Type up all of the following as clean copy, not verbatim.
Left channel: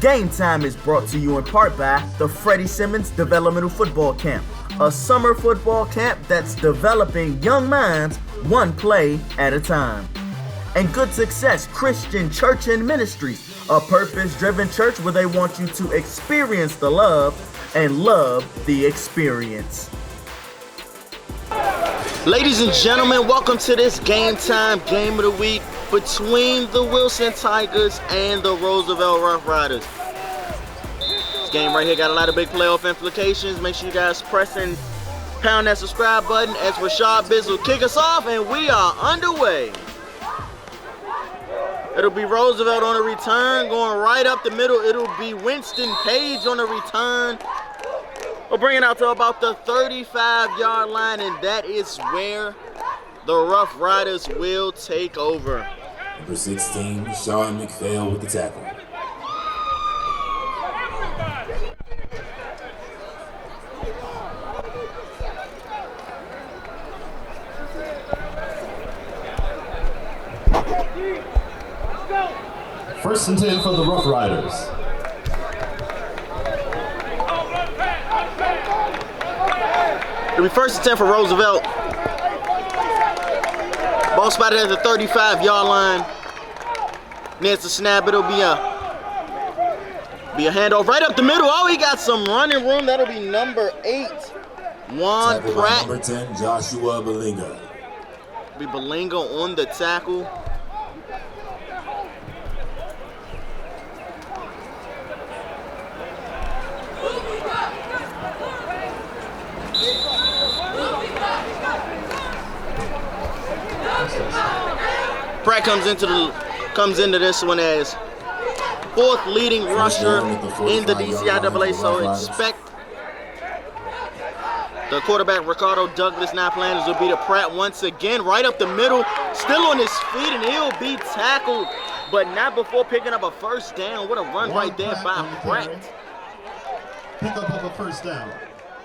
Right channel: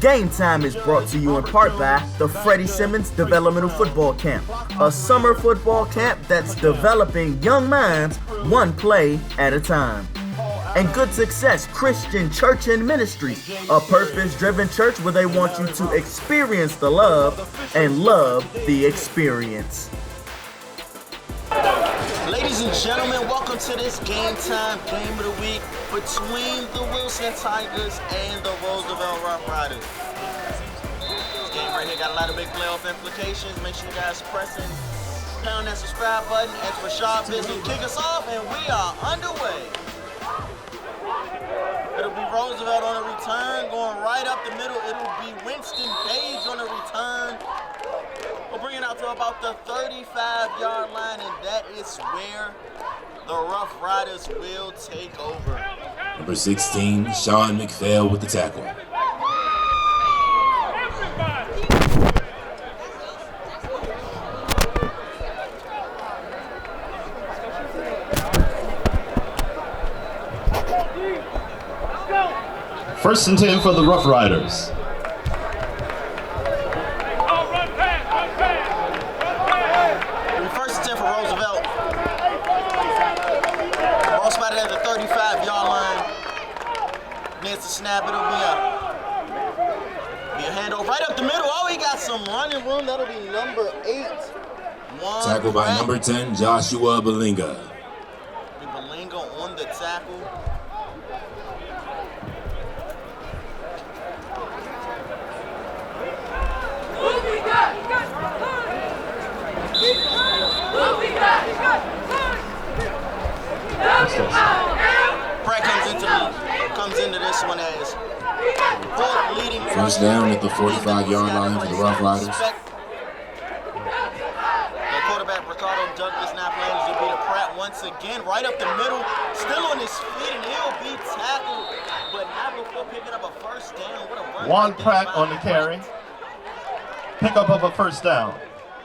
Game Time is brought to you in part by the Freddie Simmons Developmental Football Camp, a summer football camp that's developing young minds one play at a time. And Good Success Christian Church and Ministries, a purpose-driven church where they want you to experience the love and love the experience. Ladies and gentlemen, welcome to this Game Time Game of the Week between the Wilson Tigers and the Roosevelt Roughriders. This game right here got a lot of big playoff implications. Make sure you guys press and pound that subscribe button as Rashad Biz will kick us off, and we are underway. It'll be Roosevelt on the return, going right up the middle. It'll be Winston Page on the return. We'll bring it out to about the 35-yard line, and that is where the Rough Riders will take over. Number 16, Sean McPhail with the tackle. First and 10 for the Rough Riders. It'll be first and 10 for Roosevelt. Ball spotted at the 35-yard line. Near the snap, it'll be a handoff right up the middle. Oh, he got some running room. That'll be number 8, Juan Tackle by Pratt. number 10, Joshua Balinga. Be Balinga on the tackle. Pratt comes into this one as 4th leading rusher in the DCIAA, so expect the quarterback Ricardo Douglas not playing. This will be to Pratt once again, right up the middle, still on his feet, and he'll be tackled, but not before picking up a first down. What a run right there by on the carry. Pick up of a first down.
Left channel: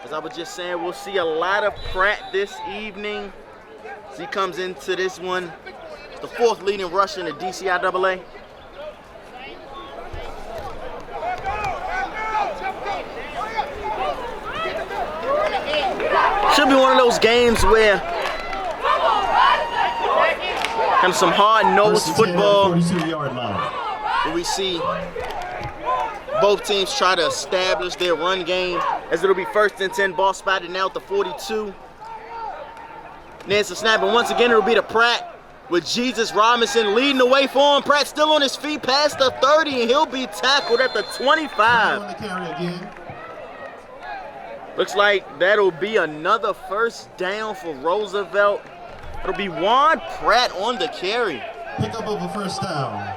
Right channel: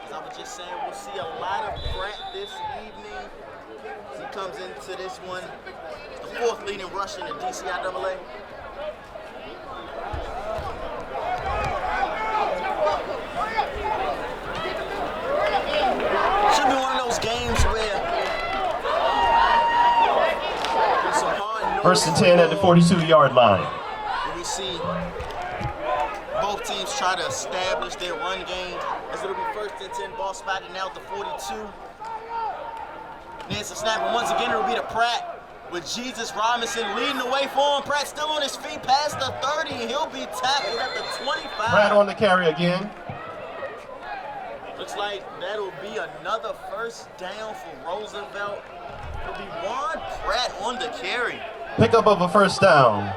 As I was just saying, we'll see a lot of Pratt this evening. As he comes into this one, the 4th leading rusher in the DCIAA. Should be one of those games where and some hard-nosed football. First and 10 at the 42-yard line. Where we see both teams try to establish their run game, as it'll be first and 10, ball spotted now at the 42. Nancy snap, and once again it'll be to Pratt with Jesus Robinson leading the way for him. Pratt still on his feet past the 30, and he'll be tackled at the 25. Pratt on the carry again. Looks like that'll be another first down for Roosevelt. It'll be Juan Pratt on the carry. Pickup of a first down.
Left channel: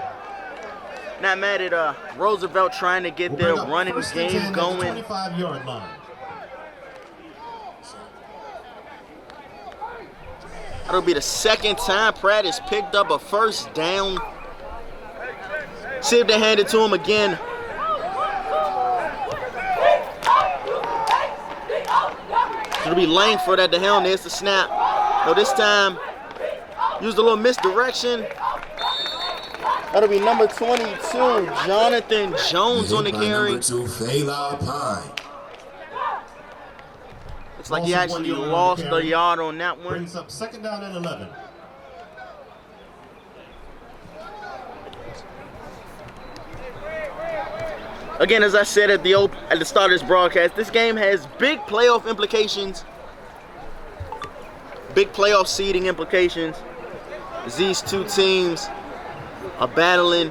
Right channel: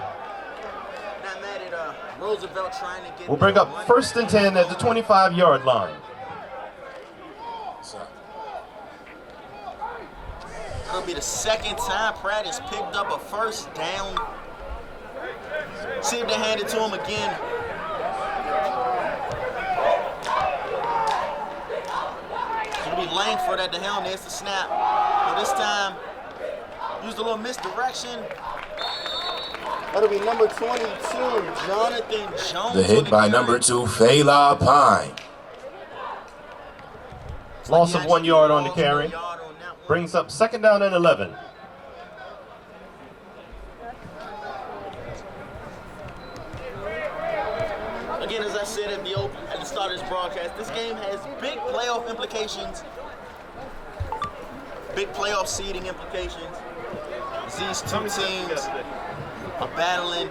Not mad at Roosevelt trying to get we'll their bring up running first and game 10 at the 25-yard line. It'll be the second time Pratt has picked up a first down. See if they hand it to him again. It'll be Langford at the helm. There's the snap. Well, this time, used a little misdirection. That'll be number 22, Jonathan Jones on the carry. By number 2, Fela Pine. Looks like he actually 1 yard on lost the carry. a yard on that one. Brings up second down and 11. Again, as I said at the start of this broadcast, this game has big playoff implications, big playoff seeding implications. These two teams are battling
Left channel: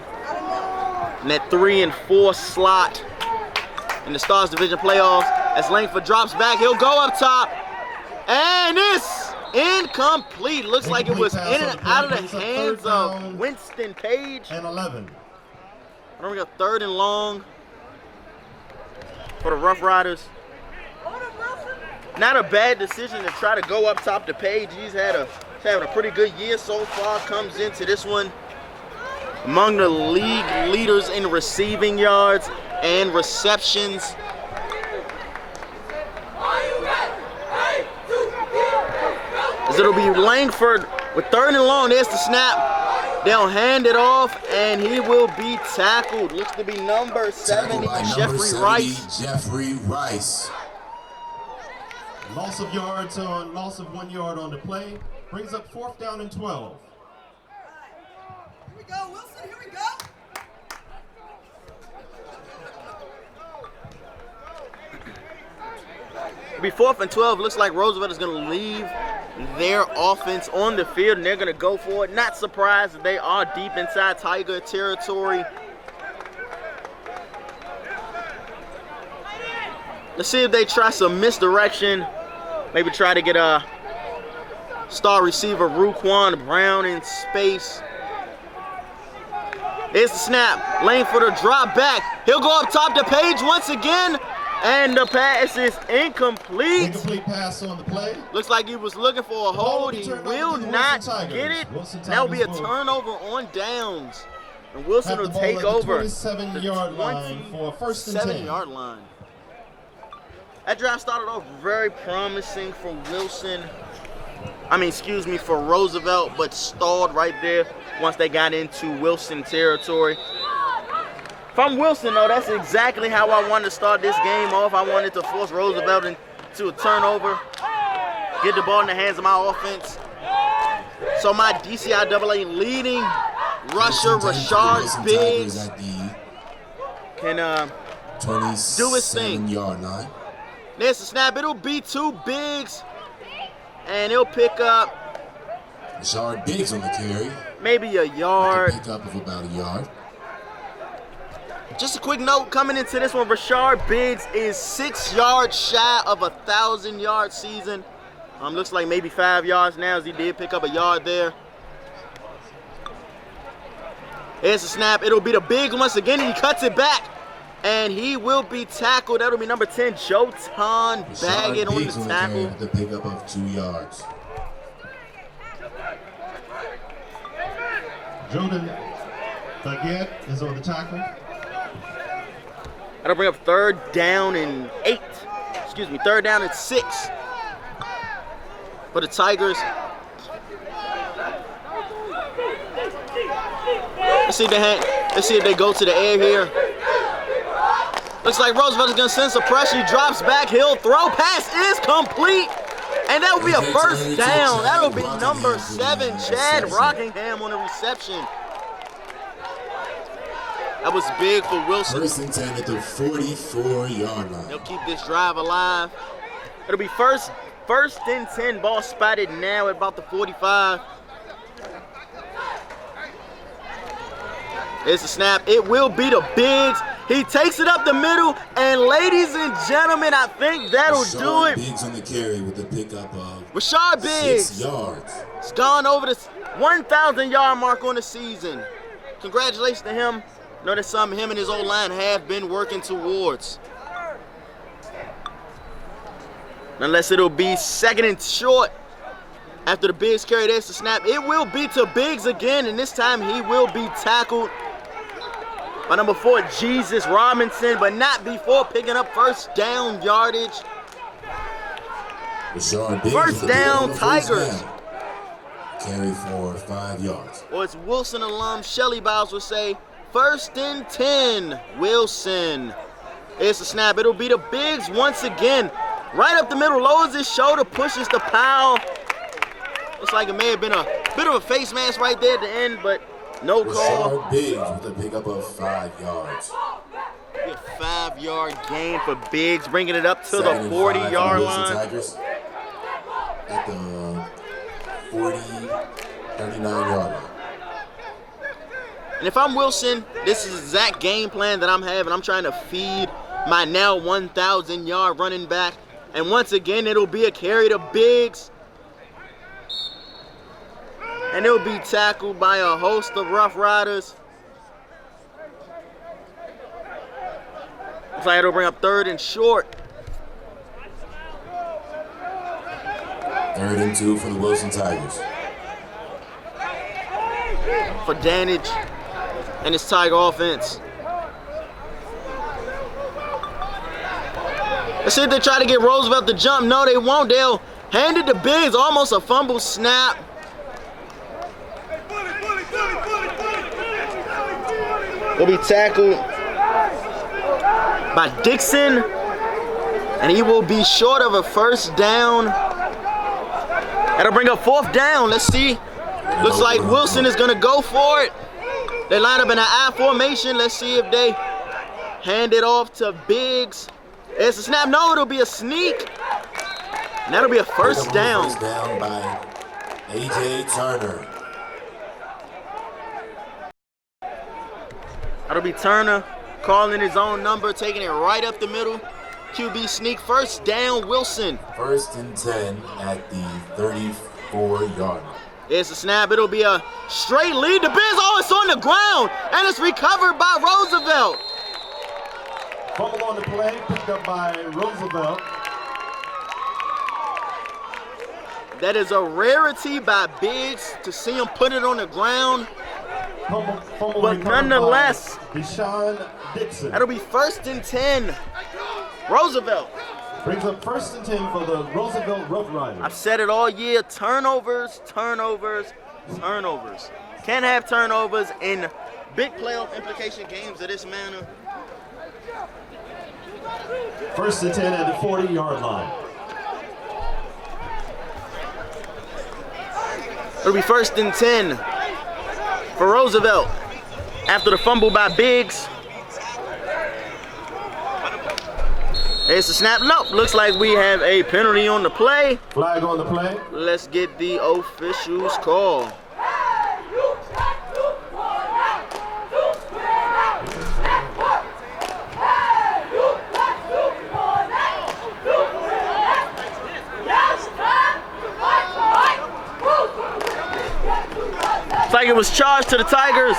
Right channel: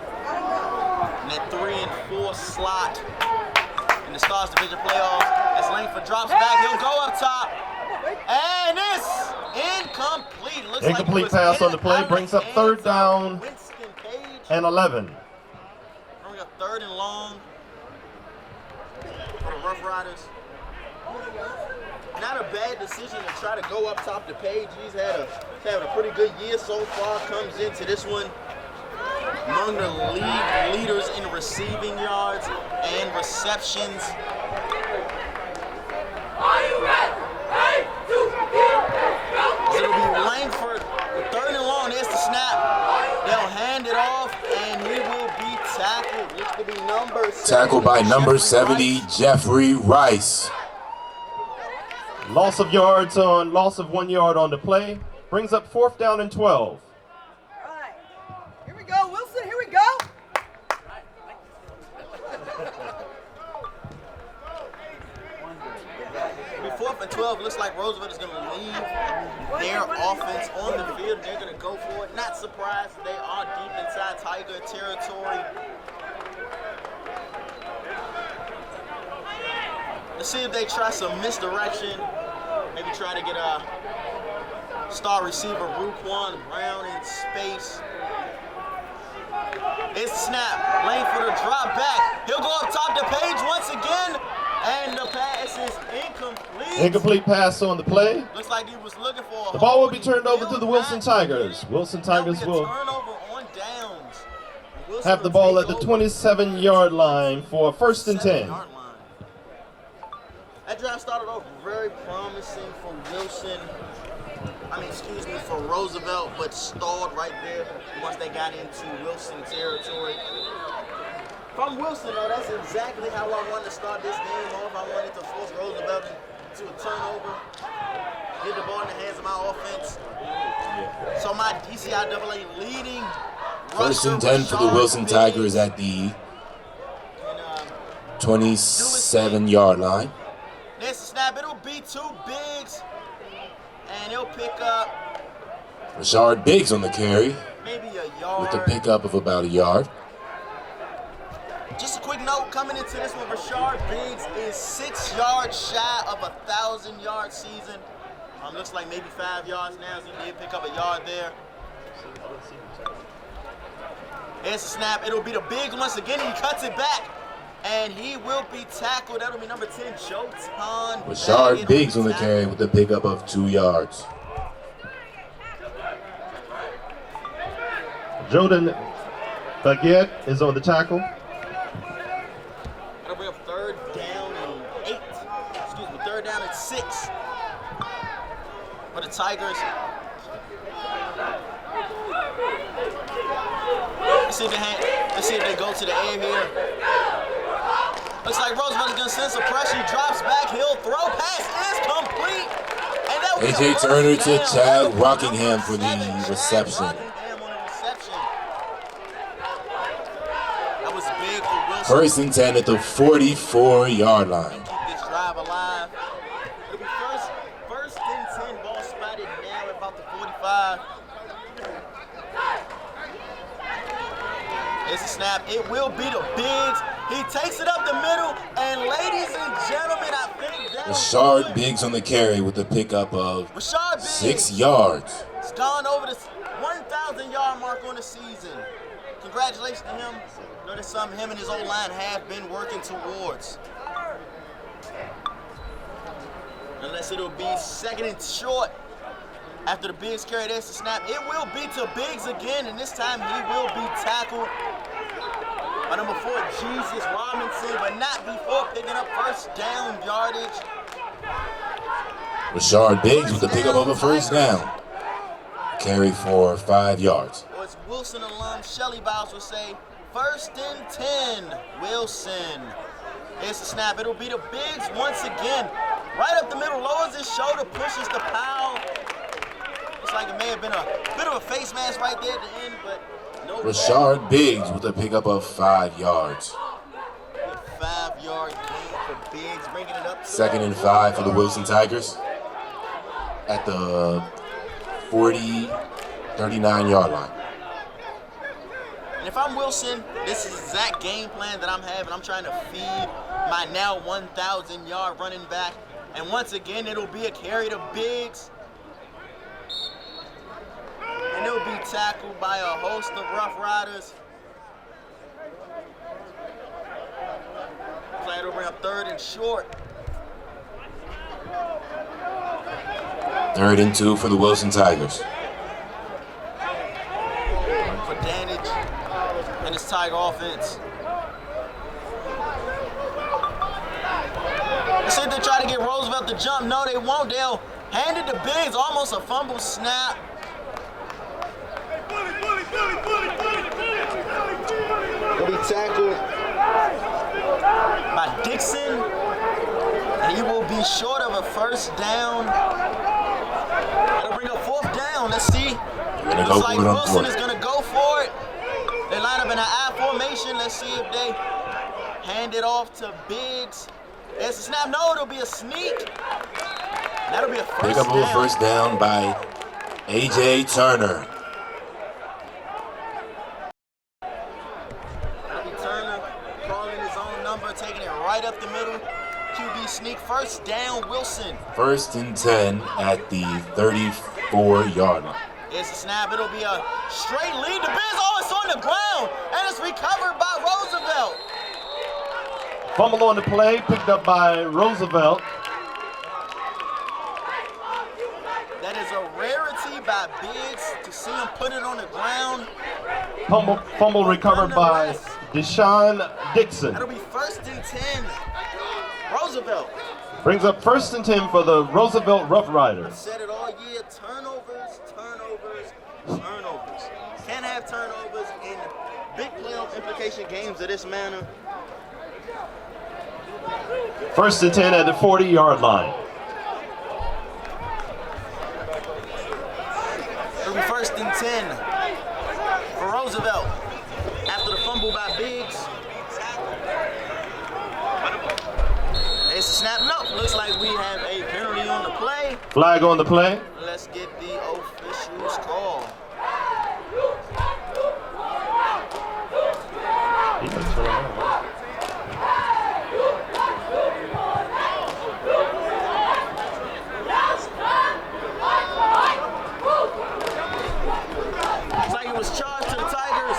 in that 3 and 4 slot in the Stars Division playoffs. As Langford drops back, he'll go up top, and it's incomplete. Looks like it was pass in on the and play. out of Brings the up hands third down of Winston Page. And 11. Bring up 3rd and long for the Rough Riders. Not a bad decision to try to go up top to Page. He's having a pretty good year so far. Comes into this one among the league leaders in receiving yards and receptions. As it'll be Langford with 3rd and long. There's the snap. They'll hand it off, and he will be tackled. Looks to be number 70. Tackled by number 70, Rice. Jeffrey Rice. Loss of 1 yard on the play. Brings up 4th down and 12. Here we go, Wilson, here we go. It'll be 4th and 12. Looks like Roosevelt is going to leave their offense on the field, and they're going to go for it. Not surprised that they are deep inside Tiger territory. Let's see if they try some misdirection. Maybe try to get a star receiver, Ruquan Brown, in space. It's the snap. Lane for the drop back. He'll go up top the page once again. And the pass is incomplete. Incomplete pass on the play. Looks like he was looking for a The ball hold. will be turned over to the Wilson Tigers. Wilson That'll Tigers be a will turnover on downs. And Wilson have the will ball take at the over. 27-yard line for 1st and 10. 7-yard line. That drive started off very promising for Wilson. For Roosevelt, but stalled right there once they got into Wilson territory. If I'm Wilson, though, that's exactly how I wanted to start this game off. I wanted to force Roosevelt into a turnover, get the ball in the hands of my offense. So my DCIAA leading rusher, 1st and 10 for the Wilson Biggs, Tigers at the can 27-yard line. There's the snap. It'll be 2 Biggs, and he'll pick up Rashard Biggs on the carry maybe a with yard. a pickup of about a yard. Just a quick note coming into this one, Rashard Biggs is 6 yards shy of a 1,000-yard season. Looks like maybe 5 yards now, as he did pick up a yard there. Here's the snap. It'll be the Biggs once again, and he cuts it back. And he will be tackled. That'll be number 10, Jotan Rashard Baggett Biggs on on the the carry tackle. with a pickup of 2 yards. Jordan Baguette is on the tackle. That'll bring up 3rd down and 8. 3rd down and 6 for the Tigers. Let's see if they go to the air here. Looks like Roosevelt is going to send some pressure. He drops back. He'll throw. Pass is complete. And that will be a AJ first Turner to down. Chad That will be Rockingham number for the 7, Chad reception. Rockingham on the reception. That was big for Wilson. 1st and 10 at the 44-yard They'll line. keep this drive alive. It'll be first and 10. Ball spotted now at about the 45. It's a snap. It will be the Biggs. He takes it up the middle, and ladies and gentlemen, I think that'll do Rashard it. Biggs on the carry with a pickup of Rashard Biggs 6 yards. has gone over the 1,000-yard mark on the season. Congratulations to him. I know that's something him and his O-line have been working towards. Unless it'll be 2nd and short. After the Biggs carry, there's the snap. It will be to Biggs again, and this time he will be tackled by number 4, Jesus Robinson, but not before picking up 1st down yardage. Rashard Biggs First with a pickup down, of a 1st Tigers. down. Carry for 5 yards. Or as Wilson alum Shelly Biles would say, 1st and 10, Wilson. It's the snap. It'll be the Biggs once again. Right up the middle, lowers his shoulder, pushes the Powell. Looks like it may have been a bit of a face mask right there at the end, but no call. Rashard Biggs with a pickup of 5 yards. A 5-yard gain for Biggs, bringing it up to the 2nd and 5 for the 40-yard Wilson line. Tigers at the 39-yard line. And if I'm Wilson, this is the exact game plan that I'm having. I'm trying to feed my now 1,000-yard running back. And once again, it'll be a carry to Biggs. And it'll be tackled by a host of Rough Riders. Looks like it'll bring up 3rd and short. 3rd and 2 for the Wilson Tigers. For Danage and his Tiger offense. Let's see if they try to get Roosevelt to jump. No, they won't. They'll hand it to Biggs. Almost a fumble snap. He'll be tackled by Dixon, and he will be short of a first down. That'll bring up 4th down. Let's see. Looks like Wilson is gonna go for it. They line up in an I formation. Let's see if they hand it off to Biggs. It's a snap. No, it'll be a sneak. And that'll be a first down. First down by A.J. Turner. That'll be Turner calling his own number, taking it right up the middle. QB sneak, first down, Wilson. 1st and 10 at the 34-yard line. It's a snap. It'll be a straight lead to Biz. Oh, it's on the ground, and it's recovered by Roosevelt. Fumble on the play, picked up by Roosevelt. That is a rarity by Biggs to see him put it on the ground. Fumble recovered by Deshaun Dixon. That'll be 1st and 10. Roosevelt. Brings up 1st and 10 for the Roosevelt Roughriders. I've said it all year, turnovers, turnovers, turnovers. Can't have turnovers in big playoff implication games of this manner. 1st and 10 at the 40-yard line. It'll be 1st and 10 for Roosevelt after the fumble by Biggs. It's a snap. Nope. Looks like we have a penalty on the play. Flag on the play. Let's get the officials call. Looks like it was charged to the Tigers.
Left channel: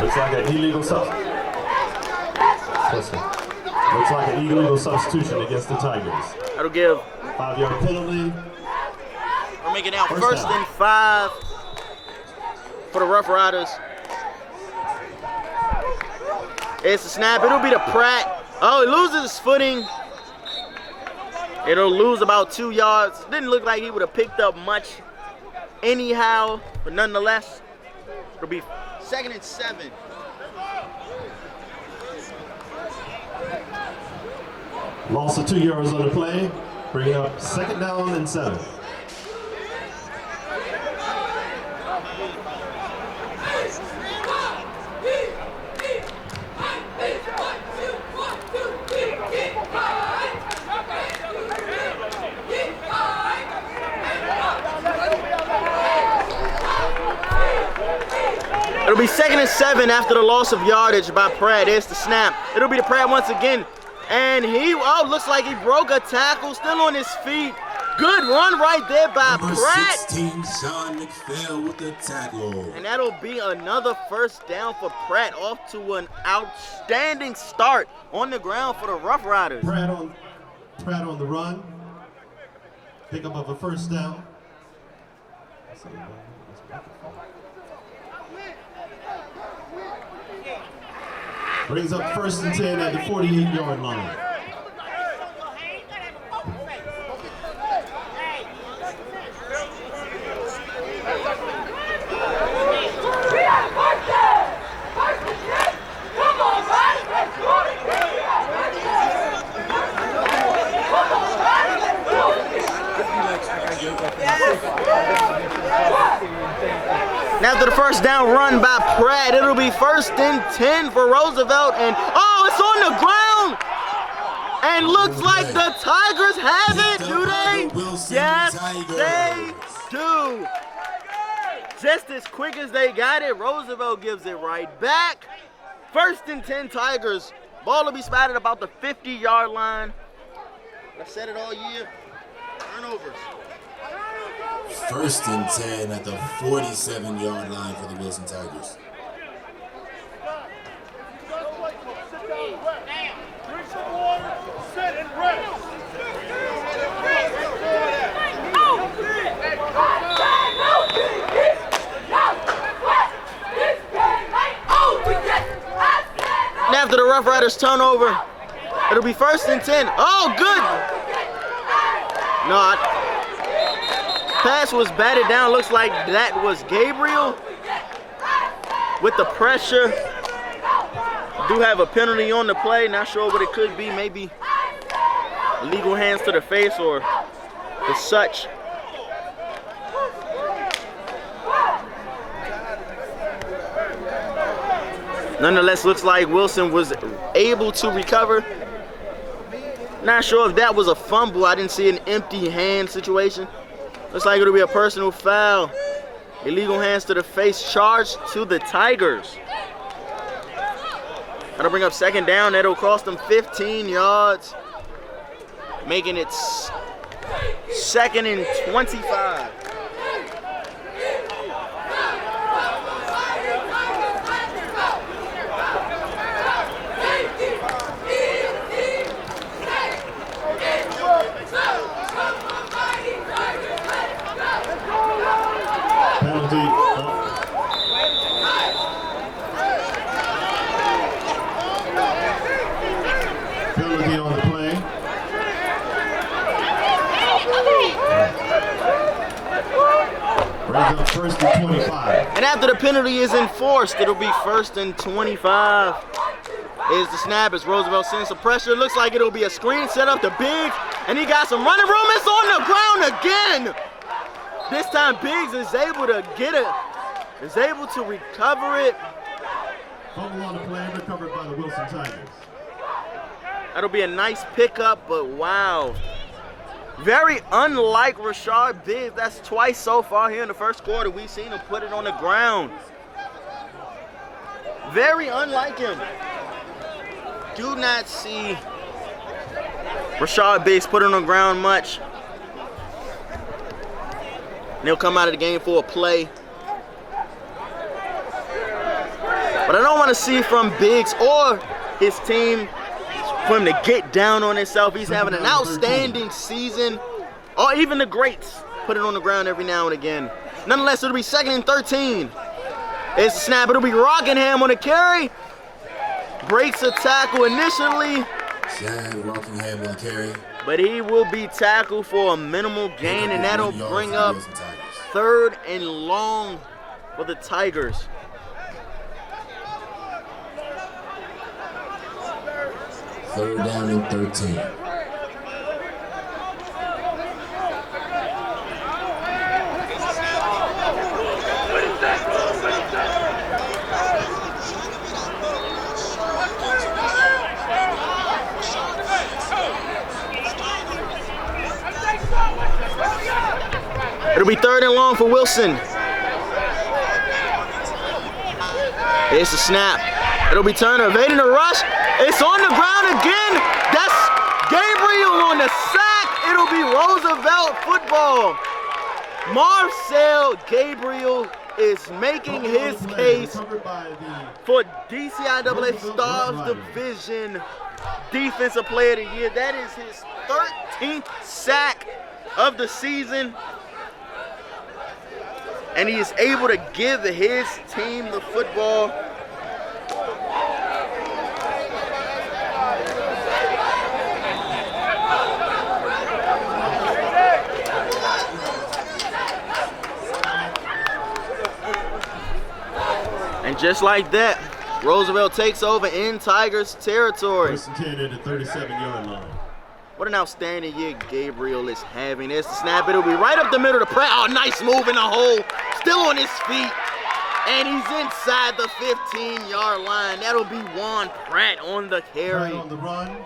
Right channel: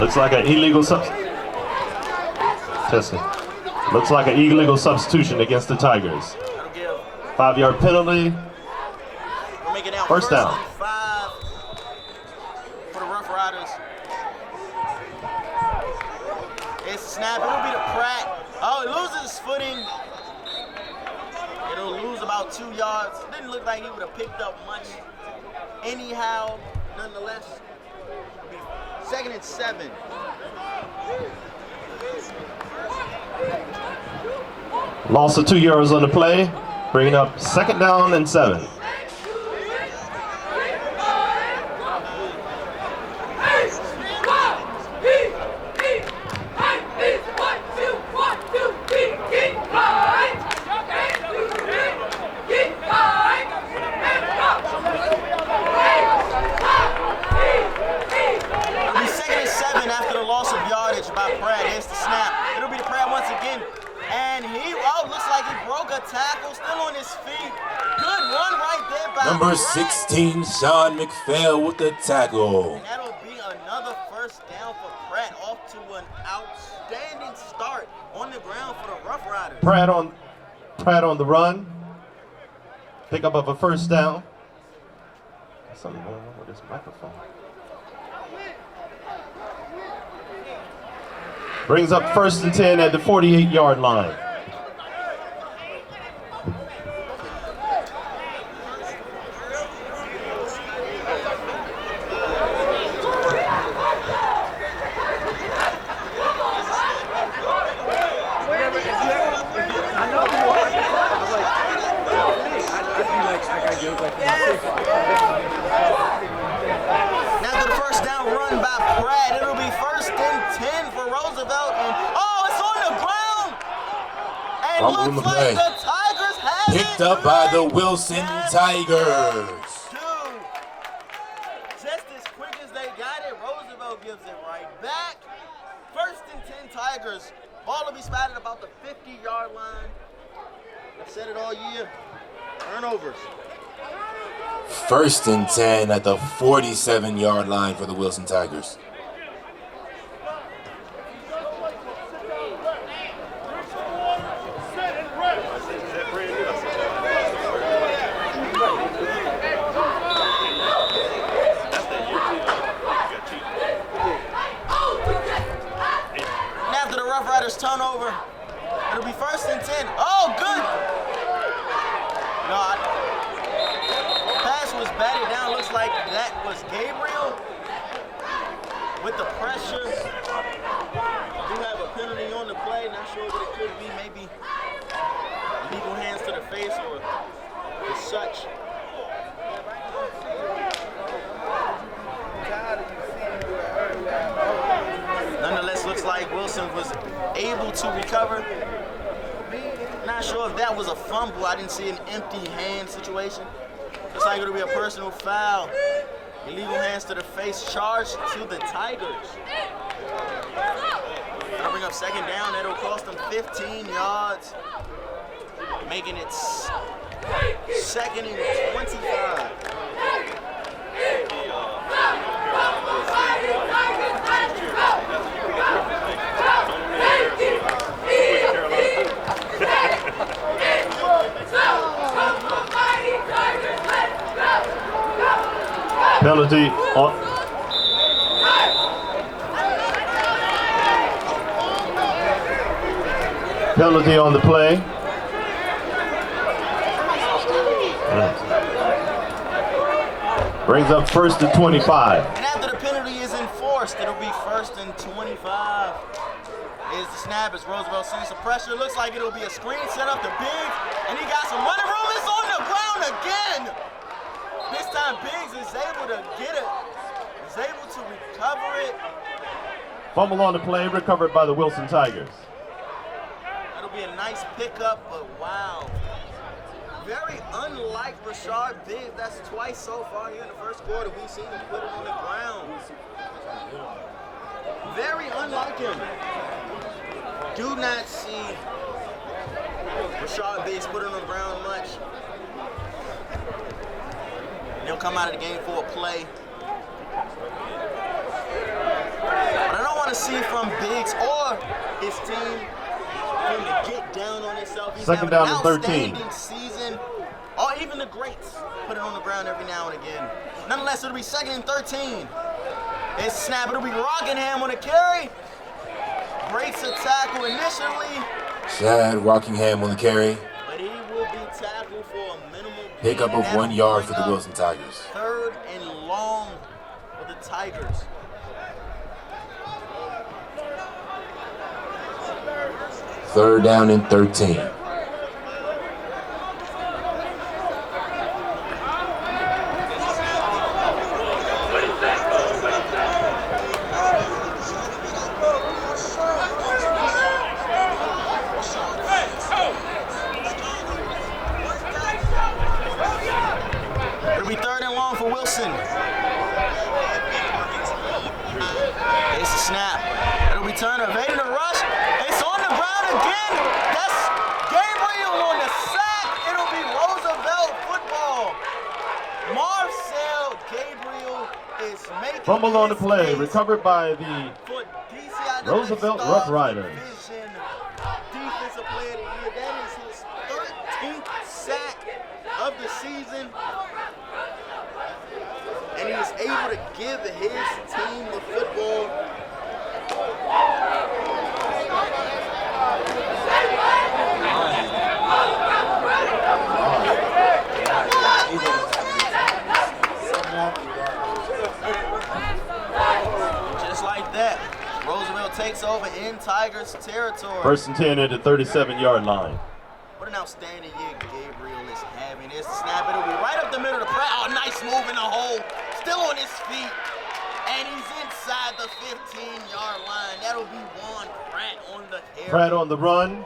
Looks like an illegal substitution. Looks like an illegal substitution against the Tigers. That'll give 5-yard penalty. We're making now First down. and 5 for the Rough Riders. It's a snap. It'll be to Pratt. Oh, he loses his footing. It'll lose about 2 yards. Didn't look like he would have picked up much anyhow, but nonetheless, it'll be 2nd and 7. Loss of 2 yards on the play, bringing up 2nd down and 7. It'll be 2nd and 7 after the loss of yardage by Pratt. There's the snap. It'll be to Pratt once again. And looks like he broke a tackle, still on his feet. Good run right there by Number Pratt. 16, Sean McPhail with the tackle. And that'll be another first down for Pratt, off to an outstanding start on the ground for the Rough Riders. Pratt on the run. Pick up of a first down. Something wrong with this microphone. Brings up 1st and 10 at the 48-yard line. After the first down run by Pratt, it'll be 1st and 10 for Roosevelt, and it's on the ground, and looks like the Tigers have Picked it. up by the Wilson Tigers. They do. Just as quick as they got it, Roosevelt gives it right back. 1st and 10 Tigers. Ball will be spotted about the 50-yard line. I've said it all year. Turnovers. 1st and 10 at the 47-yard line for the Wilson Tigers. After the Rough Riders turnover, it'll be 1st and 10. Oh, good. No, pass was batted down. Looks like that was Gabriel. with the pressure. Do have a penalty on the play. Not sure what it could be. Maybe illegal hands to the face or the such. Nonetheless, looks like Wilson was able to recover. Not sure if that was a fumble. I didn't see an empty hand situation. Looks like it'll be a personal foul. Illegal hands to the face, charge to the Tigers. That'll bring up second down. That'll cost them 15 yards, making it 2nd and 25. Penalty on. Penalty on the play. Brings up 1st and 25. And after the penalty is enforced, it'll be 1st and 25. Is the snap as Roosevelt sends some pressure. Looks like it'll be a screen set up to Biggs, and he got some running room. It's on the ground again. This time Biggs is able to get it, is able to recover it. Fumble on the play, recovered by the Wilson Tigers. That'll be a nice pickup, but wow. Very unlike Rashard Biggs. That's twice so far here in the first quarter. We've seen him put it on the ground. Very unlike him. Do not see Rashard Biggs put it on the ground much. And he'll come out of the game for a play. But I don't want to see from Biggs or his team for him to get down on himself. He's having an outstanding season. Or even the greats put it on the ground every now and again. Nonetheless, it'll be 2nd and 13. It's snap. It'll be Rockingham on the carry. Breaks a tackle initially. Chad Rockingham on the carry. But he will be tackled for a minimal gain, and that'll bring up 3rd and long for the Tigers. Third down and 13. It'll be 3rd and long for Wilson. It's a snap. It'll be Turner evading the rush. It's on the ground again. That's Gabriel on the sack. It'll be Roosevelt football. Marcel Gabriel is making his case recovered by the for DCIAA Roosevelt Stars Roughriders. Division Defensive Player of the Year. That is his 13th sack of the season. And he is able to give his team the football. And just like that, Roosevelt takes over in Tigers territory. 1st and 10 at the 37-yard line. What an outstanding year Gabriel is having. There's the snap. It'll be right up the middle of the Pratt. Oh, nice move in the hole. Still on his feet. And he's inside the 15-yard line. That'll be Juan Pratt on the carry. Pratt on the run.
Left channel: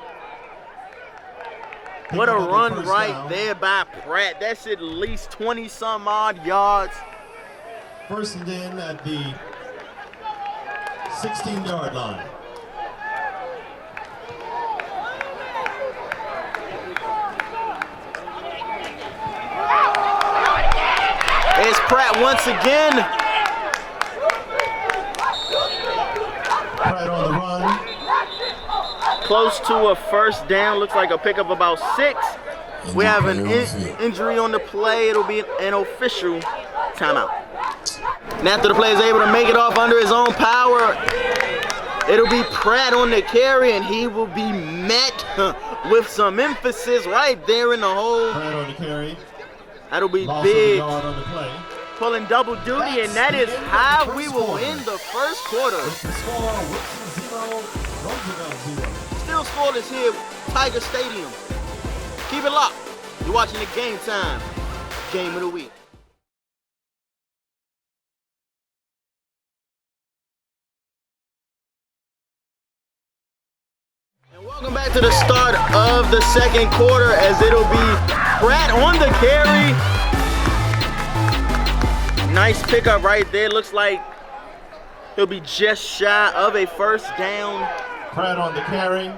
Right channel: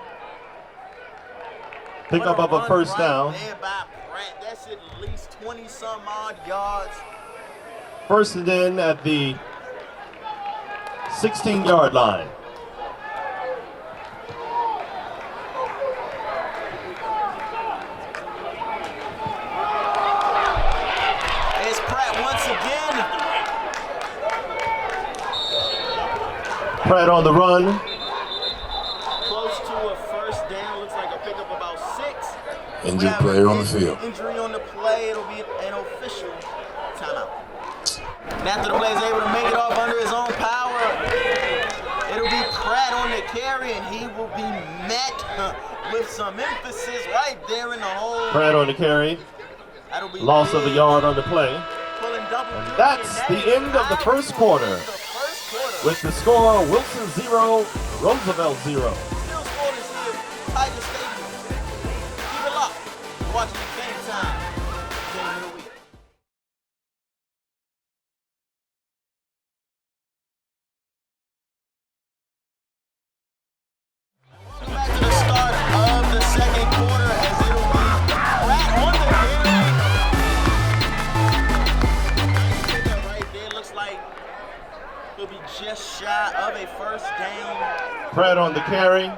Pick What a up run first right down. there by Pratt. That's at least 20-some odd yards. 1st and 10 at the 16-yard line. It's Pratt once again. Pratt on the run. Close to a first down. Looks like a pickup about 6. Injured We have player an on the field. injury on the play. It'll be an official timeout. And after the player is able to make it off under his own power, it'll be Pratt on the carry, and he will be met with some emphasis right there in the hole. Pratt on the carry. That'll be Loss big. of a yard on the play. pulling double duty, That's and that the is end of the how first we will quarter. end the first quarter. With the score, Wilson 0, Roosevelt 0. Still scoreless here, Tiger Stadium. Keep it locked. You're watching the Game Time Game of the Week. And welcome back to the start of the second quarter, as it'll be Pratt on the carry. Nice pickup right there. Looks like he'll be just shy of a first down. Pratt on the carry.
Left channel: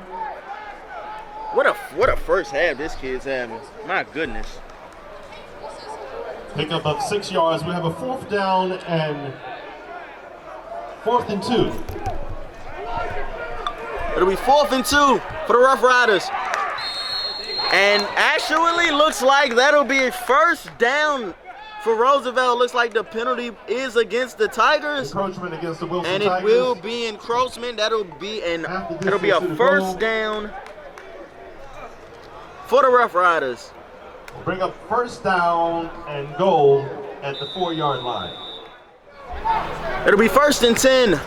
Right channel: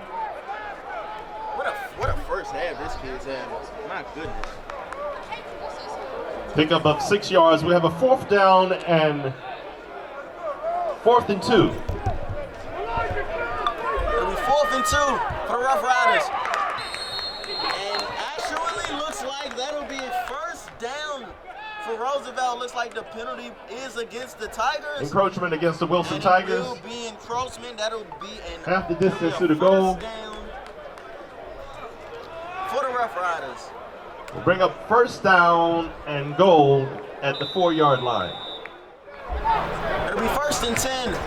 What a first half this kid's having. My goodness. Pickup of 6 yards. We have a 4th down and 4th and 2. It'll be 4th and 2 for the Rough Riders. And actually looks like that'll be a first down for Roosevelt. Looks like the penalty is against the Tigers. Encroachment against the Wilson And Tigers. it will be encroachment. It'll be a distance first down for the Rough Riders. Bring up 1st down and goal at the 4-yard line. It'll be 1st and 10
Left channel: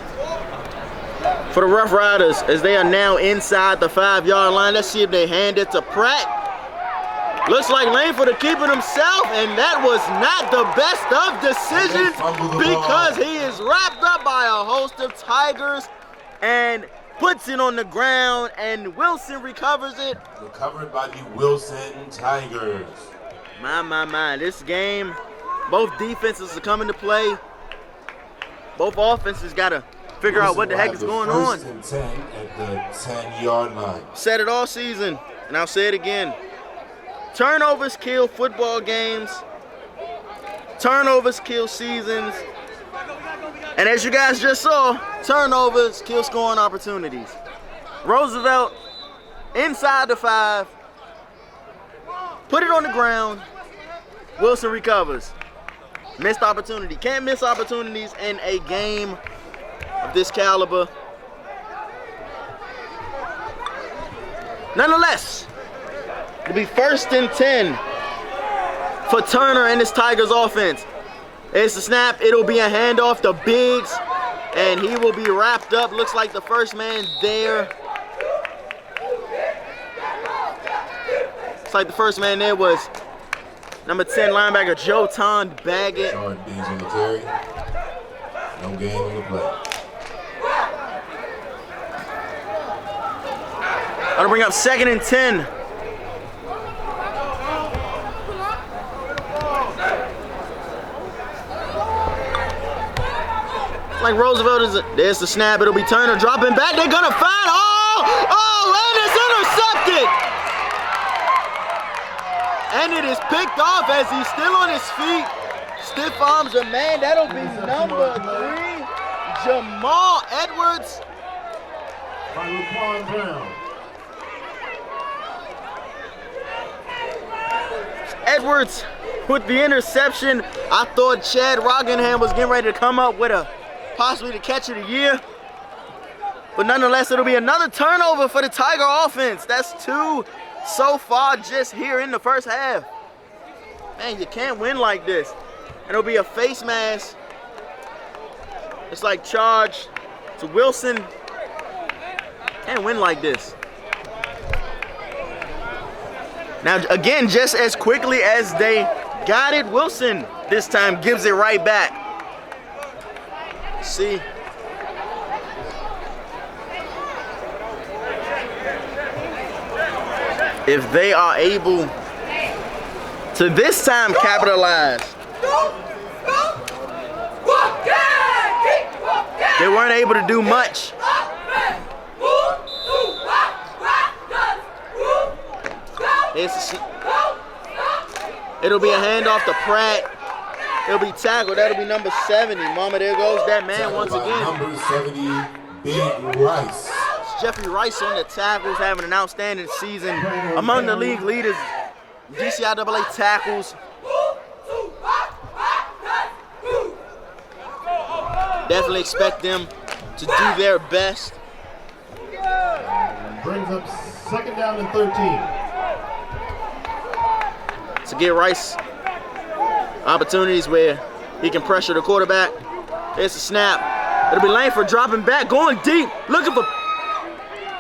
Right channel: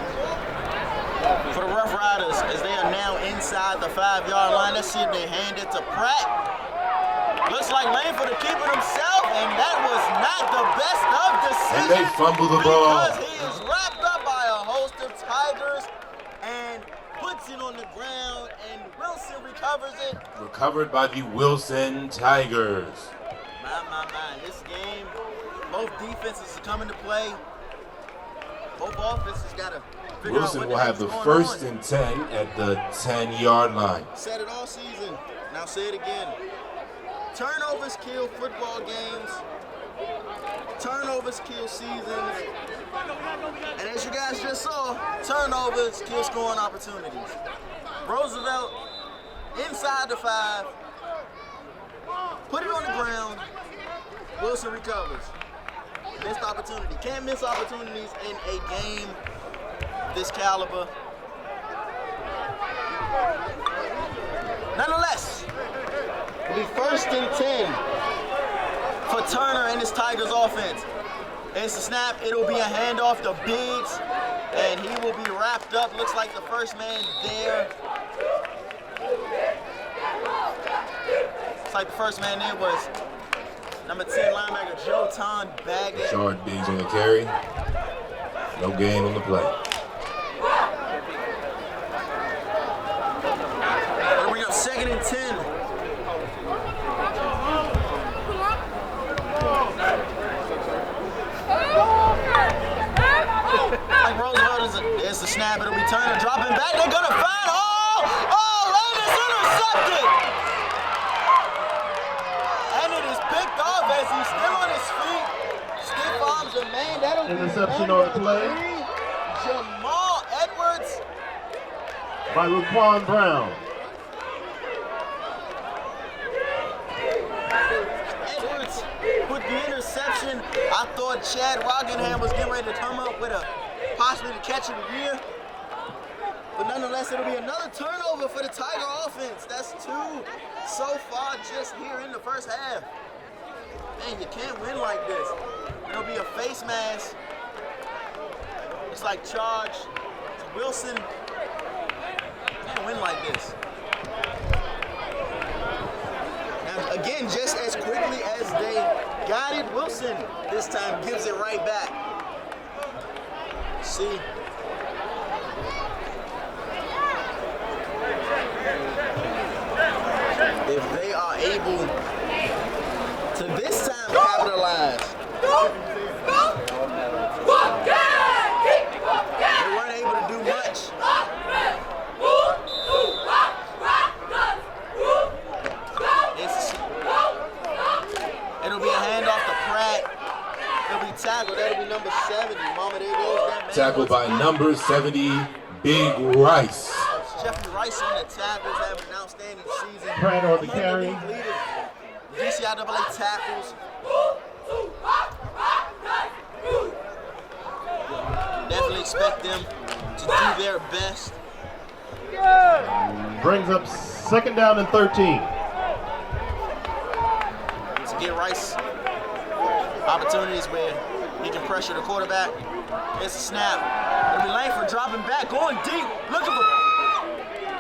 for the Rough Riders, as they are now inside the 5-yard line. Let's see if they hand it to Pratt. Looks like Langford to keep it himself, and that was not the best of decisions because he is wrapped up by a host of Tigers and puts it on the ground, and Wilson recovers it. Recovered by the Wilson Tigers. My. This game, both defenses are coming to play. Both offenses got to figure out what the heck is going on. 1st and 10 at the 10-yard line. Said it all season, and I'll say it again. Turnovers kill football games. Turnovers kill seasons. And as you guys just saw, turnovers kill scoring opportunities. Roosevelt inside the 5. Put it on the ground. Wilson recovers. Missed opportunity. Can't miss opportunities in a game of this caliber. Nonetheless, it'll be 1st and 10 for Turner and his Tigers offense. It's the snap. It'll be a handoff to Biggs, and he will be wrapped up. Looks like the first man there. Looks like the first man there was number 10 linebacker Joe Baggett. Jordan Biggs on the carry. No gain on the play. Gonna bring up 2nd and 10. Like Roosevelt is there's the snap. It'll be Turner dropping back. They're gonna find and it's intercepted. And it is picked off as he's still on his feet. Stiff arms a man. That'll be number 3, Jamal Edwards. By Raquan Brown. Edwards with the interception. I thought Chad Rockingham was getting ready to come up with possibly the catch of the year. But nonetheless, it'll be another turnover for the Tiger offense. That's 2 so far just here in the first half. Man, you can't win like this. It'll be a face mask. It's like charge to Wilson. Can't win like this. Now, again, just as quickly as they got it, Wilson this time gives it right back. See. If they are able to this time capitalize. They weren't able to do much. It'll be a handoff to Pratt. It'll be tackled. That'll be number 70. Mama, there goes that man Tackled once by again. number 70, Big Rice. It's Jeffrey Rice on the tackles, having an outstanding season. Among the league leaders, DCIAA tackles. Definitely expect them to do their best. Brings up 2nd down and 13. To get Rice opportunities where He can pressure the quarterback. It's a snap. It'll be Langford dropping back, going deep, looking for,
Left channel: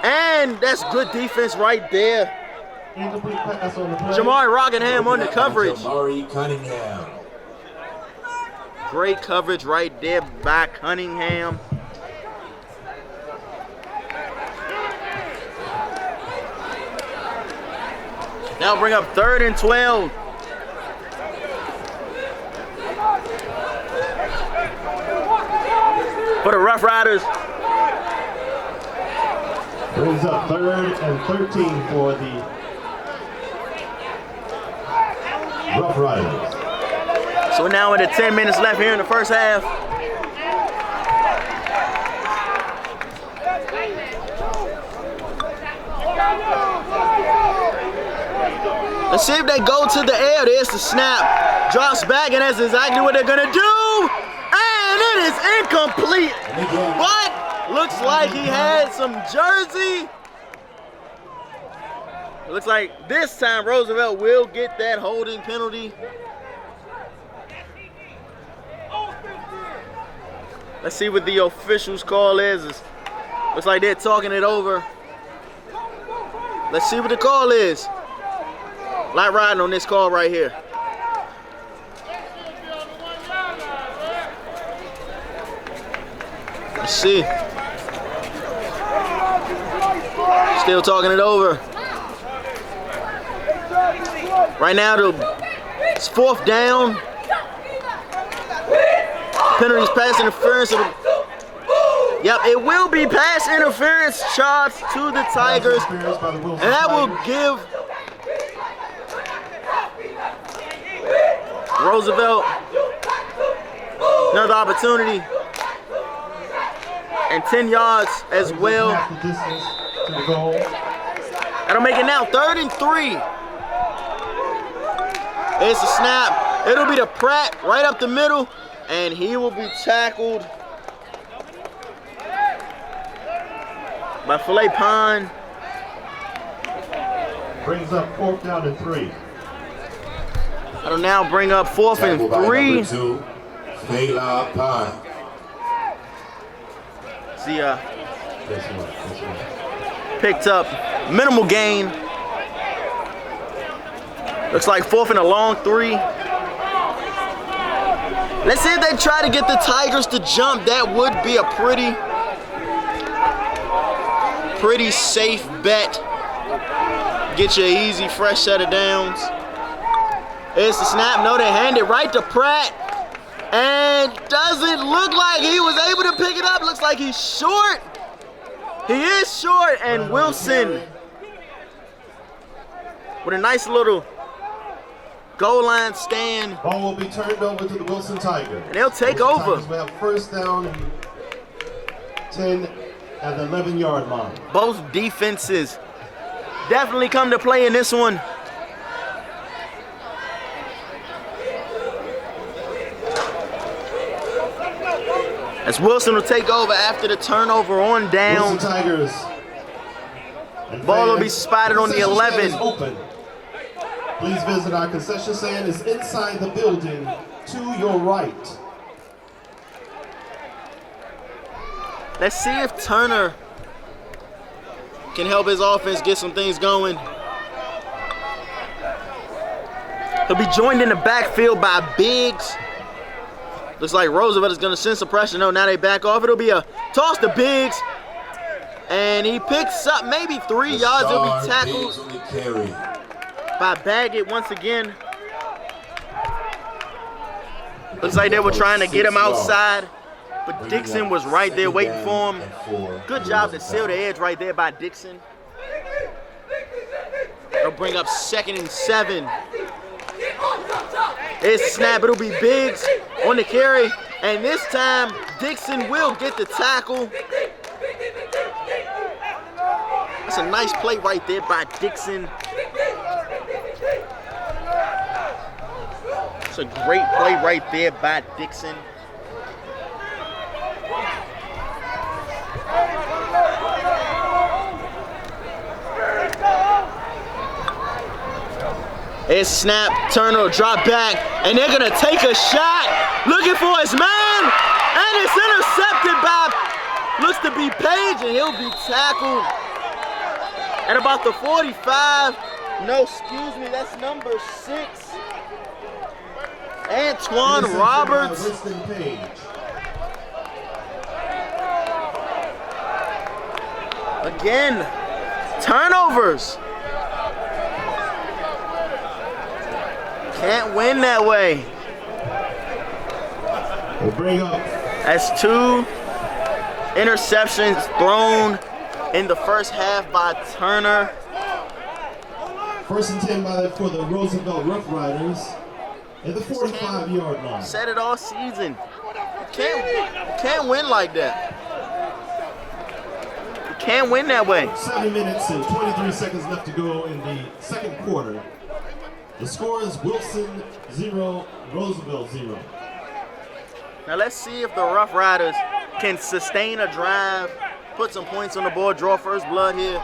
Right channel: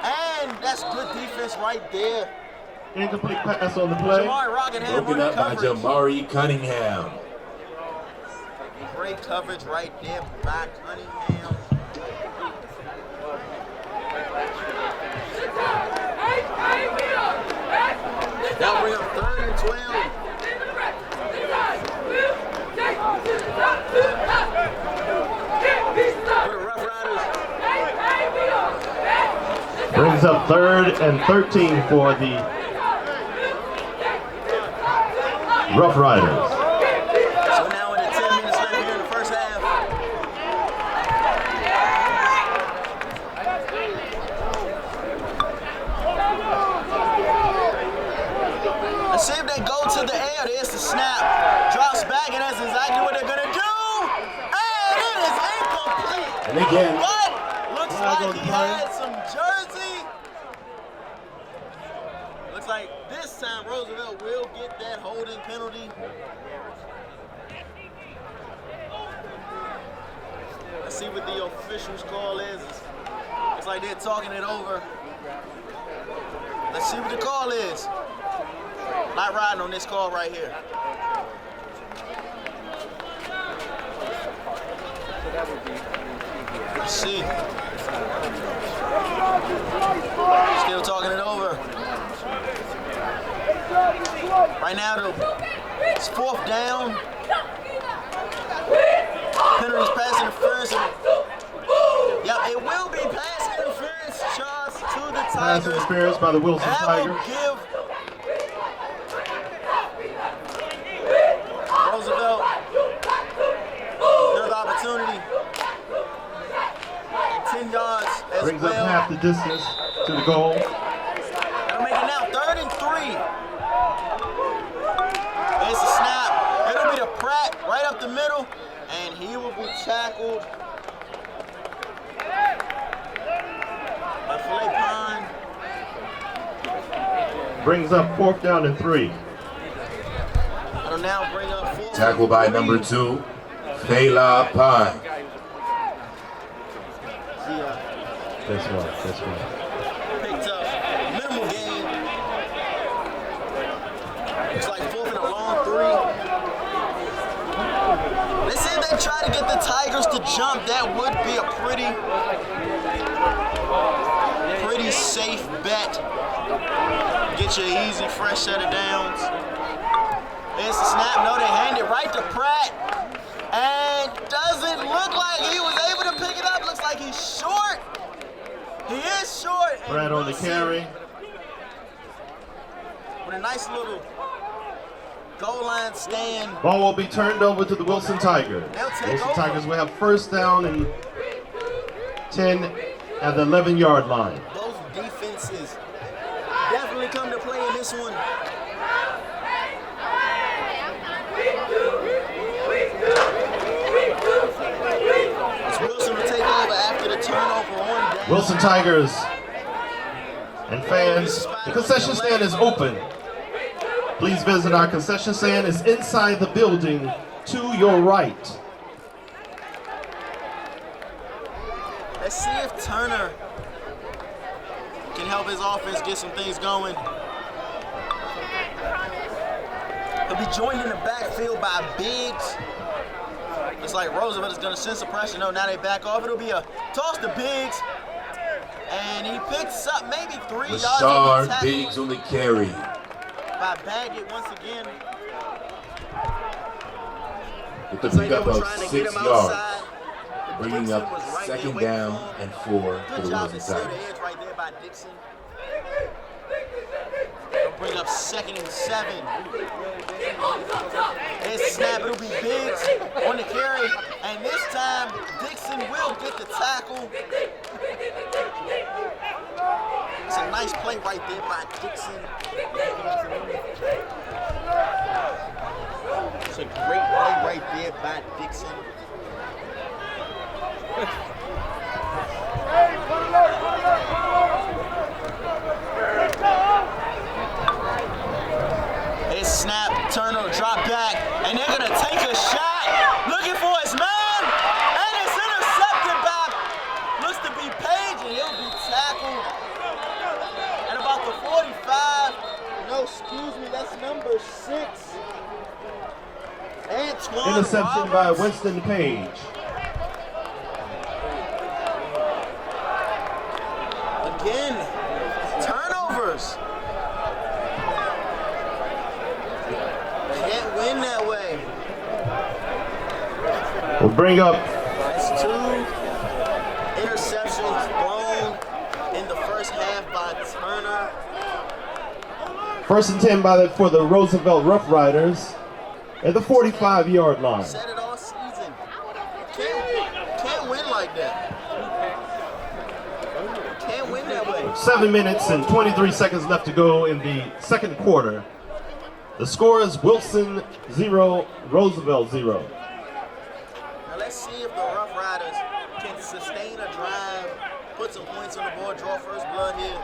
and that's good defense right there. Incomplete pass on the play. Jamari Rockingham on the coverage. Jamari Cunningham. Great coverage right there by Cunningham. That'll bring up 3rd and 12. For the Rough Riders. Brings up 3rd and 13 for the Rough Riders. So now with the 10 minutes left here in the first half. Let's see if they go to the air. There's the snap. Drops back, and that's exactly what they're gonna do. And it is incomplete. What? Looks like he had some jersey. It looks like this time Roosevelt will get that holding penalty. Let's see what the official's call is. Looks like they're talking it over. Let's see what the call is. Light riding on this call right here. Let's see. Still talking it over. Right now, it's 4th down. Penalties, pass interference. Yep, it will be pass interference charge to the Tigers. And that will give Roosevelt another opportunity. And 10 yards as well. Half the distance to the goal. That'll make it now 3rd and 3. It's a snap. It'll be to Pratt right up the middle, and he will be tackled by Filet Pond. Brings up 4th down and 3. That'll now bring up 4th and Tackled by 3. number 2, Filet Pond. See, picked up minimal gain. Looks like 4th and a long 3. Let's see if they try to get the Tigers to jump. That would be a pretty safe bet. Get you an easy, fresh set of downs. It's the snap. No, they hand it right to Pratt. And doesn't look like he was able to pick it up. Looks like he's short. He is short. And Wilson with a nice little goal line stand. Ball will be turned over to the Wilson Tigers. And they'll take Wilson over. Tigers will have 1st down and 10 at the 11-yard line. Both defenses definitely come to play in this one. As Wilson will take over after the turnover on down. Wilson Tigers. And Ball will be fans, spotted on the concession 11. stand is open. Please visit our concession stand. It's inside the building to your right. Let's see if Turner can help his offense get some things going. He'll be joined in the backfield by Biggs. Looks like Roosevelt is going to send some pressure. No, now they back off. It'll be a toss to Biggs. And he picks up maybe 3 yards. He'll be tackled Biggs on the carry. by Baggett once again. Looks like they were trying to get him outside, but Dixon was right there waiting for him. Good job to seal the edge right there by Dixon. They'll bring up 2nd and 7. It's snap. It'll be Biggs on the carry, and this time Dixon will get the tackle. It's a nice play right there by Dixon. It's a great play right there by Dixon. There's snap, Turner, drop back, and they're gonna take a shot, looking for his man, and it's intercepted by, looks to be Page, and he'll be tackled at about the 45. No, excuse me, that's number 6. Antoine Roberts. By Winston Page. Again, turnovers. Can't win that way. We'll bring up. That's 2 interceptions thrown in the first half by Turner. 1st and 10 for the Roosevelt Roughriders at the 45-yard line. Said it all season. Can't win like that. Can't win that way. 7 minutes and 23 seconds left to go in the second quarter. The score is Wilson 0, Roosevelt 0. Now let's see if the Rough Riders can sustain a drive, put some points on the board, draw first blood here.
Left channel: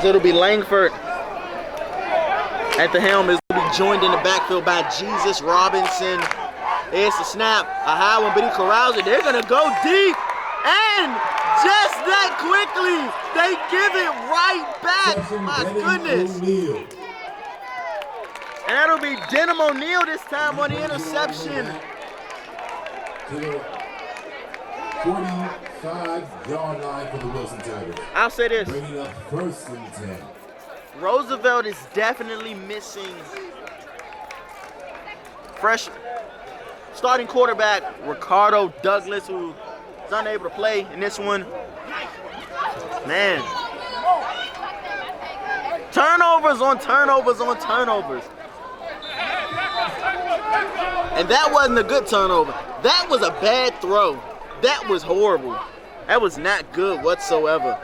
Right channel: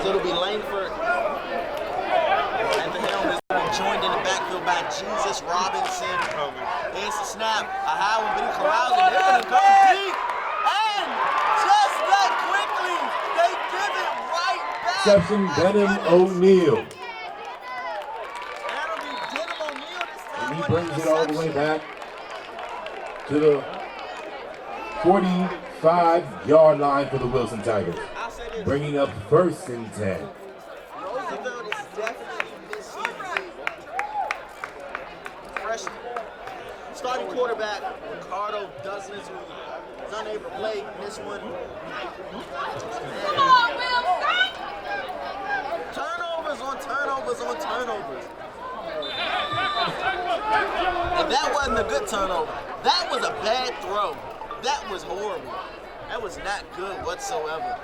So it'll be Langford at the helm. Is will be joined in the backfield by Jesus Robinson. There's the snap, a high one, but he corrals it. They're gonna go deep, and just that quickly, they give it right back. My goodness. O'Neal. And that'll be Denham O'Neal this time on the interception. To the 45-yard line for the Wilson Tigers. I'll say this. Bringing up 1st and 10. Roosevelt is definitely missing fresh starting quarterback Ricardo Douglas, who is unable to play in this one. Man. Turnovers on turnovers on turnovers. And that wasn't a good turnover. That was a bad throw. That was horrible. That was not good whatsoever.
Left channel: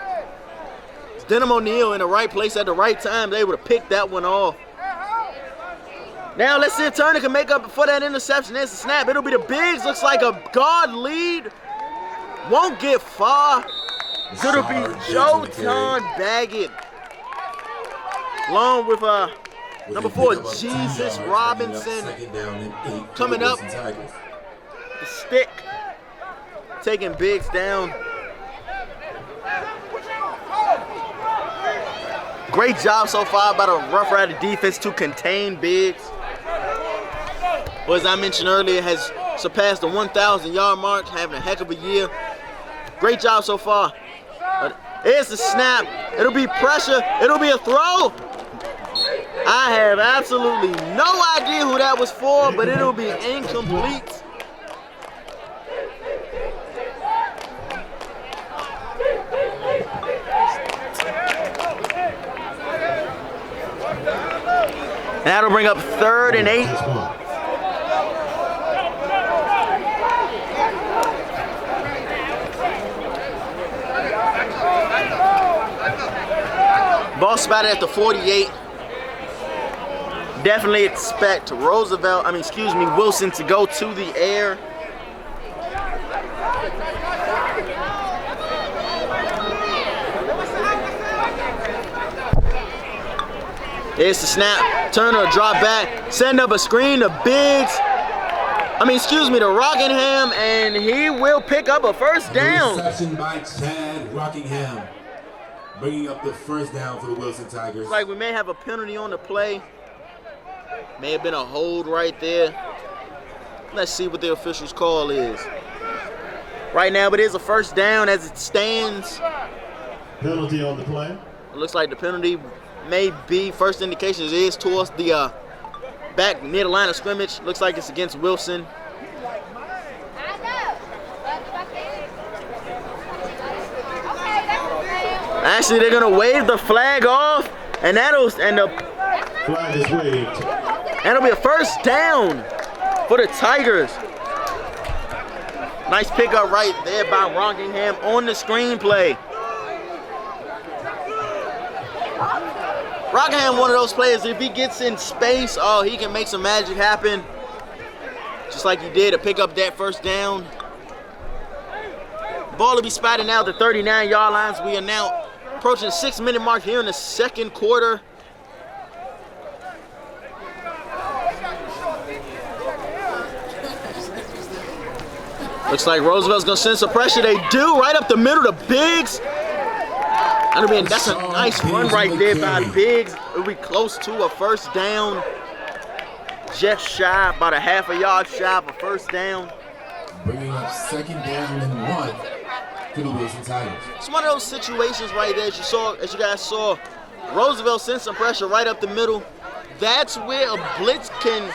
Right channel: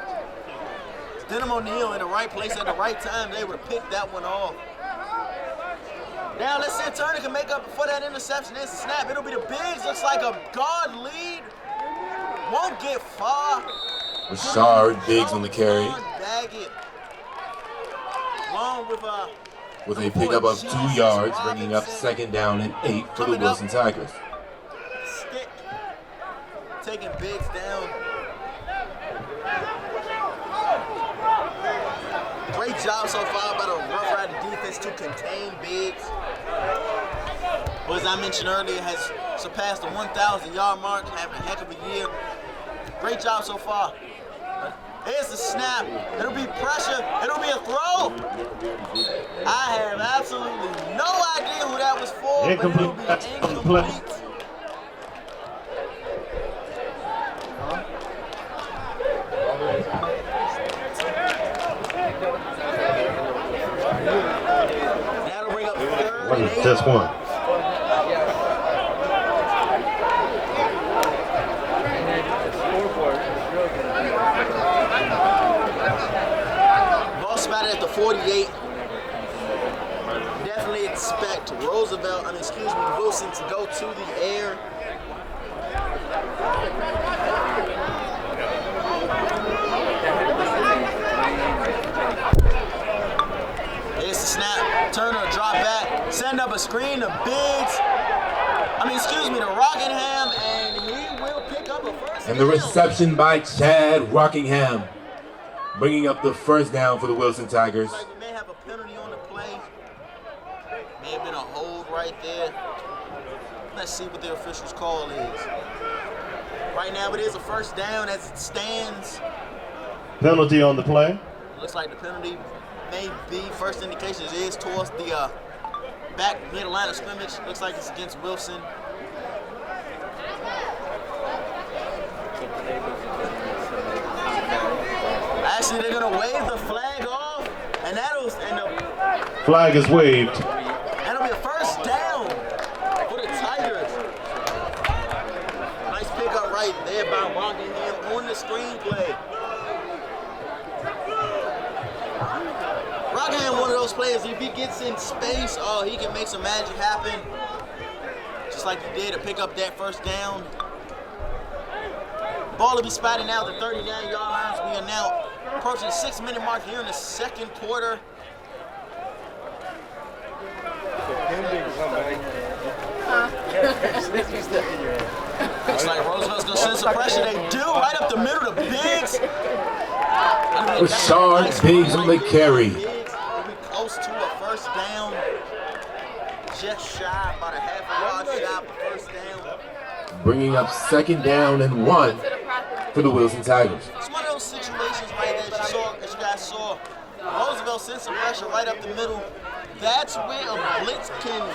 It's Denham O'Neal in the right place at the right time. They would have picked that one off. Now let's see if Turner can make up for that interception. There's the snap. It'll be the Bigs. Looks like a guard lead. Won't get far. Could have been Joe John Baggett. Along with number 4, Jesus 2 yards, Robinson. up 2nd down and 8 for Coming the up. Wilson Tigers. The stick. Taking Biggs down. Great job so far by the Rough Rider defense to contain Biggs. Who, as I mentioned earlier, has surpassed the 1,000-yard mark, having a heck of a year. Great job so far. But here's the snap. It'll be pressure. It'll be a throw. I have absolutely no idea who that was for, but it'll be incomplete. That'll bring up 3rd and 8. That's 1. Ball spotted at the 48. Definitely expect Wilson to go to the air. Here's the snap. Turner, drop back. Send up a screen to Biggs. To Rockingham, and he will pick up a first down. The reception by Chad Rockingham, bringing up the 1st down for the Wilson Tigers. Looks like we may have a penalty on the play. May have been a hold right there. Let's see what the official's call is. Right now, it is a first down as it stands. Penalty on the play. It looks like the penalty may be, first indications is towards the back near the line of scrimmage. Looks like it's against Wilson. Actually, they're gonna wave the flag off, and the flag is waved. And it'll be a first down for the Tigers. Nice pickup right there by Rockingham on the screenplay. Rockingham, one of those players, if he gets in space, he can make some magic happen. Just like he did to pick up that first down. Ball will be spotted now at the 39-yard lines. We are now approaching the 6-minute mark here in the second quarter. Looks like Roosevelt's gonna send some pressure. They do, right up the middle to Biggs. That's a nice run right there by Biggs. It'll be close to a first down. Just shy, about a half a yard shy of a first down. Bringing up 2nd down and 1 for the Wilson Tigers. It's one of those situations right there, as you guys saw, Roosevelt sent some pressure right up the middle. That's where a blitz can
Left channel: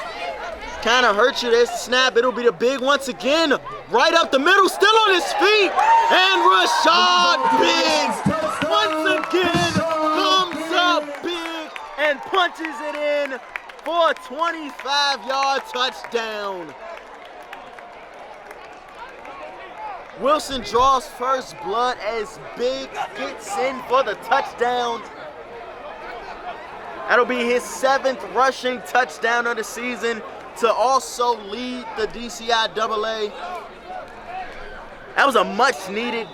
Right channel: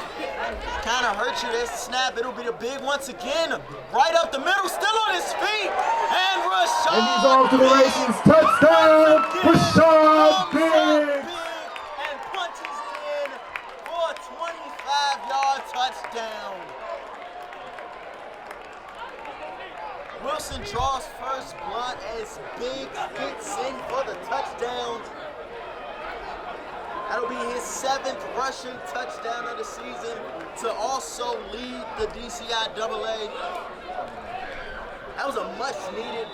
kind of hurt you. There's the snap. It'll be the big once again. Right up the middle, still on his feet. And Rashad Biggs once again comes up big and punches it in for a 25-yard touchdown. Wilson draws first blood as Biggs gets in for the touchdown. That'll be his 7th rushing touchdown of the season to also lead the DCIAA. That was a much-needed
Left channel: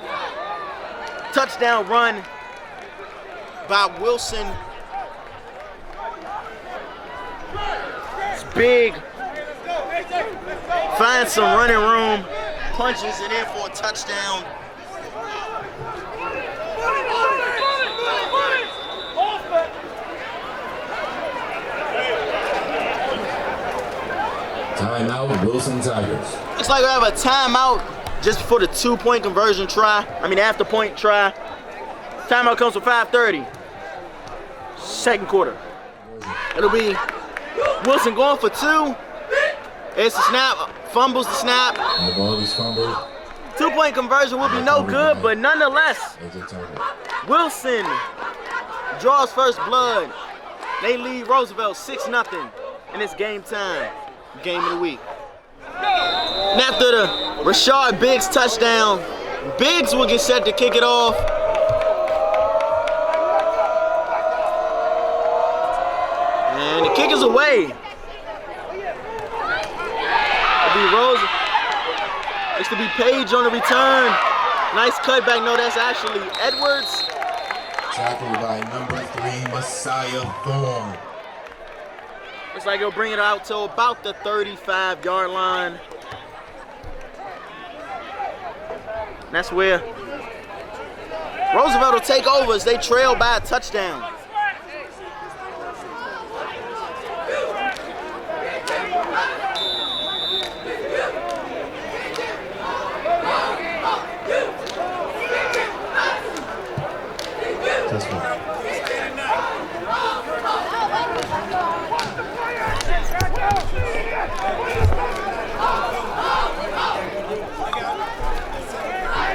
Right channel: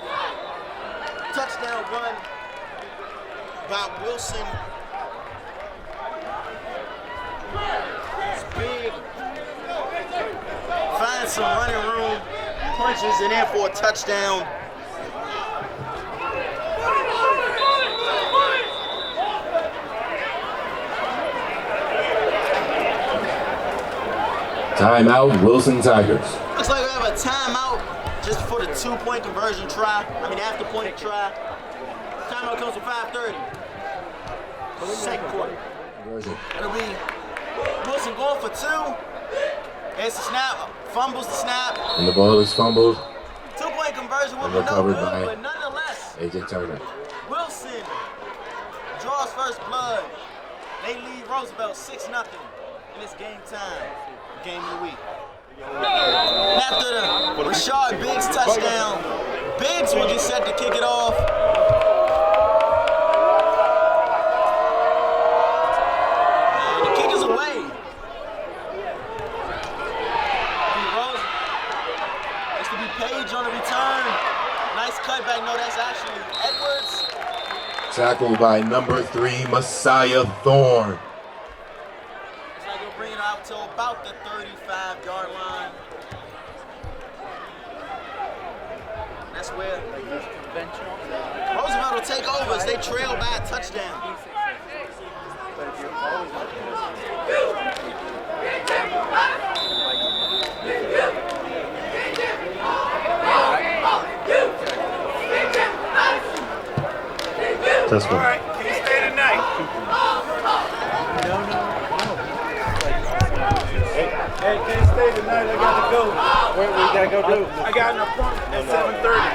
touchdown run by Wilson. It's big. Finds some running room. Punches it in for a touchdown. Timeout, Wilson Tigers. Looks like we have a timeout just before the 2-point conversion try. After point try. Timeout comes for 5:30. Second quarter. It'll be Wilson going for 2. It's the snap, fumbles the snap. And the ball is fumbled. 2-point conversion will be no good, but nonetheless, Wilson draws first blood. They lead Roosevelt 6-0 in this game time, game of the week. And after the Rashad Biggs touchdown, Biggs will get set to kick it off. And the kick is away. It's to be Page on the return. Nice cutback. No, that's actually Edwards. Tackled by number 3, Messiah Thorne. Looks like he'll bring it out to about the 35-yard line. And that's where Roosevelt will take over as they trail by a touchdown. That's one. All right, can you stay tonight? Hey, can you stay tonight? I gotta go. Where we gotta go do? I got an appointment at 7:30.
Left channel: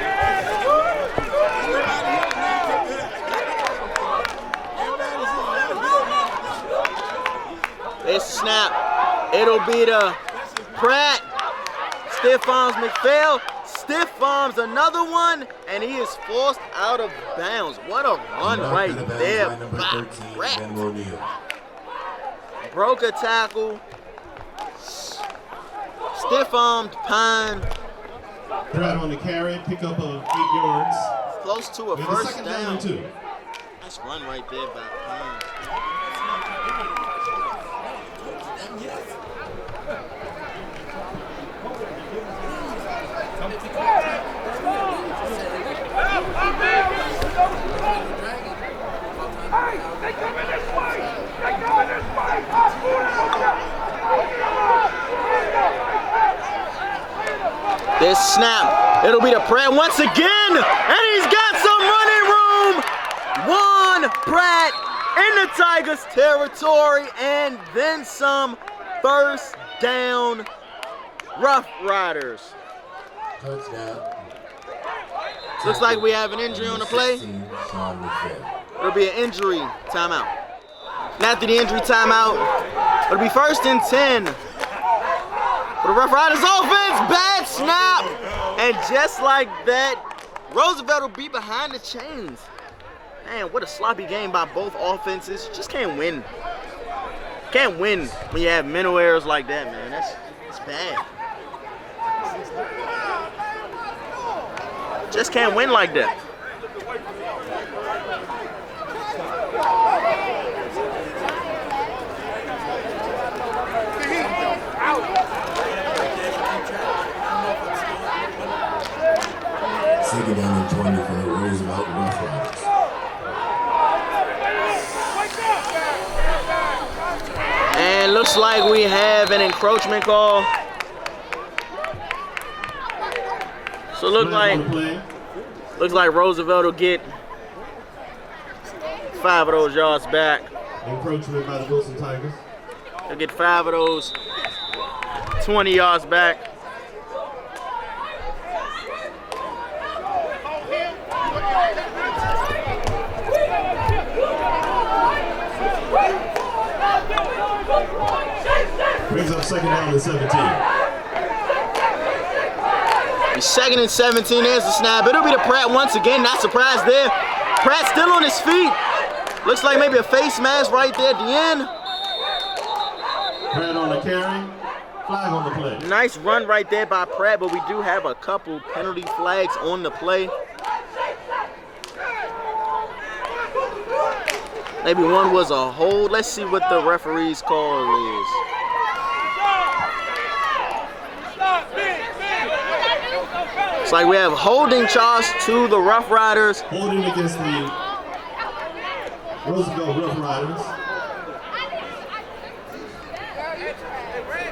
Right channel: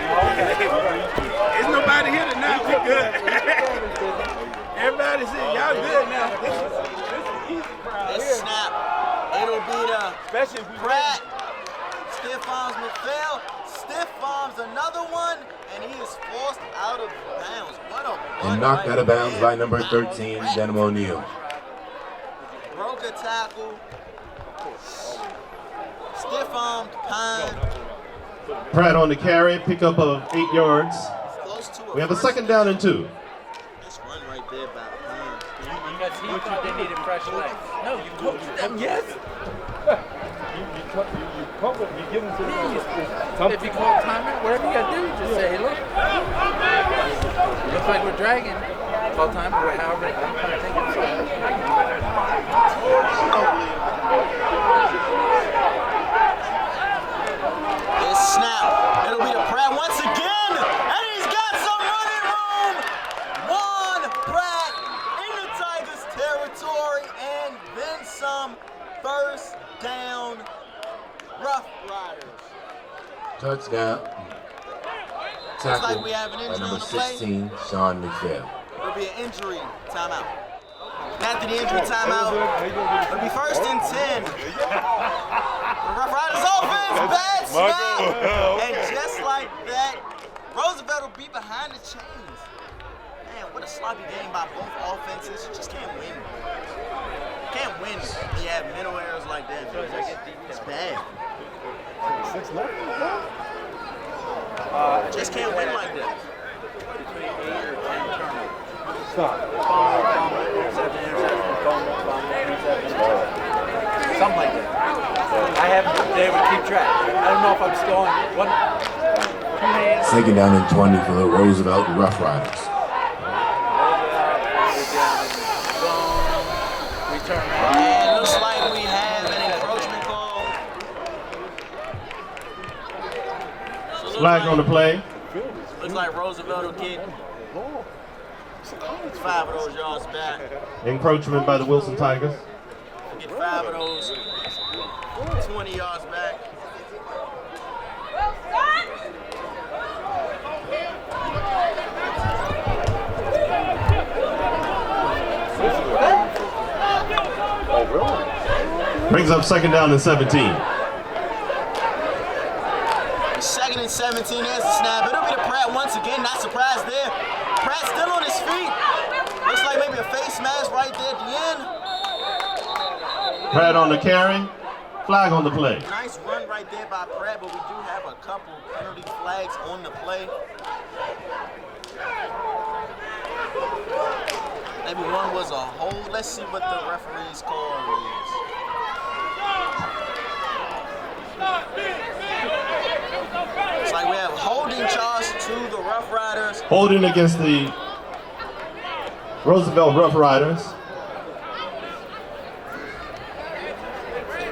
There's nobody here tonight. We good. Everybody's here. Y'all good now. It's snap. It'll be the Pratt. Stiff arms McPhail. Stiff arms another one, and he is forced out of bounds. What a run right knocked out of bounds there by number 13, Denwell Neal. Broke a tackle. Stiff-armed Pine. Pratt on the carry, pick up of 8 yards. Close to a We have a first 2nd down and 2. Nice run right there by Pine. No, you coached them, yes. If you call time, whatever you gotta do, just say hello. Looks like we're dragging. Call time. This snap, it'll be the Pratt once again, and he's got some running room. One Pratt in the Tigers' territory, and then some. First down, Roughriders. Touchdown. Looks like we have an injury on the play. 16, Sean McPhail. It'll be an injury timeout. And after the injury timeout, it'll be 1st and 10. For the Roughriders offense, bad snap. And just like that, Roosevelt will be behind the chains. Man, what a sloppy game by both offenses. Just can't win. Can't win when you have mental errors like that, man. That's bad. Just can't win like that. Second down and 20 for the Roosevelt Roughriders. And looks like we have an encroachment call. So Flag on the play. looks like Roosevelt will get 5 of those yards back. Encroachment by the Wilson Tigers. They'll get 5 of those 20 yards back. Brings up second down and 17. Second and 17, there's the snap. It'll be to Pratt once again, not surprised there. Pratt still on his feet. Looks like maybe a face mask right there at the end. Pratt on the carry. Flag on the play. Nice run right there by Pratt, but we do have a couple penalty flags on the play. Maybe one was a hold. Let's see what the referee's call is. It's like we have holding charge to the Rough Riders. Holding against the Roosevelt Roughriders.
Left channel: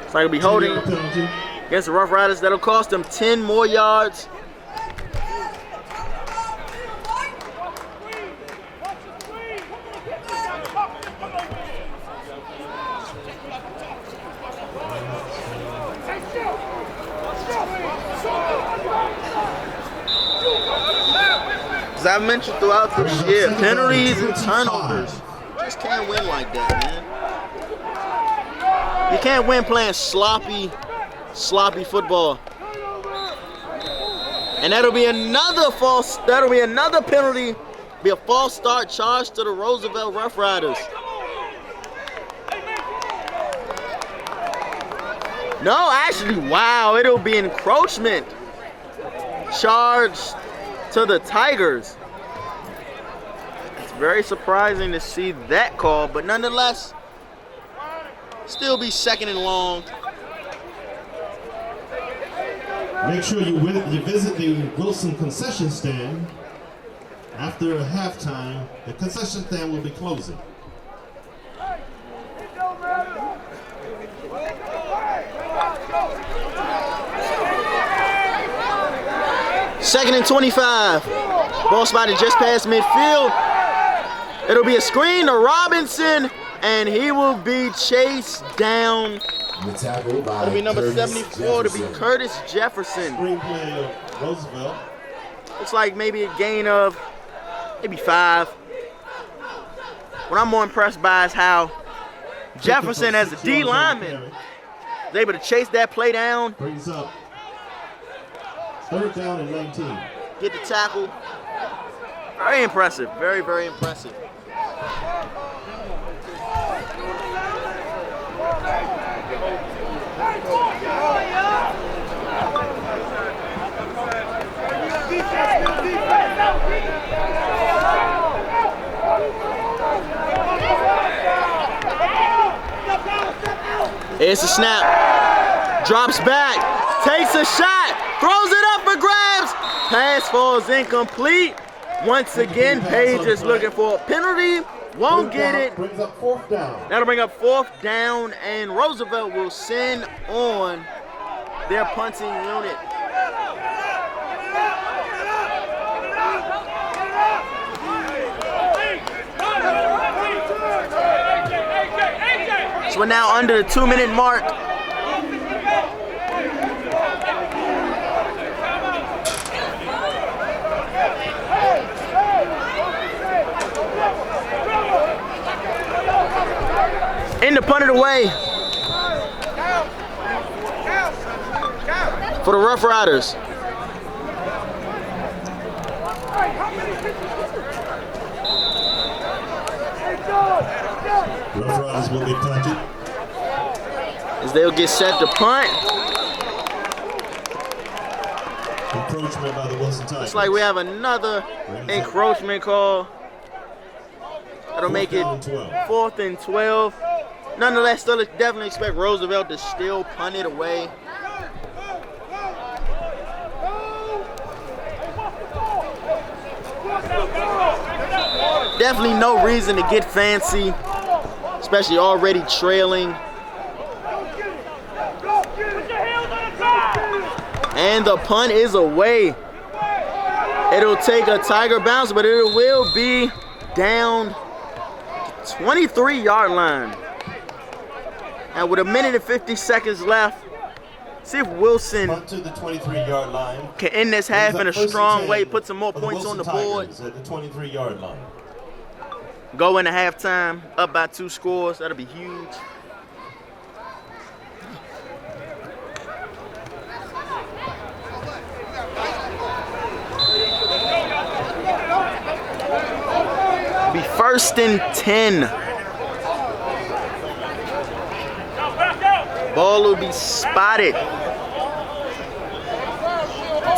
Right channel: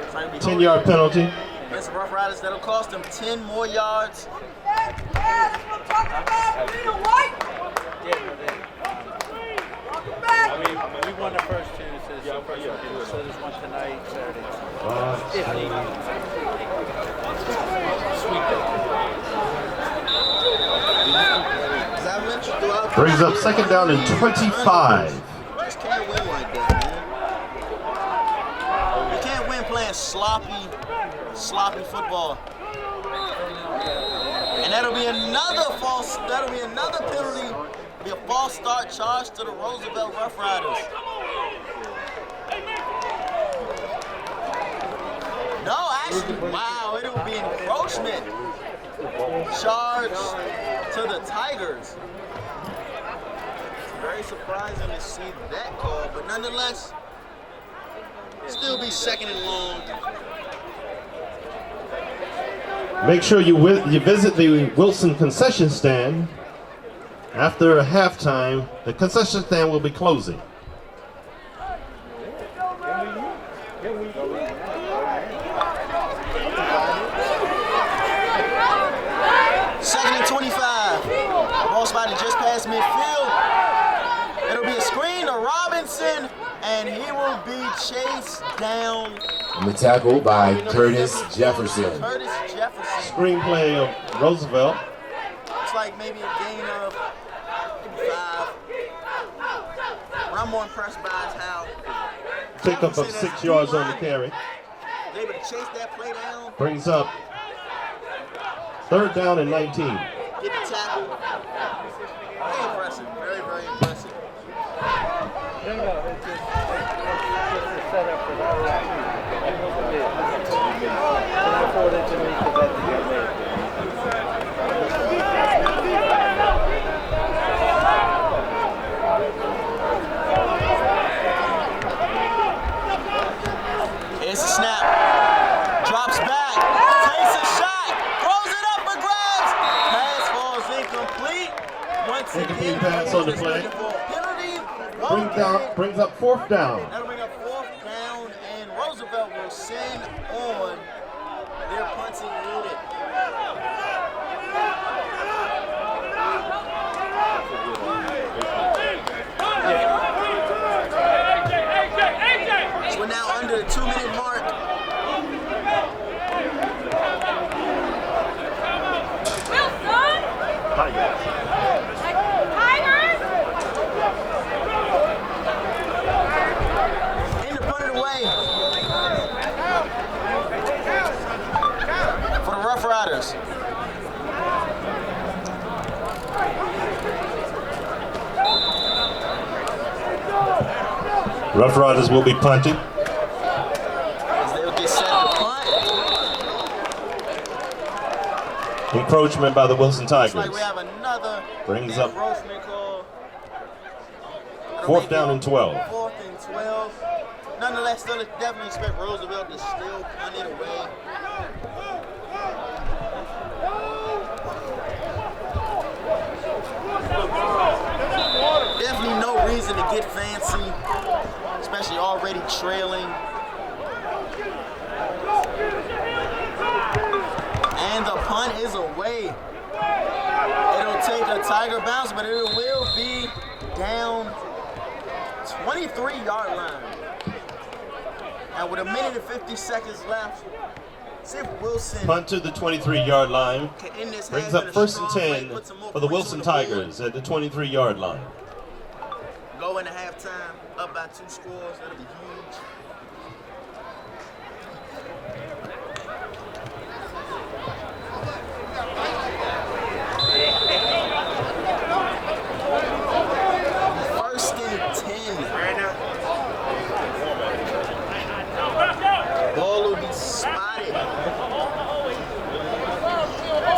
It's like it'll be holding 10-yard penalty. against the Rough Riders. That'll cost them 10 more yards. As I mentioned throughout the year, second down and penalties and 25. turnovers. You just can't win like that, man. You can't win playing sloppy football. And that'll be another penalty, be a false start charge to the Roosevelt Roughriders. No, actually, wow, it'll be encroachment charge to the Tigers. It's very surprising to see that call, but nonetheless, still be second and long. Make sure you visit the Wilson concession stand. After halftime, the concession stand will be closing. Second and 25. Ball spotted just past midfield. It'll be a screen to Robinson, and he will be chased down. And the tackle by Curtis Jefferson. Curtis Jefferson. Screenplay of Roosevelt. Looks like maybe a gain of maybe 5. What I'm more impressed by is how Jefferson, as a D lineman, is able to chase that play down. Brings up third down and 19. Get the tackle. Very impressive. Very, very impressive. Here's the snap. Drops back. Takes a shot. Throws it up for grabs. Pass falls incomplete. Once again, Page is looking for a penalty. Won't get it. Brings up fourth down. That'll bring up 4th down, and Roosevelt will send on their punting unit. So we're now under the 2-minute mark. In the punted away for the Rough Riders. Rough Riders will be punting. As they'll get set to punt. Encroachment by the Wilson Tigers. Looks like we have another Brings up encroachment call. That'll fourth make down it and 12. 4th and 12. Nonetheless, still definitely expect Roosevelt to still punt it away. Definitely no reason to get fancy, especially already trailing. And the punt is away. It'll take a Tiger bounce, but it will be down 23-yard line. And with 1 minute and 50 seconds left, see if Wilson Punt to the 23-yard line. can end this half in a strong way, put some more points on the board. At the 23-yard line. Go into halftime, up by 2 scores. That'll be huge. Be 1st and 10. Ball will be spotted.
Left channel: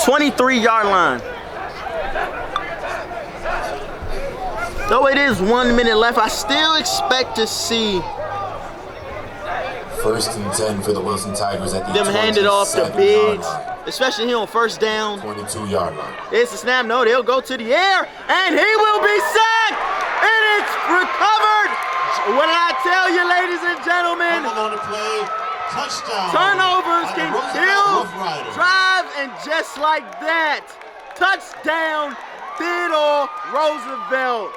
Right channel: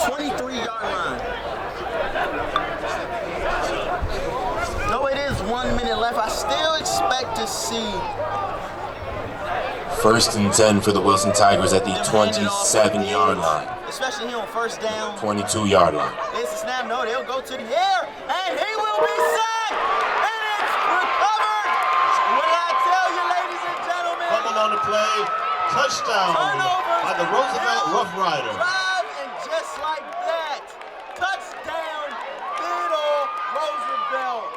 23-yard line. Though it is 1 minute left, I still expect to see 1st and 10 for the Wilson Tigers at the them hand it off to 27-yard Biggs, line. especially here on 1st down. 22-yard line. It's a snap. No, they'll go to the air, and he will be sacked, and it's recovered. What did I tell you, ladies and gentlemen? On the play, touchdown. Turnovers by the can Roosevelt kill Roughriders. drive, and just like that, touchdown, Theodore Roosevelt.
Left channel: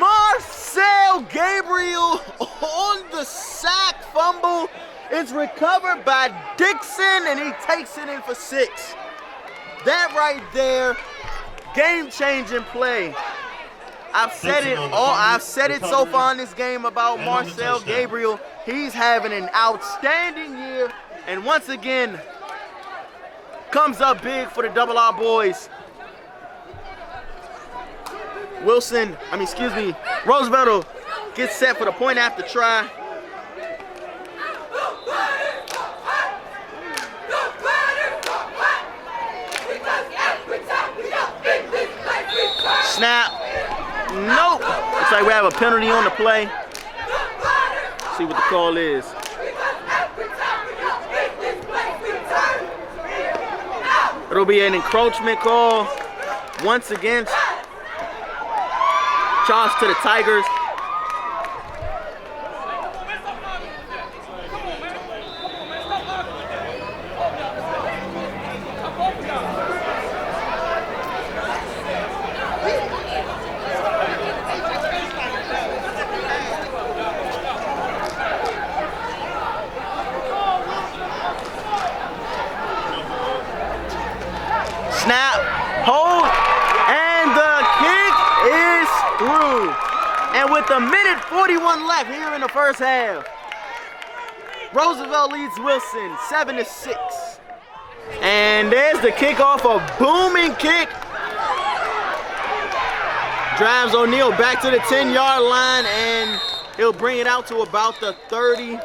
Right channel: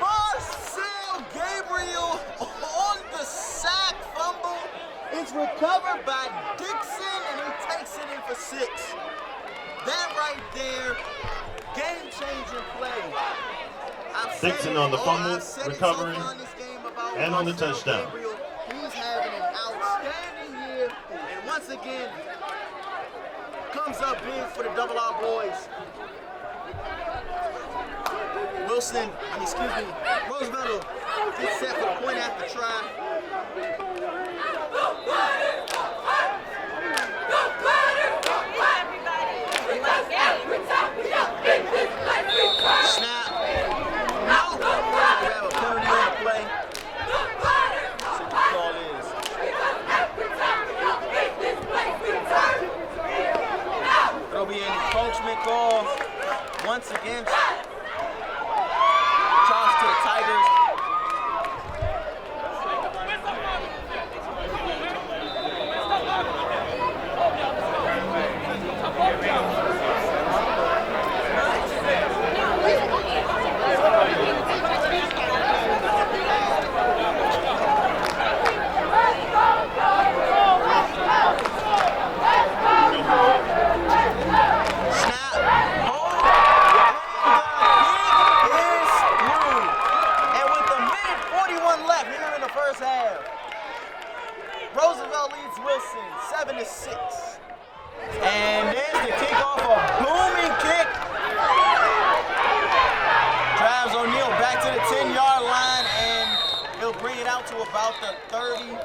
Marcel Gabriel on the sack fumble. It's recovered by Dixon, and he takes it in for 6. That right there, game-changing play. I've said it so far in this game about Marcel Gabriel. He's having an outstanding year, and once again, comes up big for the Double R boys. Roosevelt gets set for the point after try. Snap. Nope. Looks like we have a penalty on the play. Let's see what the call is. It'll be an encroachment call. Once again, charge to the Tigers. Left here in the first half. Roosevelt leads Wilson 7-6. And there's the kickoff, a booming kick. Drives O'Neal back to the 10-yard line, and he'll bring it out to about the 30.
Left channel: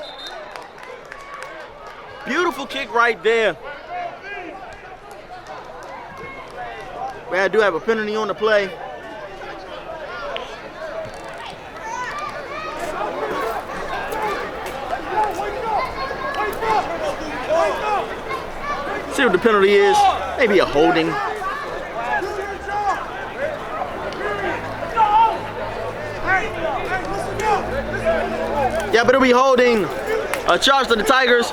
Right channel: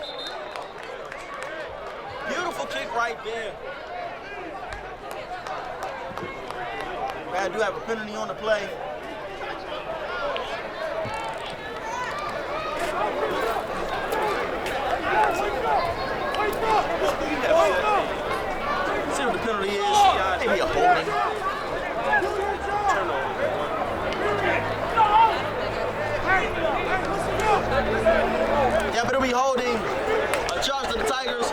Beautiful kick right there. I do have a penalty on the play. See what the penalty is. Maybe a holding. Yeah, but it'll be holding. A charge to the Tigers.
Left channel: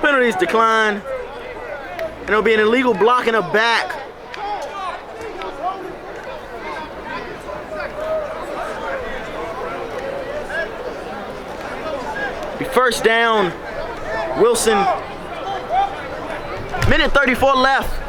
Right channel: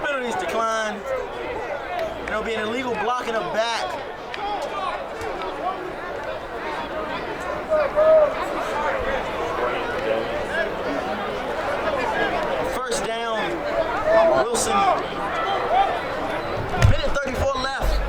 Penalties decline. And it'll be an illegal block in the back. First down, Wilson. Minute 34 left.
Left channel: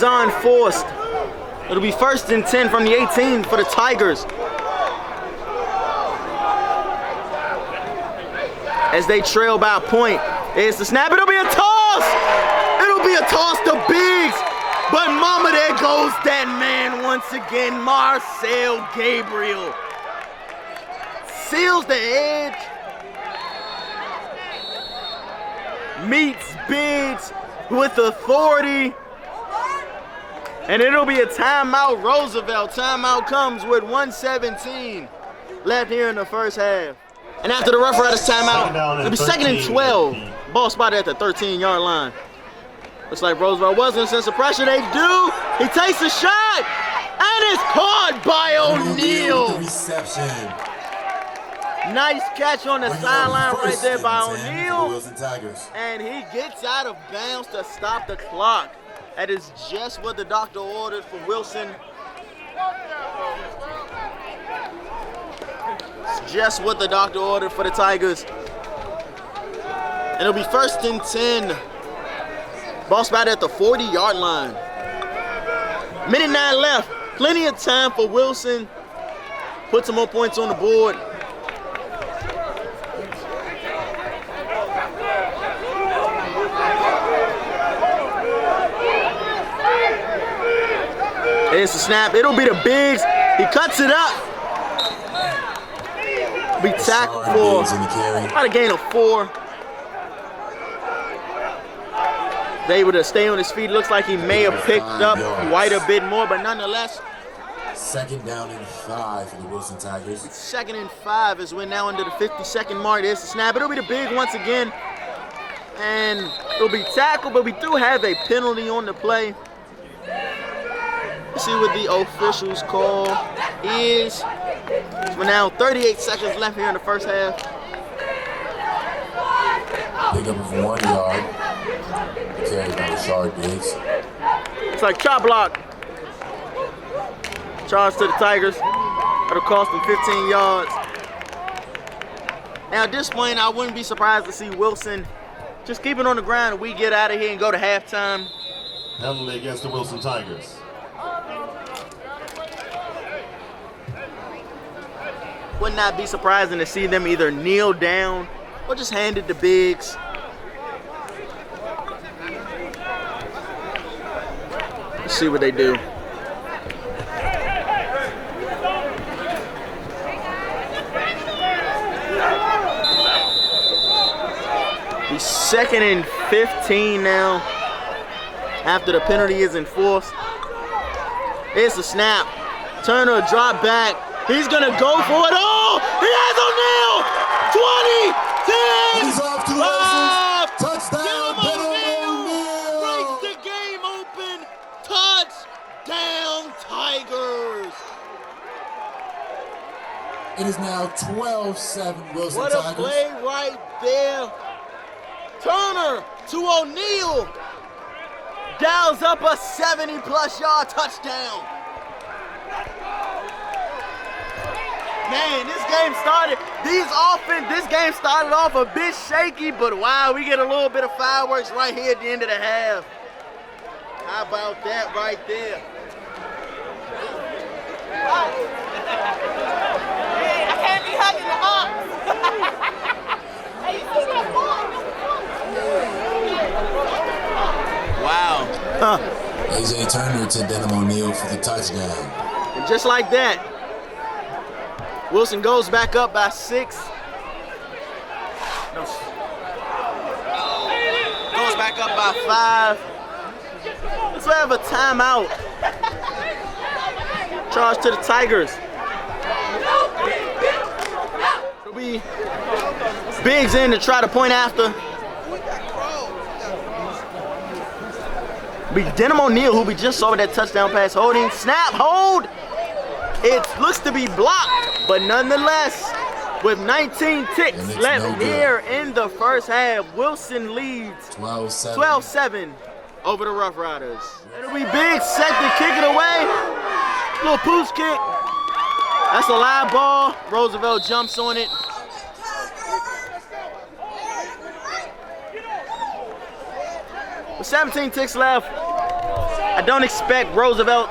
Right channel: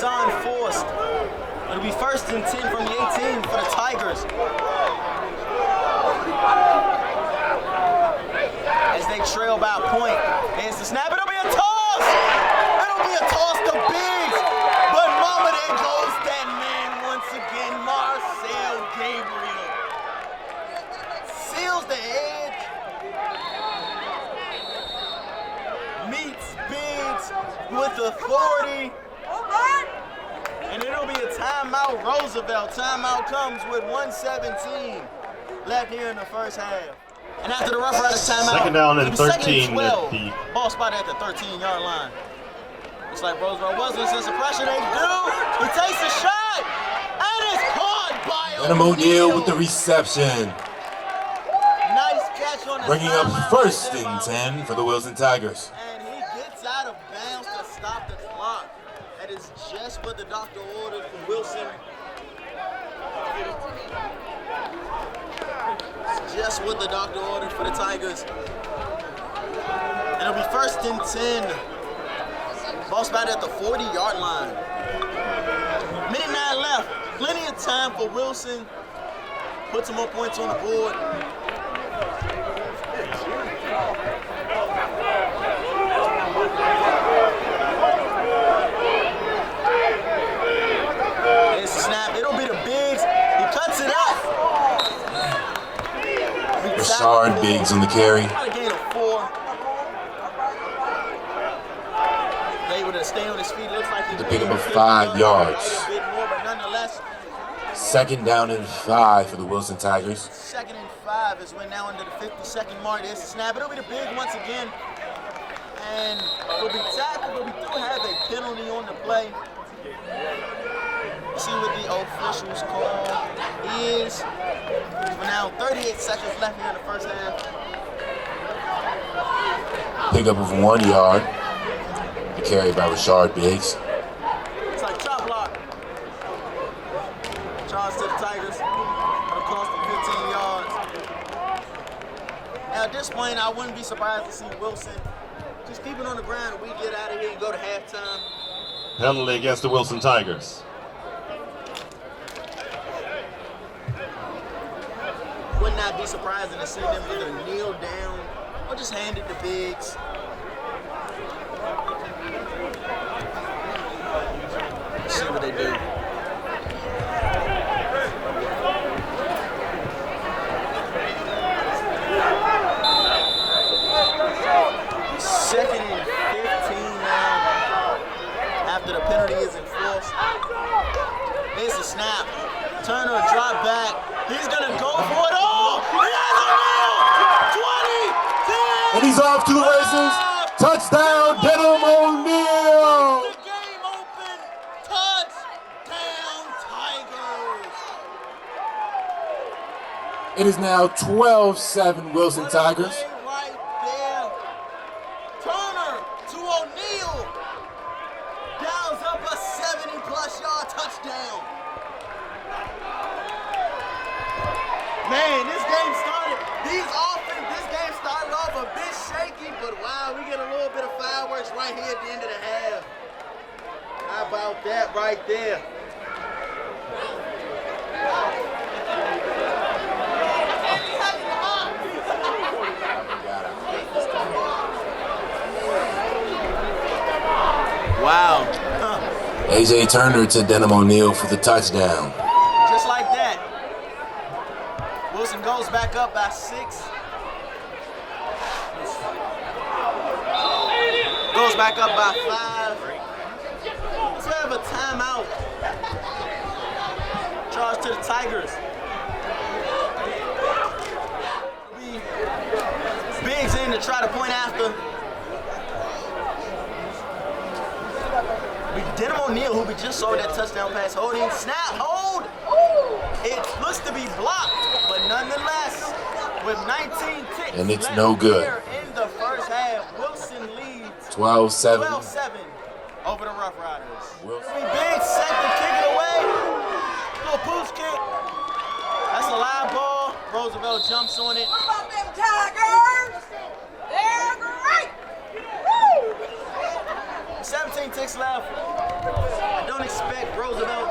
penalties are enforced. It'll be 1st and 10 from the 18 for the Tigers. As they trail by a point. It's the snap. It'll be a toss. It'll be a toss to Biggs. But mama, there goes that man once again. Marcel Gabriel. Seals the edge. Meets Biggs with authority. And it'll be a timeout. Roosevelt. Timeout comes with 1:17 left here in the first half. And after the Rough Riders timeout, it'll be 2nd and 12. Ball spotted at the 13-yard line. Looks like Roosevelt wasn't sense of pressure. They do. He takes a shot, and it's caught by O'Neal. With the reception. Nice catch on the sideline right there by O'Neal for the Wilson Tigers. And he gets out of bounds to stop the clock. That is just what the doctor ordered for Wilson. It's just what the doctor ordered for the Tigers. And it'll be 1st and 10. Ball spotted at the 40-yard line. 1:09 left. Plenty of time for Wilson. Put some more points on the board. There's the snap. It'll be the Biggs. He cuts it up. Be tackled for Biggs in the carry. about a gain of 4. Able to stay on his feet. Looks like he may have picked up quite a bit more, but nonetheless. 2nd down and 5 for the Wilson Tigers. 2nd and 5 as we're now under the 50-second mark. There's the snap. It'll be the Big once again. And it'll be tackled, but we do have a penalty on the play. Let's see what the officials call is. So we're now 38 seconds left here in the first half. Pickup of 1 yard. Carried by Rashard Biggs. It's like chop block. Charge to the Tigers. It'll cost them 15 yards. Now at this point, I wouldn't be surprised to see Wilson just keep it on the ground and we get out of here and go to halftime. Penalty against the Wilson Tigers. Would not be surprising to see them either kneel down or just hand it to Biggs. Let's see what they do. He's 2nd and 15 now after the penalty is enforced. It's a snap. Turner drop back. He's gonna go for it. Oh, he has O'Neal! 20, 10. And he's off to the races. Touchdown, Denham O'Neal. Breaks the game open. Touchdown, Tigers. It is now 12-7 Wilson What Tigers. a play right there. Turner to O'Neal. Dials up a 70-plus yard touchdown. Man, this game started off a bit shaky, but wow, we get a little bit of fireworks right here at the end of the half. How about that right there? I can't be hugging the Wow. Huh. A.J. Turner to Denham O'Neal for the touchdown. Just like that. Wilson goes back up by 6. Goes back up by 5. Let's have a timeout. Charge to the Tigers. It'll be Biggs in to try to point after. It'll be Denham O'Neal, who we just saw that touchdown pass holding. Snap, hold. It looks to be blocked, but nonetheless, with 19 ticks left here in the first half, Wilson leads 12-7 over the Rough Riders. It'll be Biggs set to kick it away. Little pooch kick. That's a live ball. Roosevelt jumps on it. With 17 ticks left, I don't expect Roosevelt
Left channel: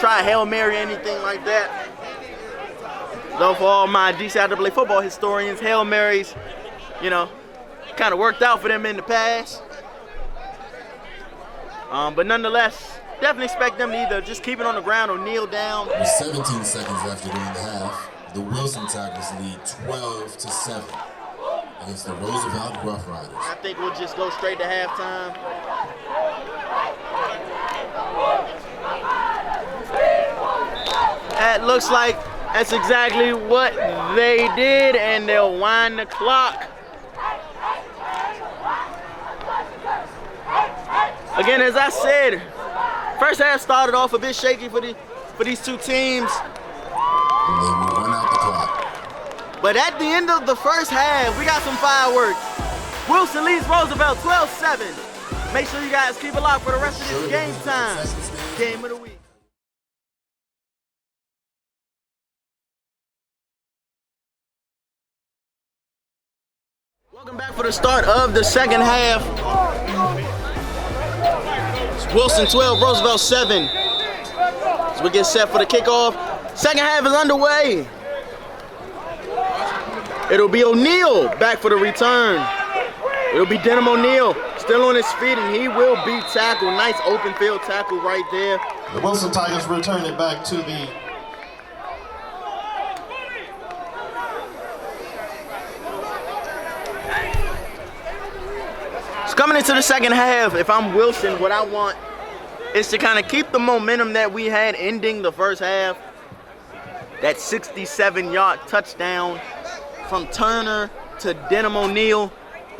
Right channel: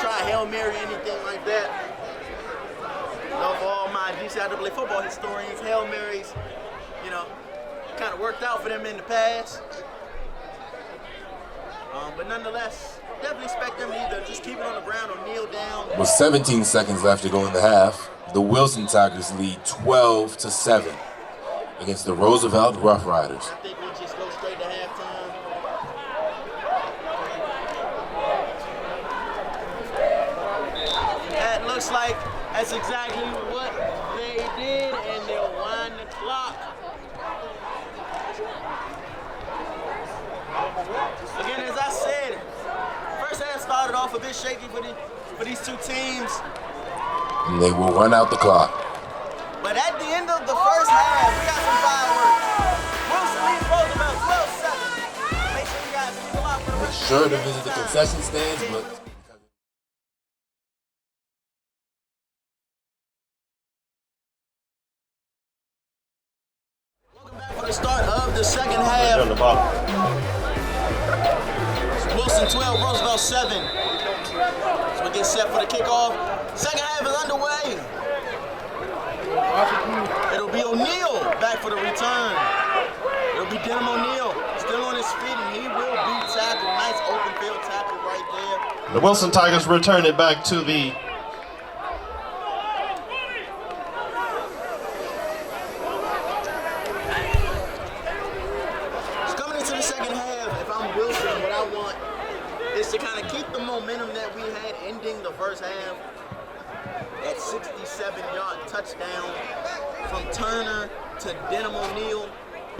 try a Hail Mary or anything like that. Though for all my DCIAA football historians, Hail Marys, kind of worked out for them in the past. But nonetheless, definitely expect them to either just keep it on the ground or kneel down. With 17 seconds left to go in the half, the Wilson Tigers lead 12-7 against the Roosevelt Roughriders. I think we'll just go straight to halftime. That looks like that's exactly what they did, and they'll wind the clock. Again, as I said, first half started off a bit shaky for these two teams. And they will run out the clock. But at the end of the first half, we got some fireworks. Wilson leads Roosevelt 12-7. Make sure you guys keep it locked for the rest of the game time. Game of the week. Welcome back for the start of the second half. Wilson 12, Roosevelt 7. As we get set for the kickoff. Second half is underway. It'll be O'Neal back for the return. It'll be Denham O'Neal still on his feet, and he will be tackled. Nice open field tackle right there. The Wilson Tigers return it back to the coming into the second half. If I'm Wilson, what I want is to kind of keep the momentum that we had ending the first half. That 67-yard touchdown from Turner to Denham O'Neal.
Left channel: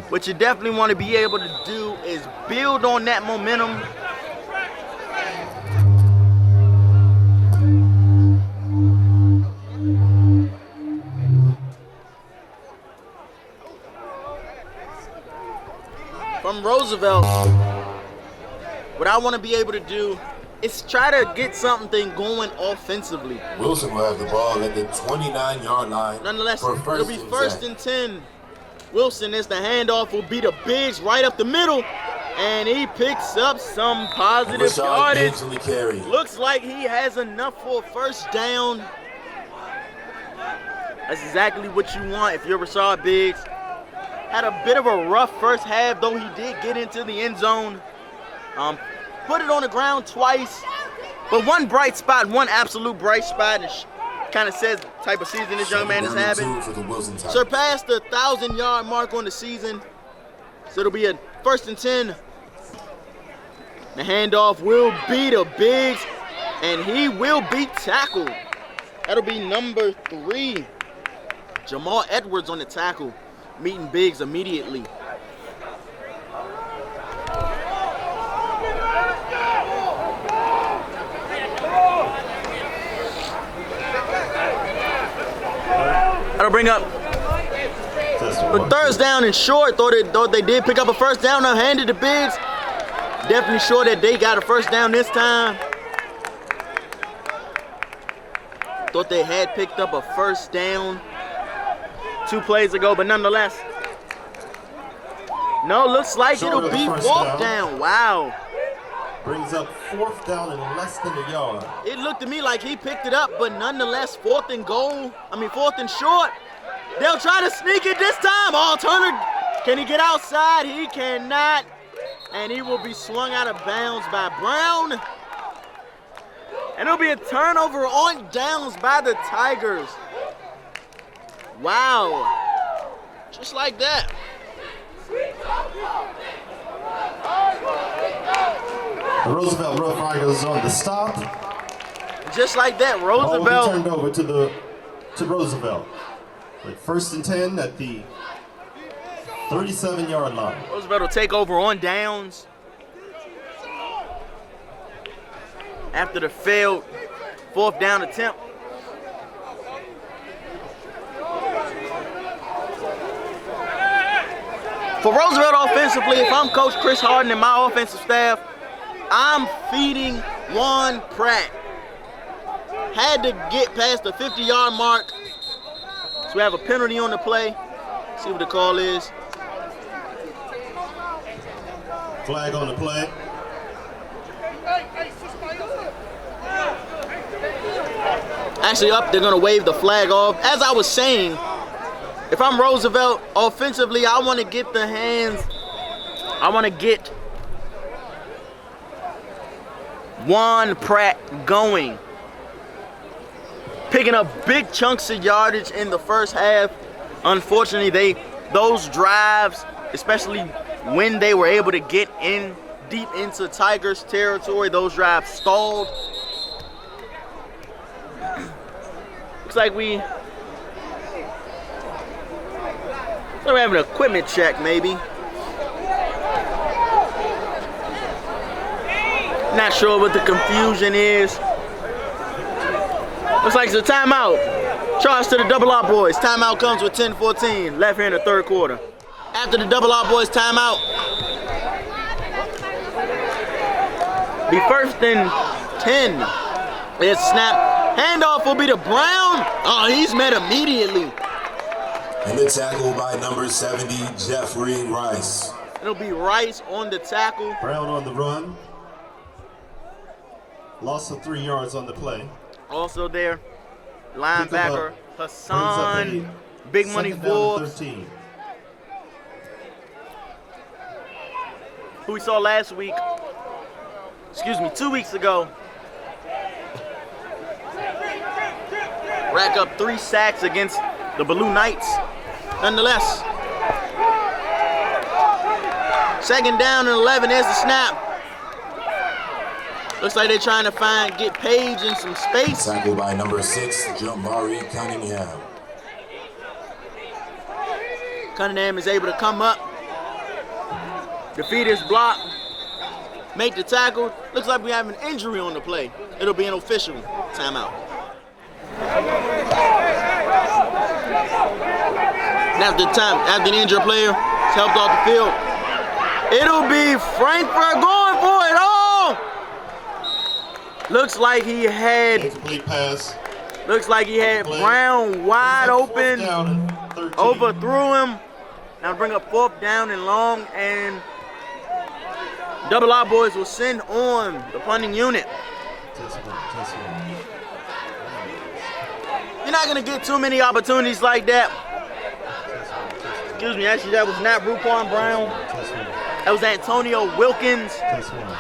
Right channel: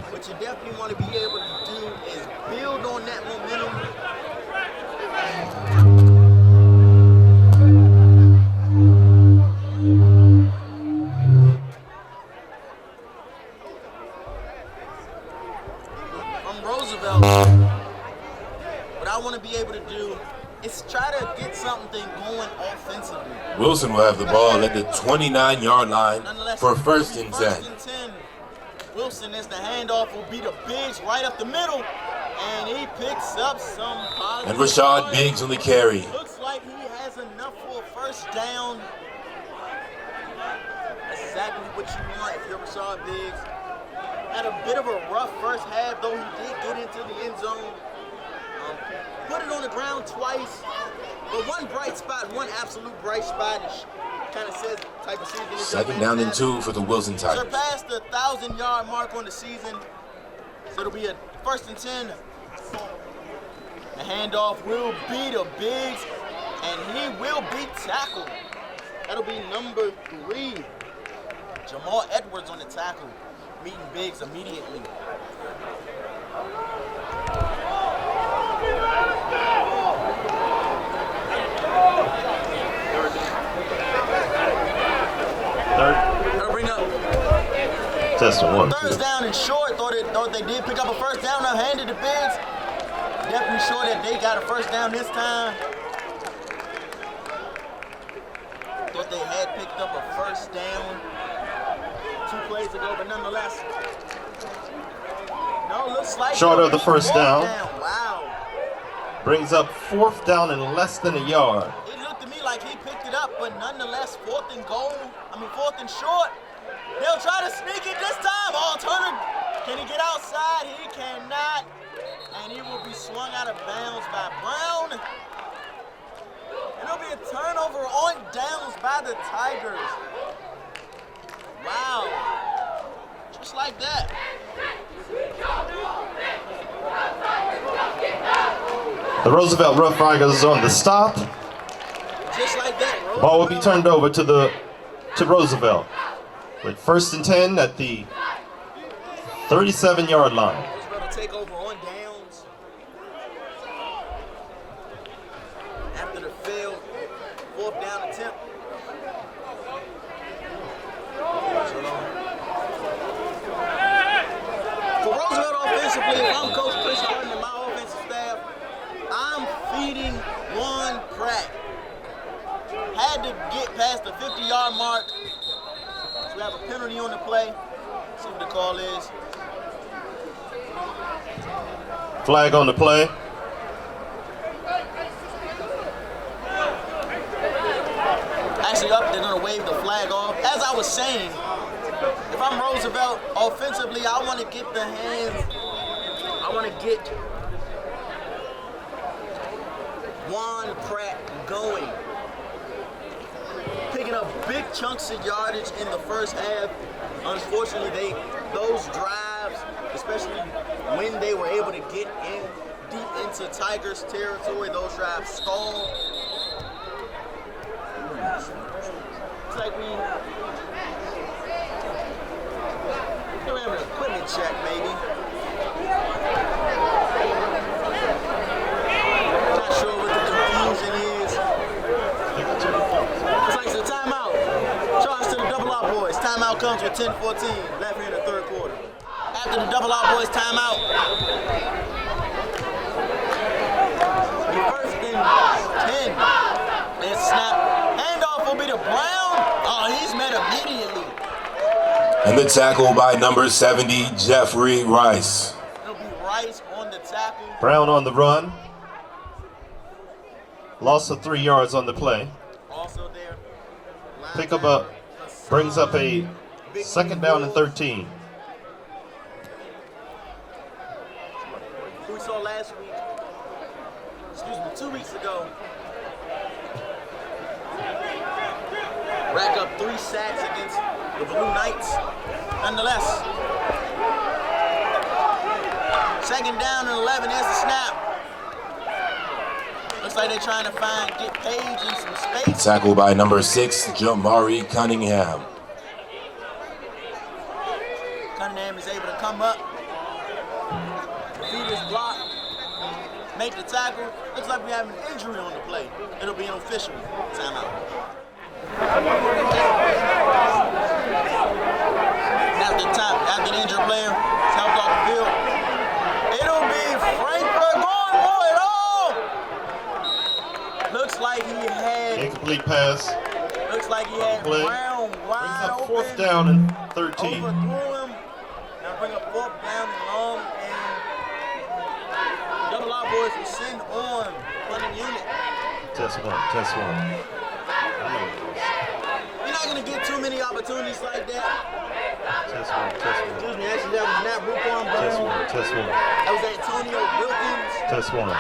What you definitely want to be able to do is build on that momentum. From Roosevelt, what I want to be able to do is try to get something going offensively. Wilson will have the ball at the 29-yard line. Nonetheless, for first it'll be and first 10. and 10. Wilson is the handoff, will be the Biggs right up the middle, and he picks up some positive Rashad yardage. Biggs on the carry. Looks like he has enough for a first down. That's exactly what you want if you're Rashad Biggs. Had a bit of a rough first half, though he did get into the end zone. Put it on the ground twice. But one bright spot, one absolute bright spot, kind of says the type of season this young man is having. 2 for the Wilson Tigers. Surpassed the 1,000-yard mark on the season. So it'll be a first and 10. The handoff will be to Biggs, and he will be tackled. That'll be number 3. Jamal Edwards on the tackle, meeting Biggs immediately. That'll bring up the third down and short. Thought they did pick up a first down. Now handed to Biggs. Definitely sure that they got a first down this time. Thought they had picked up a first down 2 plays ago, but nonetheless. No, looks like it'll be fourth down. Wow. Brings up 4th down and less than a yard. It looked to me like he picked it up, but nonetheless, 4th and short. They'll try to sneak it this time. Oh, Turner, can he get outside? He cannot. And he will be swung out of bounds by Brown. And it'll be a turnover on downs by the Tigers. Wow. Just like that. The Roosevelt Roughriders is on the stop. Just like that, Ball will be Roosevelt. turned over to Roosevelt. With 1st and 10 at the 37-yard line. Roosevelt will take over on downs. After the failed 4th down attempt. For Roosevelt offensively, if I'm Coach Chris Harden and my offensive staff, I'm feeding Juan Pratt. Had to get past the 50-yard mark. So we have a penalty on the play. See what the call is. Flag on the play. actually up. They're gonna wave the flag off. As I was saying, if I'm Roosevelt, offensively, I want to get the hands. I want to get Juan Pratt going. Picking up big chunks of yardage in the first half. Unfortunately, those drives, especially when they were able to get in deep into Tigers territory, those drives stalled. Looks like we're having an equipment check, maybe. Not sure what the confusion is. Looks like it's a timeout. Charge to the double R boys. Timeout comes with 10-14, left here in the third quarter. After the double R boys timeout, the 1st and 10 is snap. Handoff will be to Brown. Oh, he's met immediately. And the tackle by number 70, Jeffrey Rice. It'll be Rice on the tackle. Brown on the run. Loss of 3 yards on the play. Also there, Pick 'em linebacker up. Hassan. Brings up a Big money second down and Forbes, 13. who we saw last week. 2 weeks ago. Rack up 3 sacks against the Blue Knights. Nonetheless, 2nd down and 11. There's the snap. Looks like they're trying to get Page in some space. Tackle by number 6, Jamari Cunningham. Cunningham is able to come up, defeat his block, make the tackle. Looks like we have an injury on the play. It'll be an official timeout. After the injured player is helped off the field, it'll be Frankfurt going for it all. Looks like he had Incomplete pass. Looks like he had Play. Brown wide Brings up open. 4th down and 13. Overthrew him. Now bring up 4th down and long, and double R boys will send on the punting unit. Test one. You're not gonna get too many opportunities like that. Excuse me, actually that was not Bruquan Brown. Test one. That was Antonio Wilkins. Test one.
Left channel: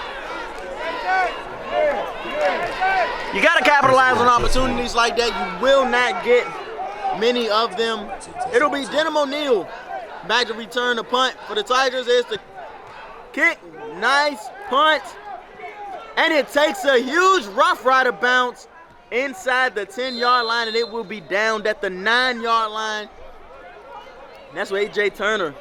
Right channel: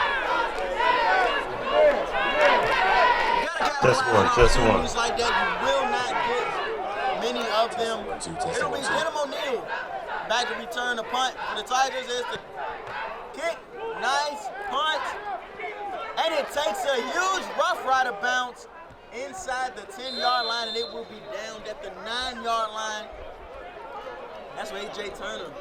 You gotta capitalize on Test one. opportunities like that. You will not get many of them. It'll be Denham O'Neal back to return the punt for the Tigers. There's the kick. Nice punt. And it takes a huge Rough Rider bounce inside the 10-yard line, and it will be downed at the 9-yard line. And that's where A.J. Turner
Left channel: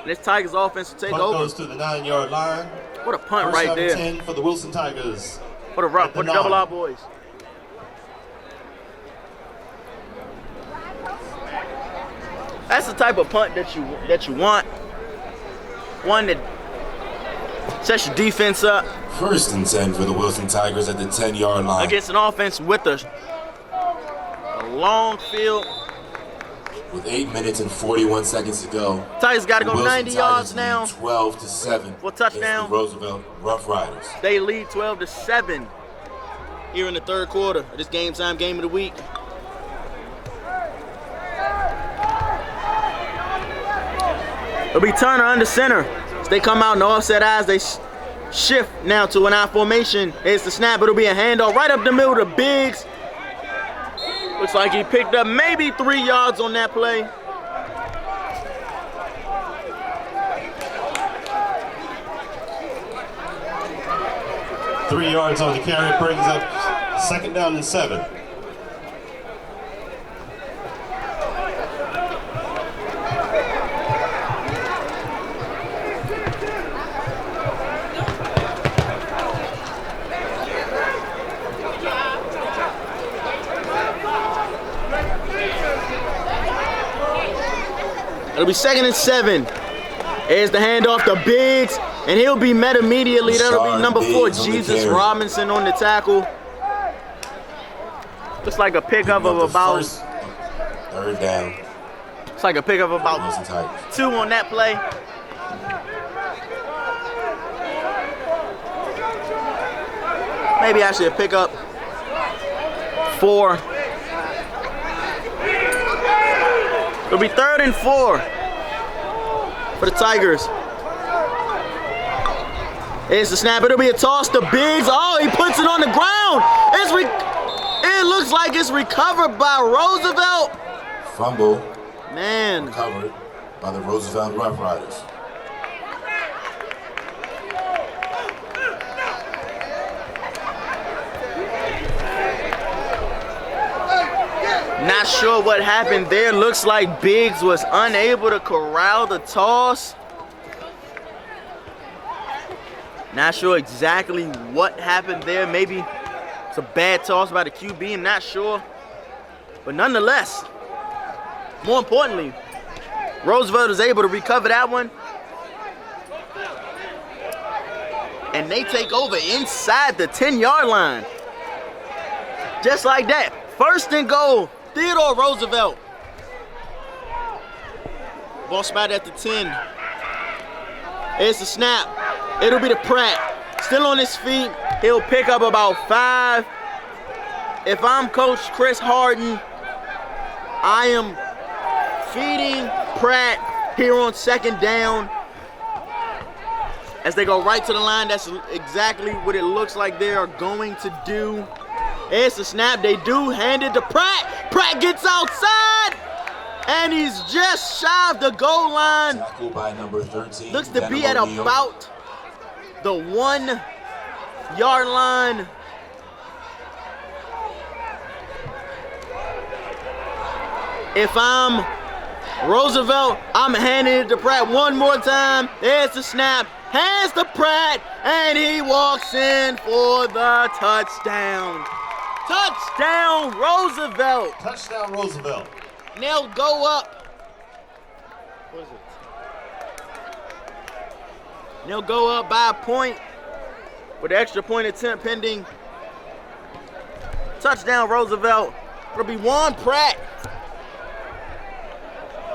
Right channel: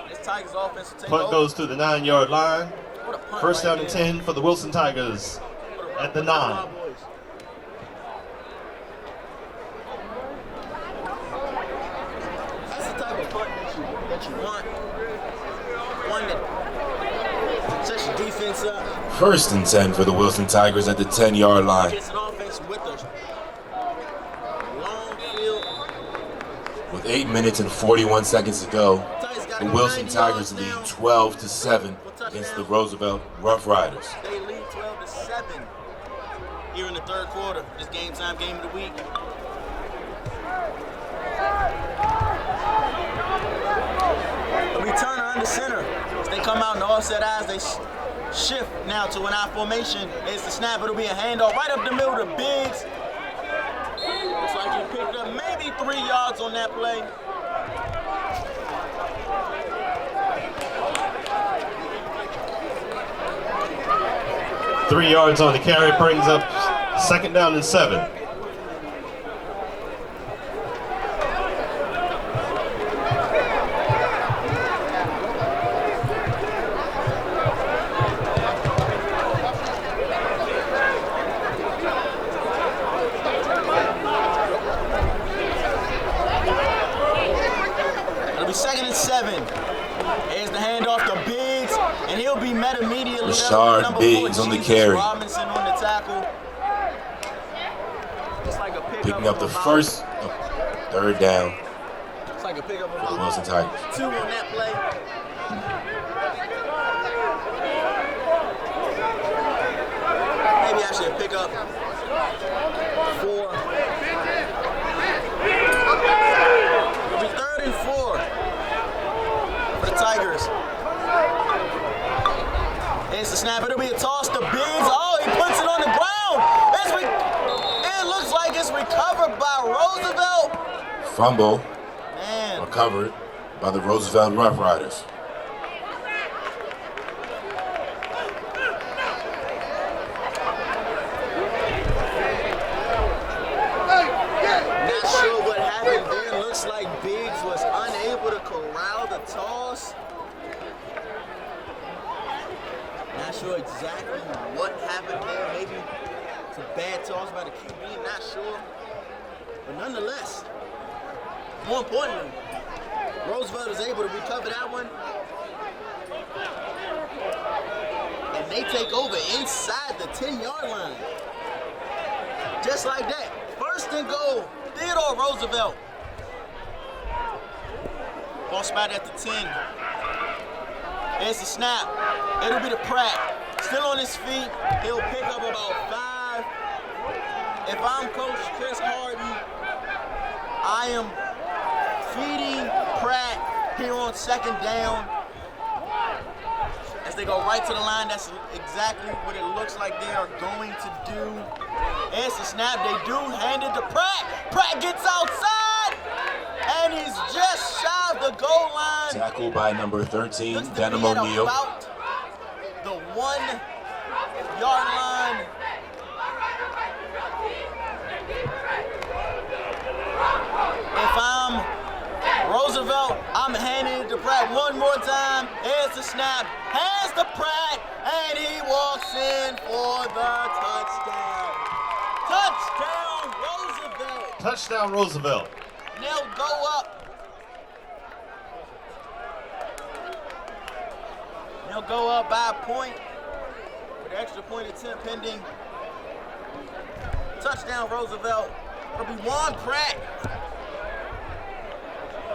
and this Tigers offense will take Punt over. goes to the 9-yard line. What a punt 1st right down and there. 10 for the Wilson Tigers. What a rough, at the what a double 9. R boys. That's the type of punt that you want. One that sets your defense up 1st and 10 for the Wilson Tigers at the 10-yard line. against an offense with a long field. With 8 minutes and 41 seconds to go, Tigers got to the go Wilson 90 yards Tigers now. lead 12-7 For a touchdown. against the Roosevelt Roughriders. They lead 12-7 here in the third quarter of this game time game of the week. It'll be Turner under center. As they come out in the offset eyes, they shift now to an I formation. Here's the snap. It'll be a handoff right up the middle to Biggs. Looks like he picked up maybe 3 yards on that play. Three yards on the carry, brings up 2nd down and 7. It'll be 2nd and 7. Here's the handoff to Biggs, and he'll be met immediately. That'll be number 4, Biggs on the Jesus carry. Robinson on the tackle. Looks like a pickup of about. 3rd down. It's like a pickup of about Wilson Tigers. 2 on that play. Maybe actually a pickup. 4. It'll be 3rd and 4 for the Tigers. It's the snap. It'll be a toss to Biggs. Oh, he puts it on the ground. It looks like it's recovered by Roosevelt. Fumble. Man. Recovered by the Roosevelt Roughriders. Not sure what happened there. Looks like Biggs was unable to corral the toss. Not sure exactly what happened there. Maybe it's a bad toss by the QB. I'm not sure. But nonetheless, more importantly, Roosevelt is able to recover that one. And they take over inside the 10-yard line. Just like that. 1st and goal. Theodore Roosevelt. Ball spotted at the 10. It's the snap. It'll be to Pratt. Still on his feet. He'll pick up about 5. If I'm Coach Chris Harden, I am feeding Pratt here on 2nd down. As they go right to the line, that's exactly what it looks like they are going to do. It's a snap. They do hand it to Pratt. Pratt gets outside, and he's just shy of the goal line. Tackled by number 13. Looks to be at about the 1-yard line. If I'm Roosevelt, I'm handing it to Pratt one more time. There's the snap. Hands to Pratt, and he walks in for the touchdown. Touchdown, Roosevelt. Touchdown, Roosevelt. They'll go up. They'll go up by a point with the extra point attempt pending. Touchdown, Roosevelt. It'll be Juan Pratt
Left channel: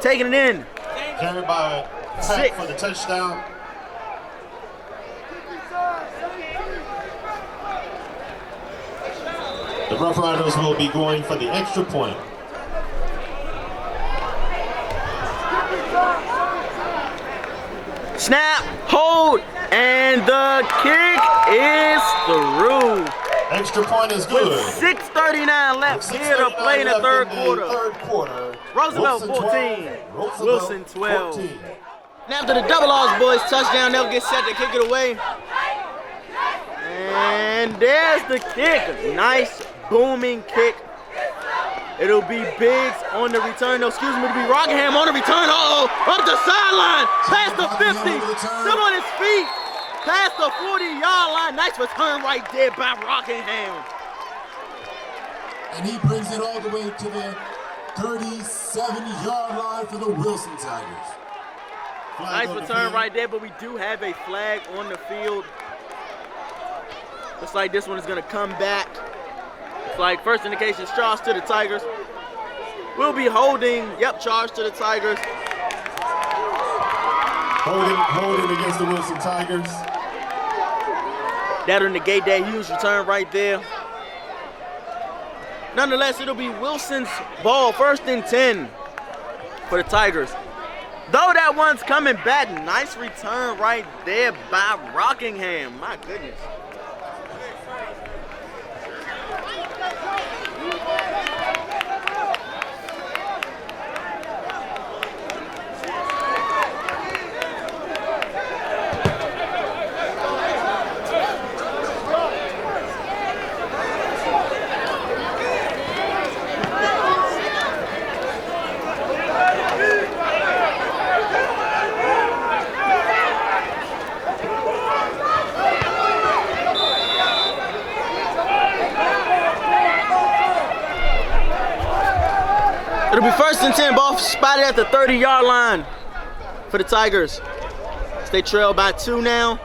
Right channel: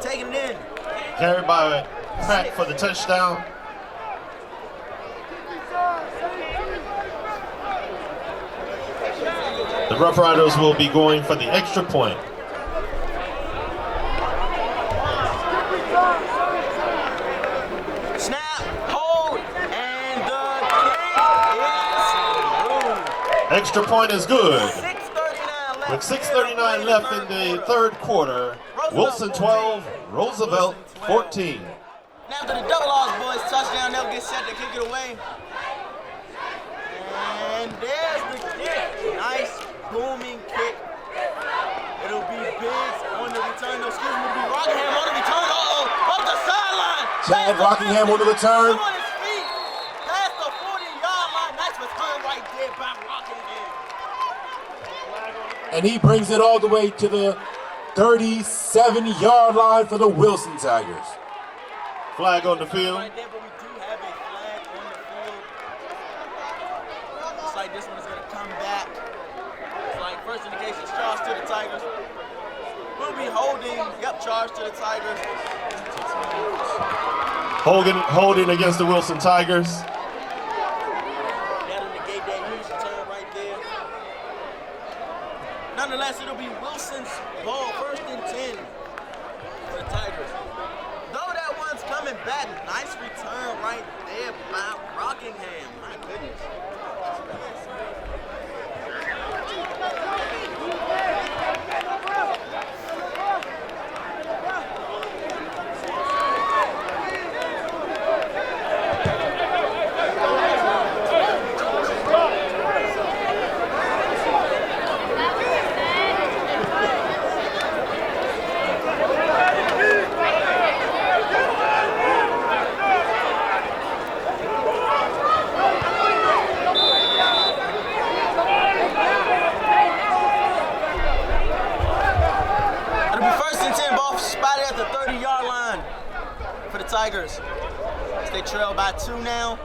taking it in. Carried by Pratt for the touchdown. The Rough Riders will be going for the extra point. Snap, hold, and the kick is through. Extra point is good. 6:39 left here to play in the third quarter. Roosevelt Wilson 14, 12. Wilson Roosevelt 12. 14. Now after the double R's boys touchdown, they'll get set to kick it away. And there's the kick. Nice booming kick. It'll be Biggs on the return. No, excuse me, it'll be Rockingham on the return. Uh-oh, up the sideline. Past the 50. Rockingham on the return. Still on his feet. Past the 40-yard line. Nice return right there by Rockingham. And he brings it all the way to the 37-yard line for the Wilson Tigers. Flag Nice on the return field. right there, but we do have a flag on the field. Looks like this one is going to come back. It's like first indication, charge to the Tigers. We'll be holding, charge to the Tigers. Holding against the Wilson Tigers. That'll negate that huge return right there. Nonetheless, it'll be Wilson's ball, 1st and 10 for the Tigers. Though that one's coming back, nice return right there by Rockingham. My goodness. It'll be 1st and 10, ball spotted at the 30-yard line for the Tigers. As they trail by 2 now.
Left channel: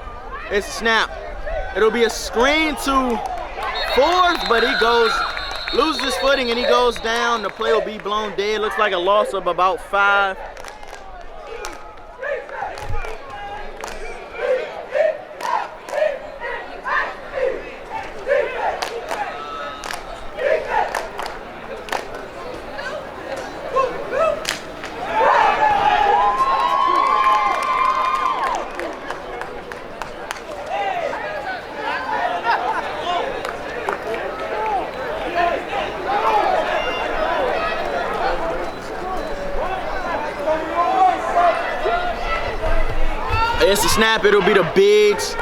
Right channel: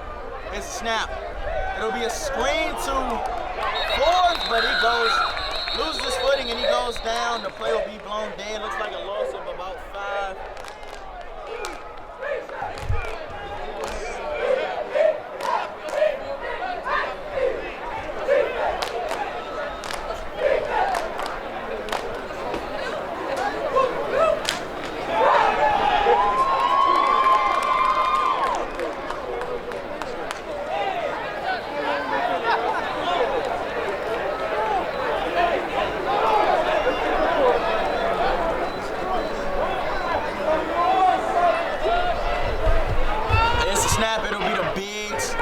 It's a snap. It'll be a screen to Forbes, but he loses his footing and he goes down. The play will be blown dead. Looks like a loss of about 5. snap, it'll be the Biggs.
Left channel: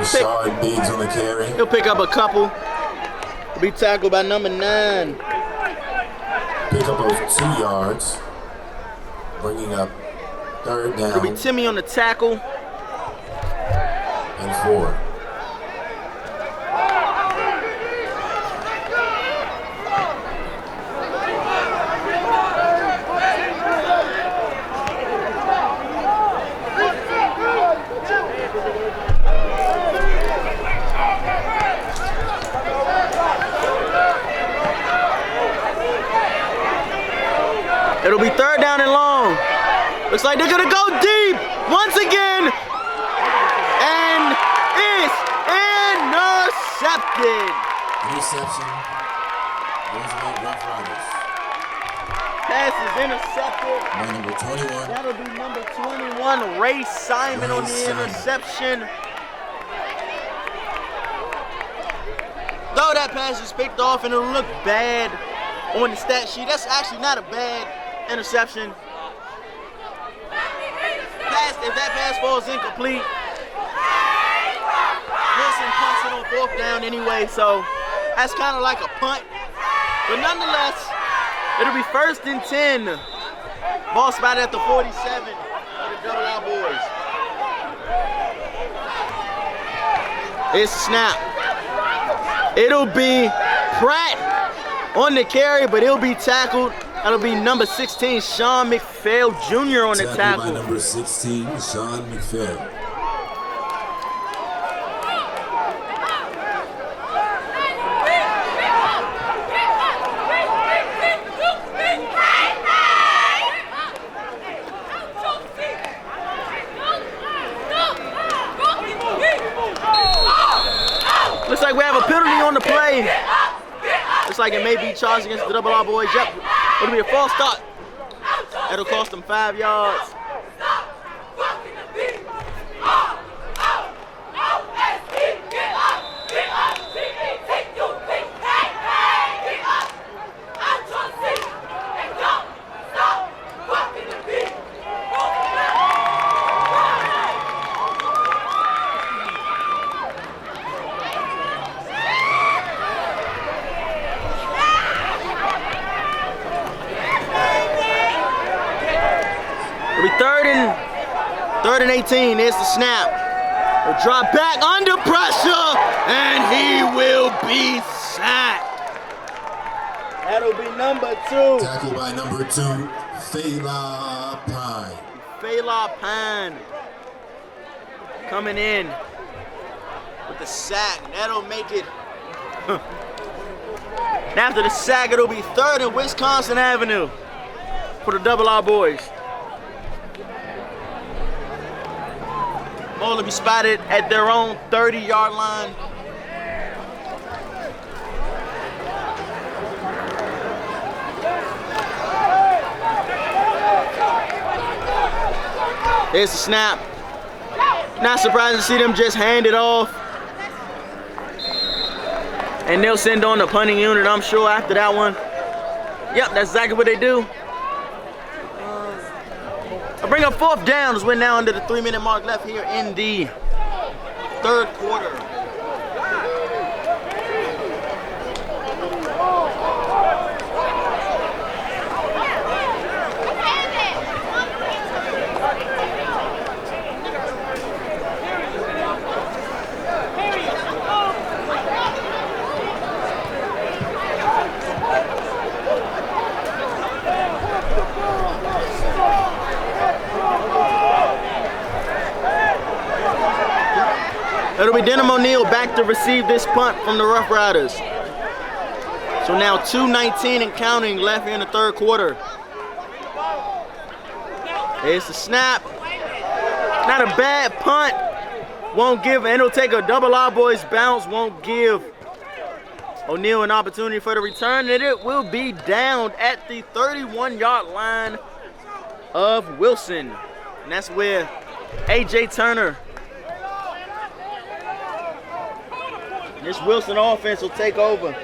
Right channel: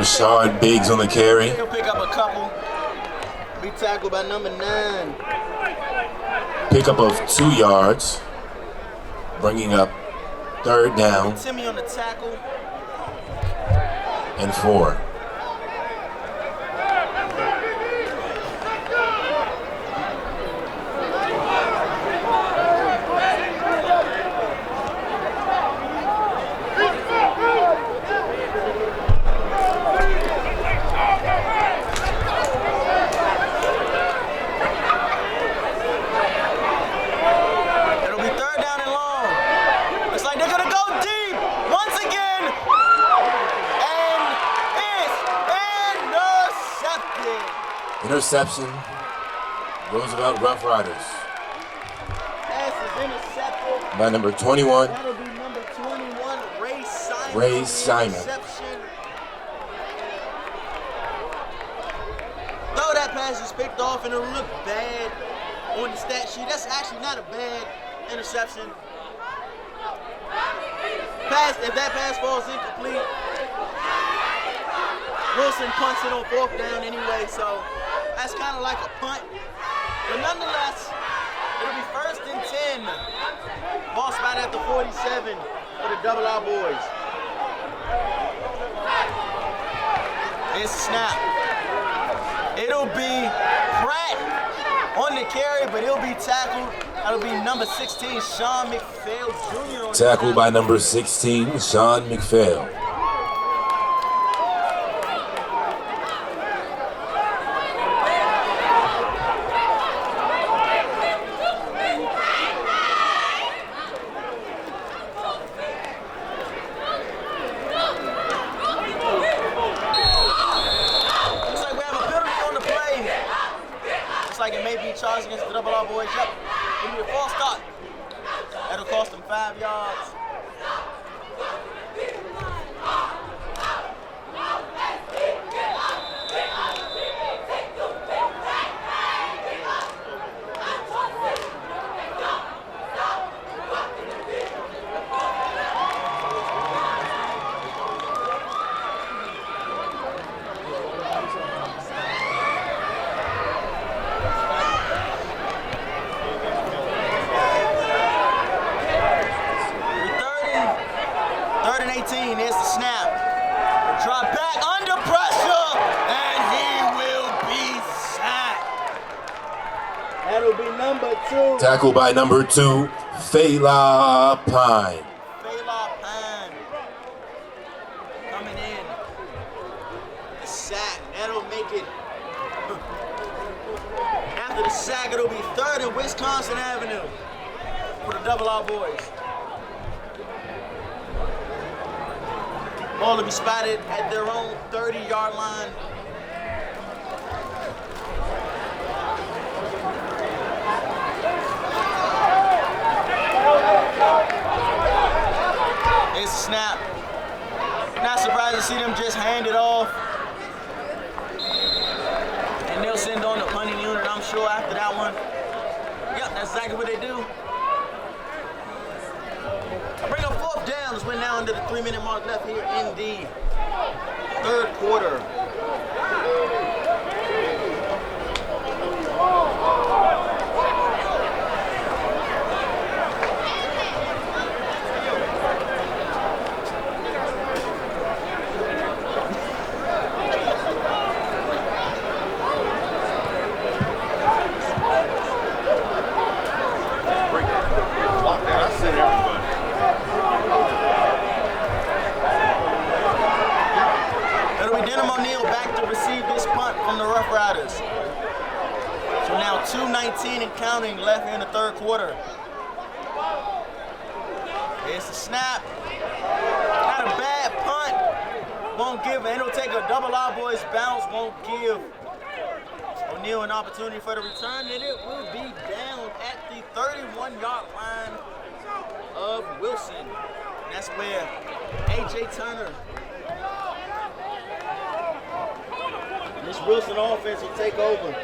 Rashawn Biggs on the carry. He'll pick up a couple. Be tackled by number 9. Pickup of 2 yards. Bringing up 3rd It'll be down Timmy on the tackle. and 4. It'll be 3rd down and long. Looks like they're gonna go deep once again. And it's intercepted. Interception. Roosevelt Roughriders. Pass is intercepted. By number 21. That'll be number 21, Ray Simon Ray on the Simon. interception. Though that pass is picked off and it'll look bad on the stat sheet, that's actually not a bad interception. If that pass falls incomplete, Wilson punts it on 4th down anyway, so that's kind of like a punt. But nonetheless, it'll be 1st and 10. Ball spot at the 47 for the Double R boys. It's snap. It'll be Pratt on the carry, but he'll be tackled. That'll be number 16, Sean McPhail Jr. on the Tackled tackle. by number 16, Sean McPhail. Looks like we have a penalty on the play. Looks like it may be charged against the Double R boys. Yep, it'll be a false start. That'll cost them 5 yards. Third and 18, there's the snap. We'll drop back under pressure, and he will be sacked. That'll be number 2. Tackled by number 2, Fela Pine. Fela Pine coming in with the sack. That'll make it. And after the sack, it'll be 3rd and Wisconsin Avenue for the Double R boys. Ball will be spotted at their own 30-yard line. Here's the snap. Not surprised to see them just hand it off. And they'll send on the punting unit, I'm sure, after that one. Yep, that's exactly what they do. I bring up 4th down as we're now under the 3-minute mark left here in the 3rd quarter. It'll be Denham O'Neal back to receive this punt from the Rough Riders. So now 2:19 and counting left here in the 3rd quarter. Here's the snap. Not a bad punt. Won't give, and it'll take a Double R boys bounce. Won't give O'Neal an opportunity for the return, and it will be down at the 31-yard line of Wilson. And that's where A.J. Turner, this Wilson offense will take over.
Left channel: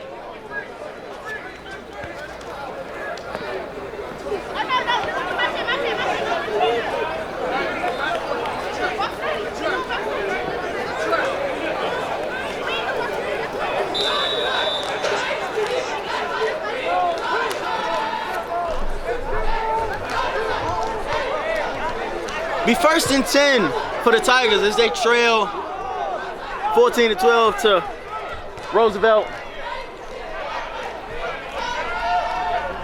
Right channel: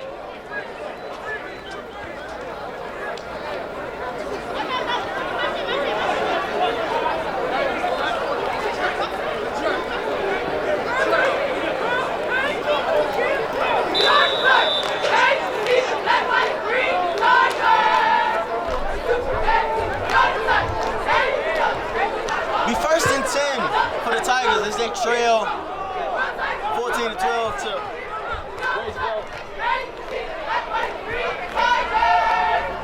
Be first and 10 for the Tigers as they trail 14-12 to Roosevelt.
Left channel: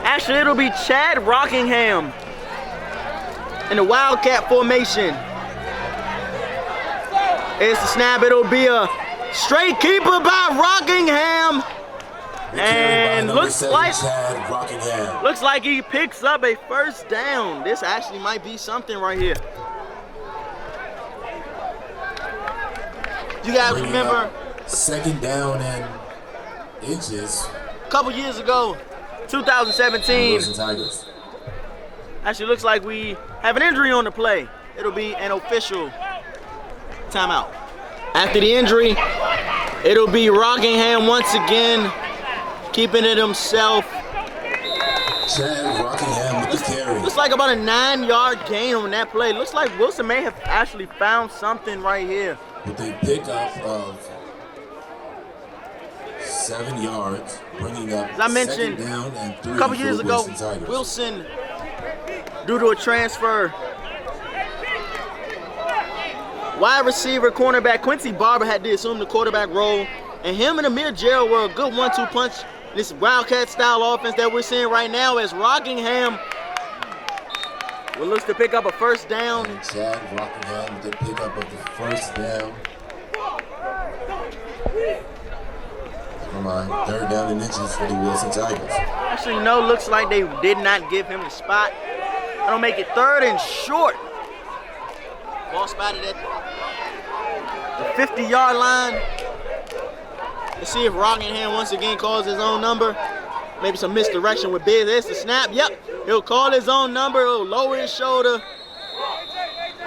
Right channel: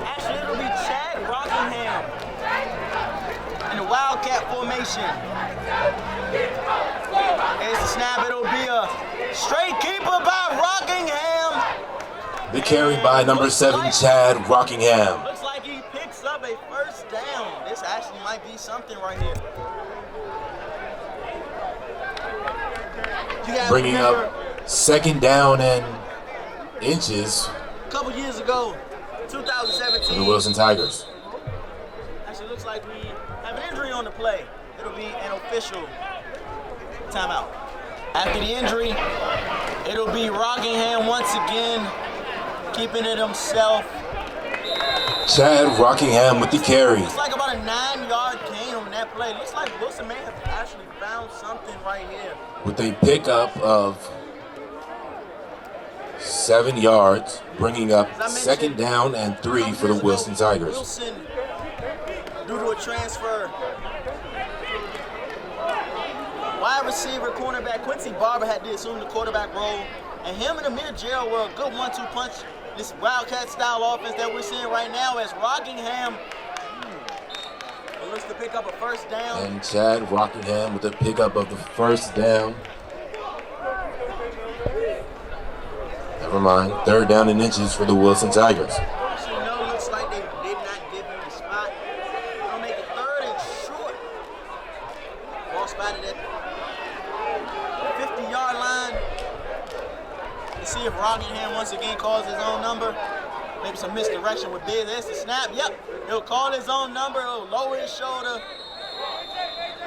Actually, it'll be Chad Rockingham in the Wildcat formation. It's the snap. It'll be a straight keeper by Rockingham. The carry by number 7, like, Chad Rockingham. Looks like he picks up a first down. This actually might be something right here. You guys Bringing remember up second down and inches. a couple years ago, The 2017. Wilson Tigers. Actually looks like we have an injury on the play. It'll be an official timeout. After the injury, it'll be Rockingham once again, keeping it himself. Chad Rockingham with the carry. Looks like about a 9-yard gain on that play. Looks like Wilson may have actually found something right here. With a pickup of 7 yards, bringing up As I mentioned, second down and 3 A couple for years the ago, Wilson Tigers. Wilson, due to a transfer, wide receiver, cornerback Quincy Barber had to assume the quarterback role, and him and Amir Gerald were a good 1-2 punch. This Wildcat style offense that we're seeing right now as Rockingham will look to pick up a first down. And Chad Rockingham with the pickup of the first down. Never mind, third down and inches for the Wilson Tigers. Actually, no, looks like they did not give him the spot. That'll make it 3rd and short. Ball spotted at the 50-yard line. Let's see if Rockingham once again calls his own number. Maybe some misdirection with Biz. There's the snap. Yep, he'll call his own number. He'll lower his shoulder.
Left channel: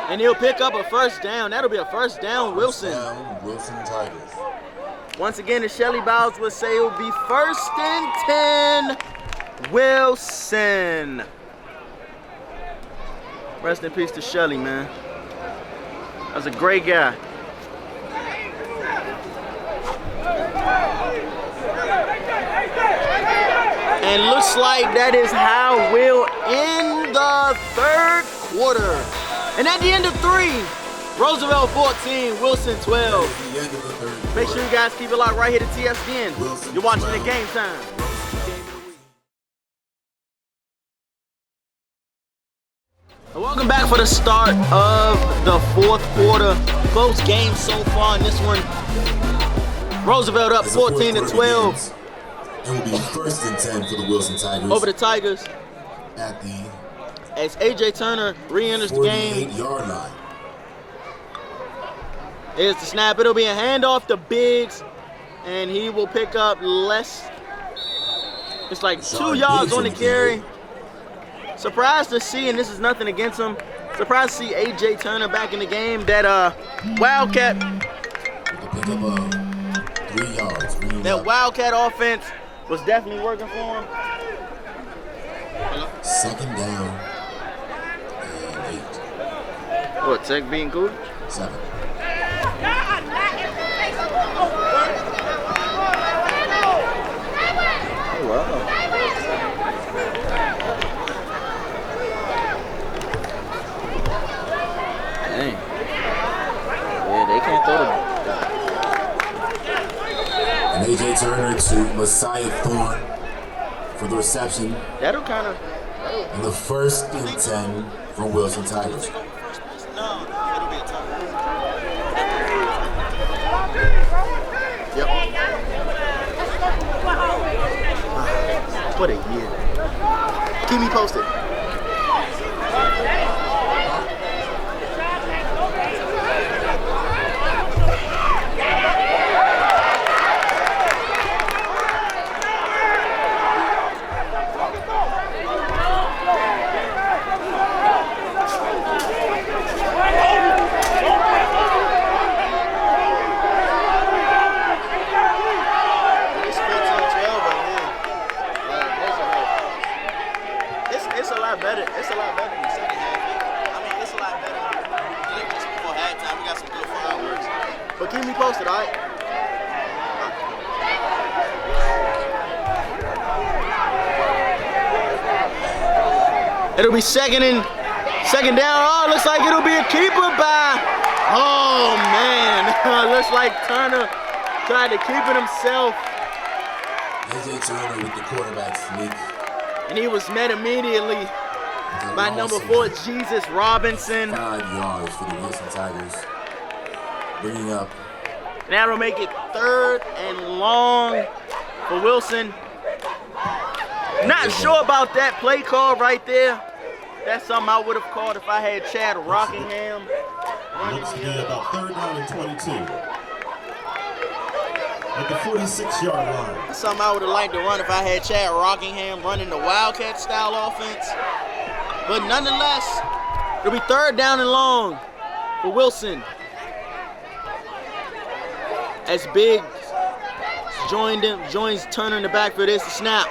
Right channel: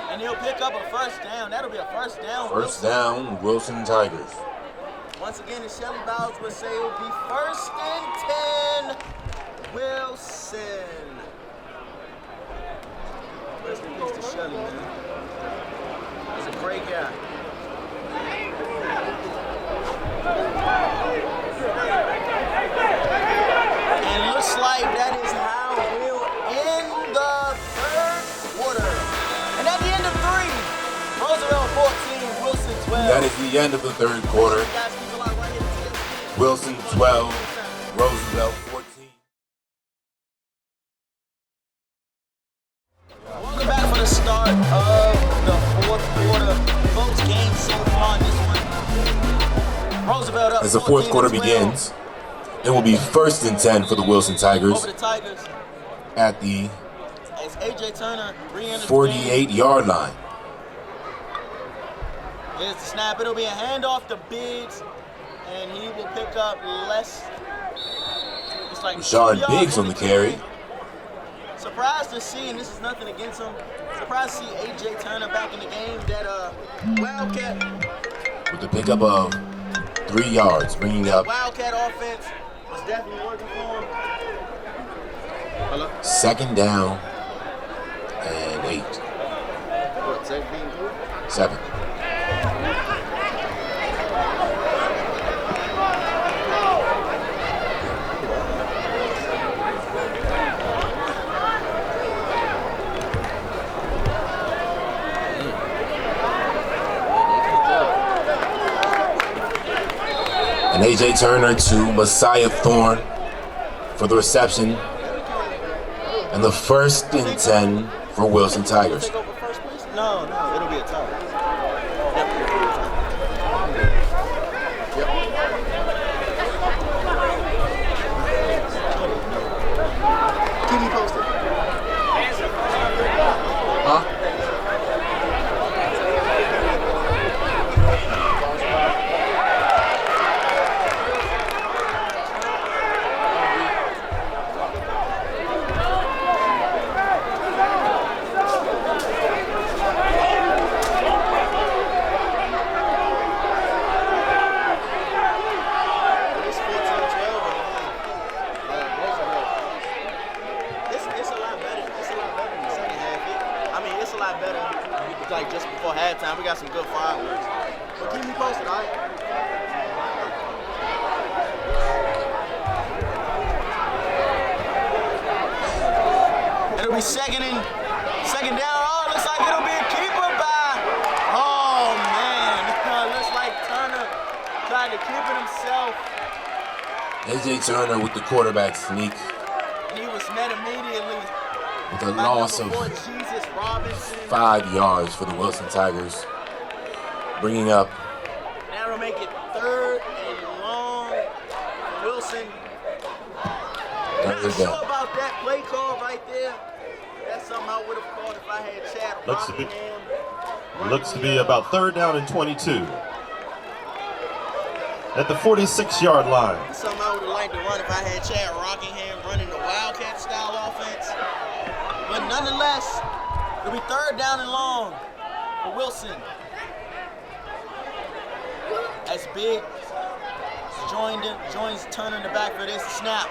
And he'll pick up a first down. That'll be a first down, First Wilson. down, Wilson Tigers. Once again, as Shelly Bowles would say, it'll be 1st and 10, Wilson. Rest in peace to Shelly, man. That was a great guy. And looks like that is how we'll end the 3rd quarter. And at the end of 3, Roosevelt 14, Wilson 12. That is the end of the 3rd Make quarter. sure you guys keep it locked right here to TSDN. Wilson You're watching 12, the Game Time. Roosevelt 14. Welcome back for the start of the 4th quarter. Close game so far in this one. Roosevelt up As the 4th quarter 14-12 begins, it will be 1st and 10 for the Wilson Tigers over the Tigers at the as A.J. Turner re-enters the game. 48-yard line. Here's the snap. It'll be a handoff to Biggs, and he will pick up less. It's like Rashard 2 yards Biggs on the carry. Surprised to see, and this is nothing against him, surprised to see A.J. Turner back in the game. That Wildcat, With the pickup of 3 yards, bringing that up Wildcat offense was definitely working for him. Hello? second down and 8. What, Tech being cool? 7. And A.J. Turner to Messiah Thorne for the reception. That'll kind of. And the 1st and 10 for Wilson Tigers. No, it'll be a time. Yep. Put it, yeah. Keep me posted. It'll be second down. Oh, looks like it'll be a keeper by, oh man, looks like Turner tried to keep it himself. A.J. Turner with the quarterback sneak. And he was met immediately With a by loss number of 4, Jesus Robinson. 5 yards for the Wilson Tigers. Bringing up. Now it'll make it 3rd and long for Wilson. Not sure about that play call right there. That's something I would have called if I had Chad Rockingham. Looks to be about 3rd down and 22. At the 46-yard line. That's something I would have liked to run if I had Chad Rockingham running the Wildcat style offense. But nonetheless, it'll be 3rd down and long for Wilson. As Biggs joins Turner in the backfield. There's the snap.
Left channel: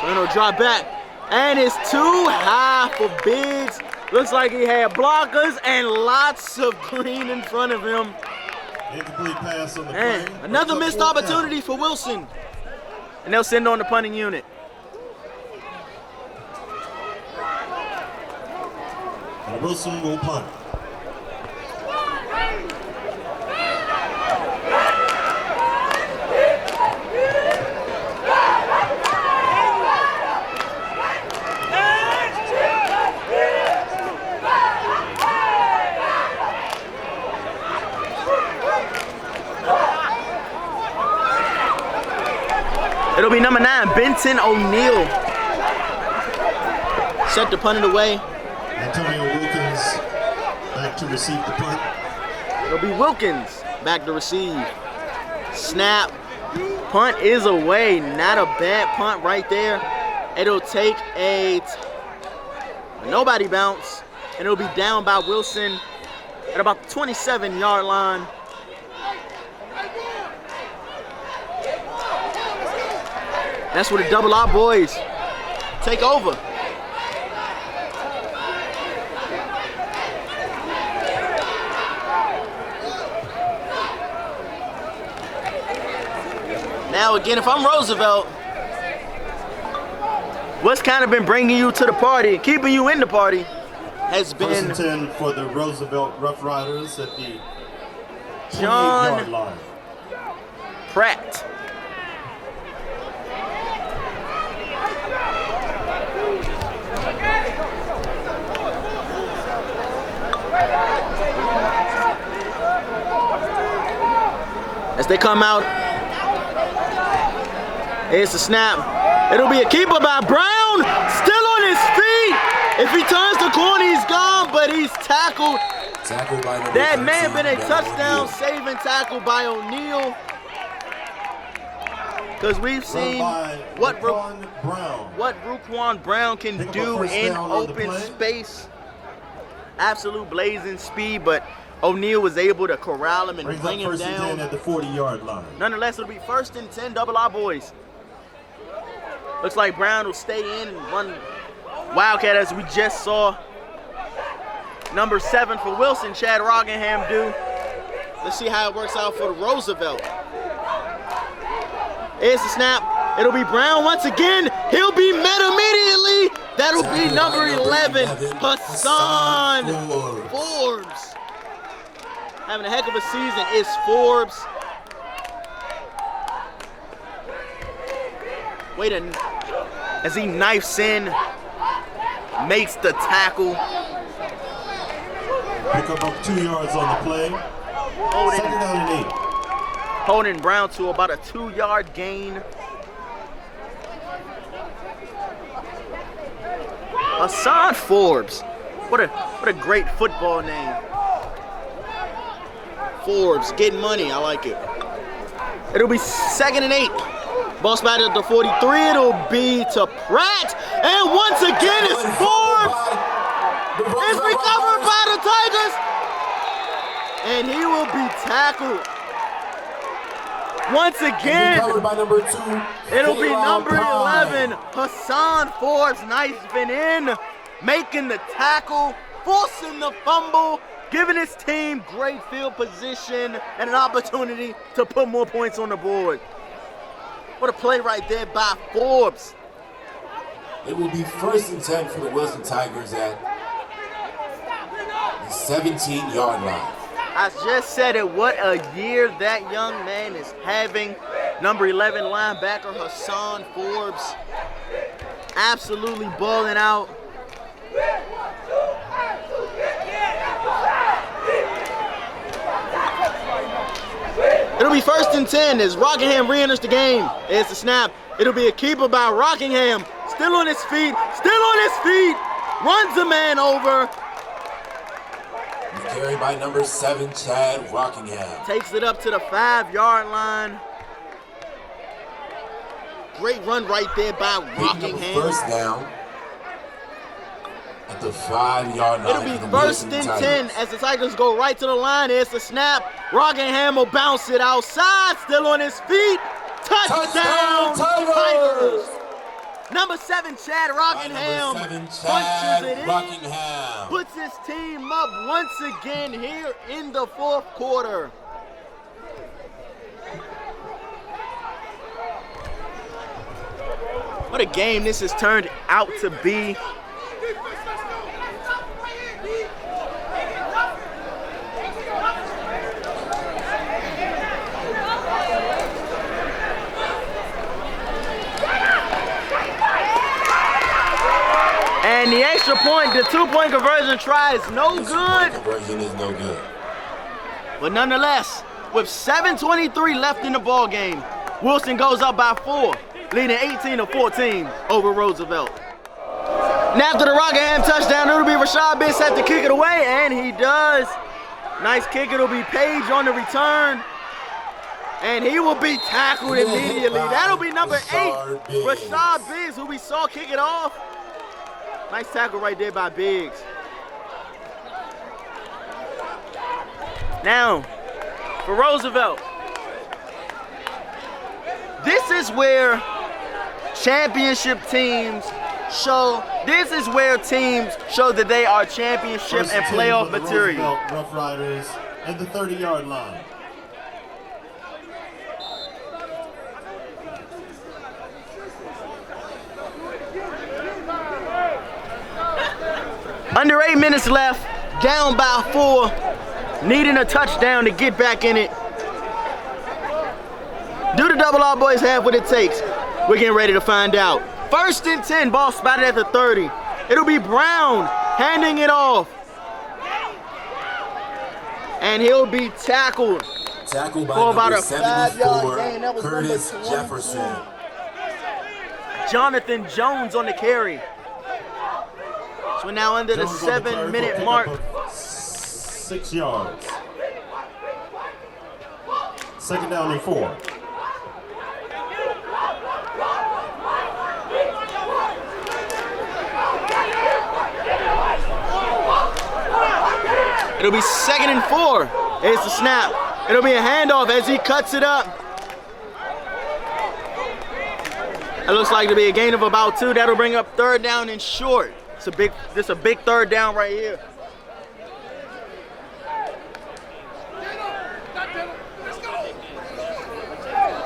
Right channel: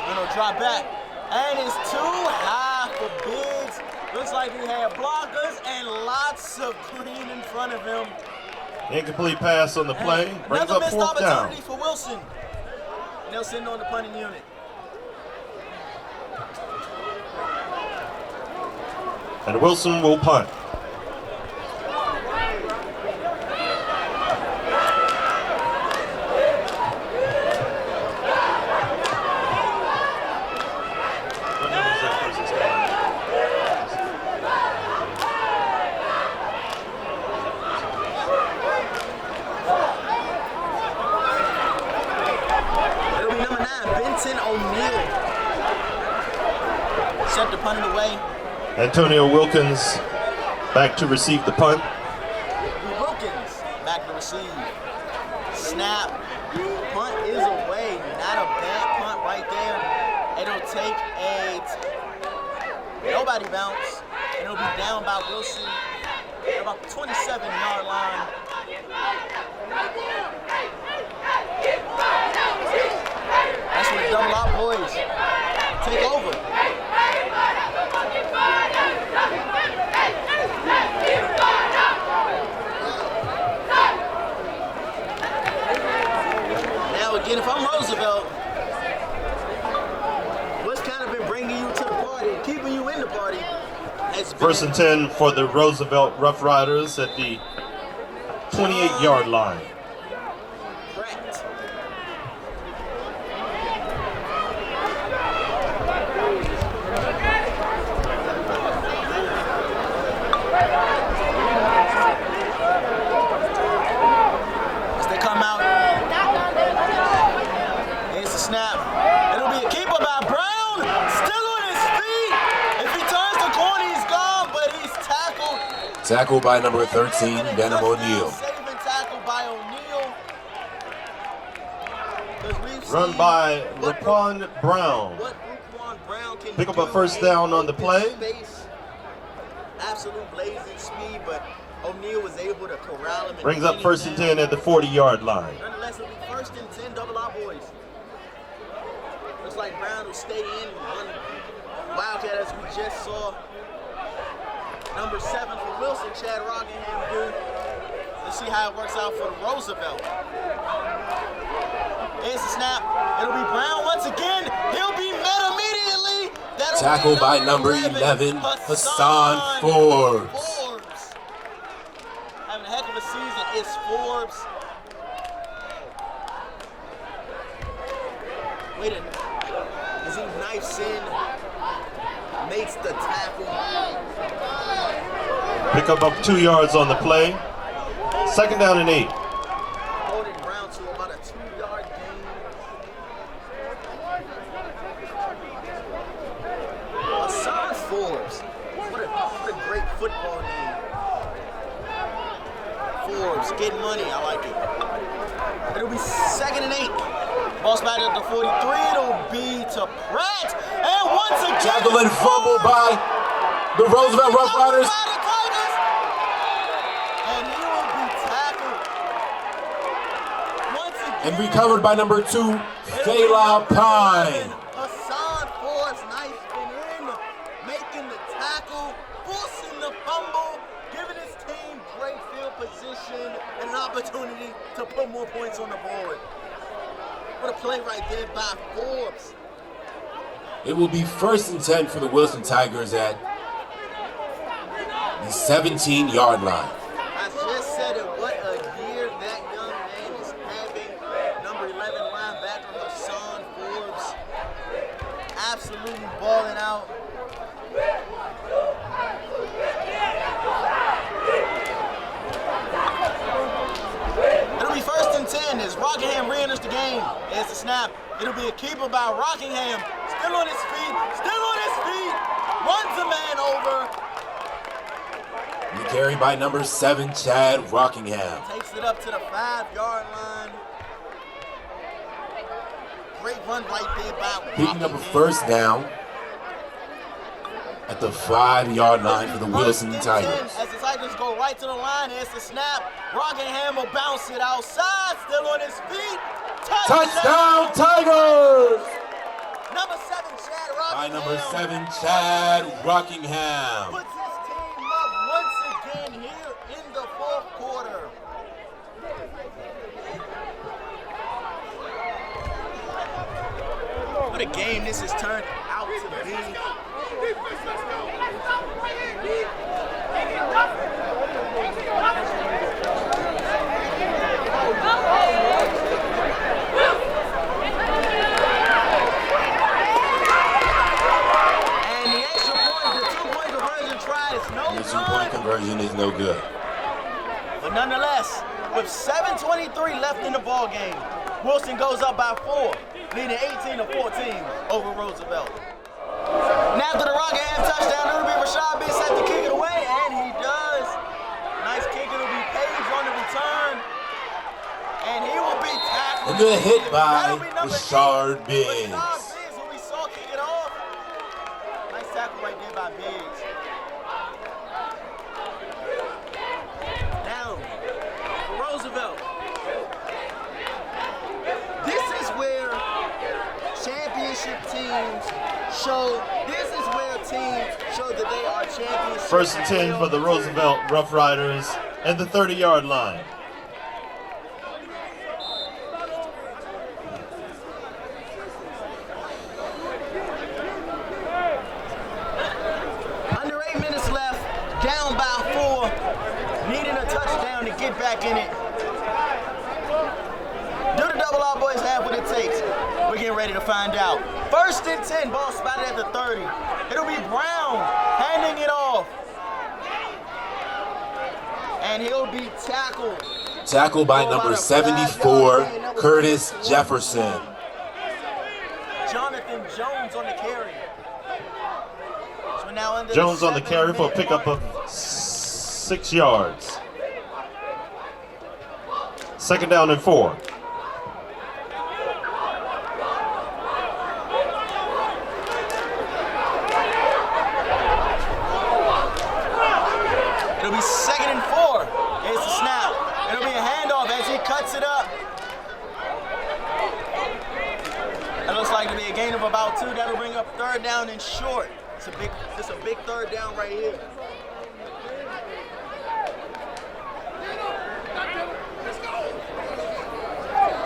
Turner will drop back. And it's too high for Biggs. Looks like he had blockers and lots of green in front of him. Incomplete pass on the play. Another missed opportunity for Wilson. And they'll send on the punting unit. And Wilson will punt. It'll be number 9, Benton O'Neill. Set the punt away. Antonio Wilkins back to receive the punt. It'll be Wilkins back to receive. Snap. Punt is away. Not a bad punt right there. It'll take a nobody bounce. And it'll be down by Wilson at about the 27-yard line. That's where the double out boys take over. Now again, if I'm Roosevelt, what's kind of been bringing you to the party, keeping you in the party, has been 1st and 10 for the Roosevelt Roughriders at the 28-yard line. Pratt. As they come out, here's the snap. It'll be a keeper by Brown, still on his feet. If he turns the corner, he's gone, but he's tackled. Tackled by number 13, That may have been a touchdown O'Neill. saving tackle by O'Neill. Because we've seen what Ruquan Brown can Pick up do a first in down on the open play. space. Absolute blazing speed, but O'Neill was able to corral him and brings bring up him 1st and 10 down. at the 40-yard line. Nonetheless, it'll be 1st and 10, double our boys. Looks like Brown will stay in and run Wildcat as we just saw. Number 7 for Wilson, Chad Rockingham do. Let's see how it works out for the Roosevelt. Here's the snap. It'll be Brown once again. He'll be met immediately. That'll Tackled be by number 11, Hassan Forbes. Having a heck of a season is Forbes. Wait a, as he knifes in, makes the tackle. Pick up 2 yards on the play. 2nd down and 8. Holding Brown to about a 2-yard gain. Hassan Forbes. What a great football name. Forbes, getting money, I like it. It'll be 2nd and 8. Ball spotted at the 43, it'll be to Pratt. And once again, it's Forbes. The It's Roosevelt recovered Roughriders. by the Tigers. And he will be tackled. Once again, Recovered by number 2. it'll be Kalon number Pine. 11, Hassan Forbes, knifing in, making the tackle, forcing the fumble, giving his team great field position and an opportunity to put more points on the board. What a play right there by Forbes. It will be 1st and 10 for the Wilson Tigers at 17-yard line. I just said it, what a year that young man is having. Number 11 linebacker Hassan Forbes, absolutely balling out. It'll be 1st and 10 as Rockingham re-enters the game. It's a snap. It'll be a keeper by Rockingham. Still on his feet. Runs a man over. Carried by number 7, Chad Rockingham. Takes it up to the 5-yard line. Great run right there by Rockingham. First down at the 5-yard line. It'll be 1st and 10 as the Tigers go right to the line. Here's the snap. Rockingham will bounce it outside. Still on his feet. Touchdown Tigers! Number 7, Chad Rockingham. Puts his team up once again here in the 4th quarter. What a game this has turned out to be. And the extra point, the 2-point conversion try is no good. Conversion is no good. But nonetheless, with 7:23 left in the ball game, Wilson goes up by 4, leading 18-14 over Roosevelt. And after the Rockingham touchdown, it'll be Rashad Biggs set to kick it away, and he does. Nice kick, it'll be Page on the return. And he will be tackled immediately. That'll be number 8, Rashad Biggs, who we saw kick it off. Nice tackle right there by Biggs. Now, for Roosevelt, this is where championship teams show. This is where teams show that they are championship and playoff for the material. Roosevelt Roughriders and the 30-yard line. Under 8 minutes left, down by 4, needing a touchdown to get back in it. Do the double R boys have what it takes? We're getting ready to find out. 1st and 10, ball spotted at the 30. It'll be Brown handing it off. And he'll be tackled. Tackled by number 74, Curtis Jefferson. Jonathan Jones on the carry. So we're now under Jones the 7-minute mark. Of 6 yards. 2nd down and 4. It'll be 2nd and 4. Here's the snap. It'll be a handoff as he cuts it up. It looks like it'll be a gain of about 2. That'll bring up 3rd down and short. This a big 3rd down right here.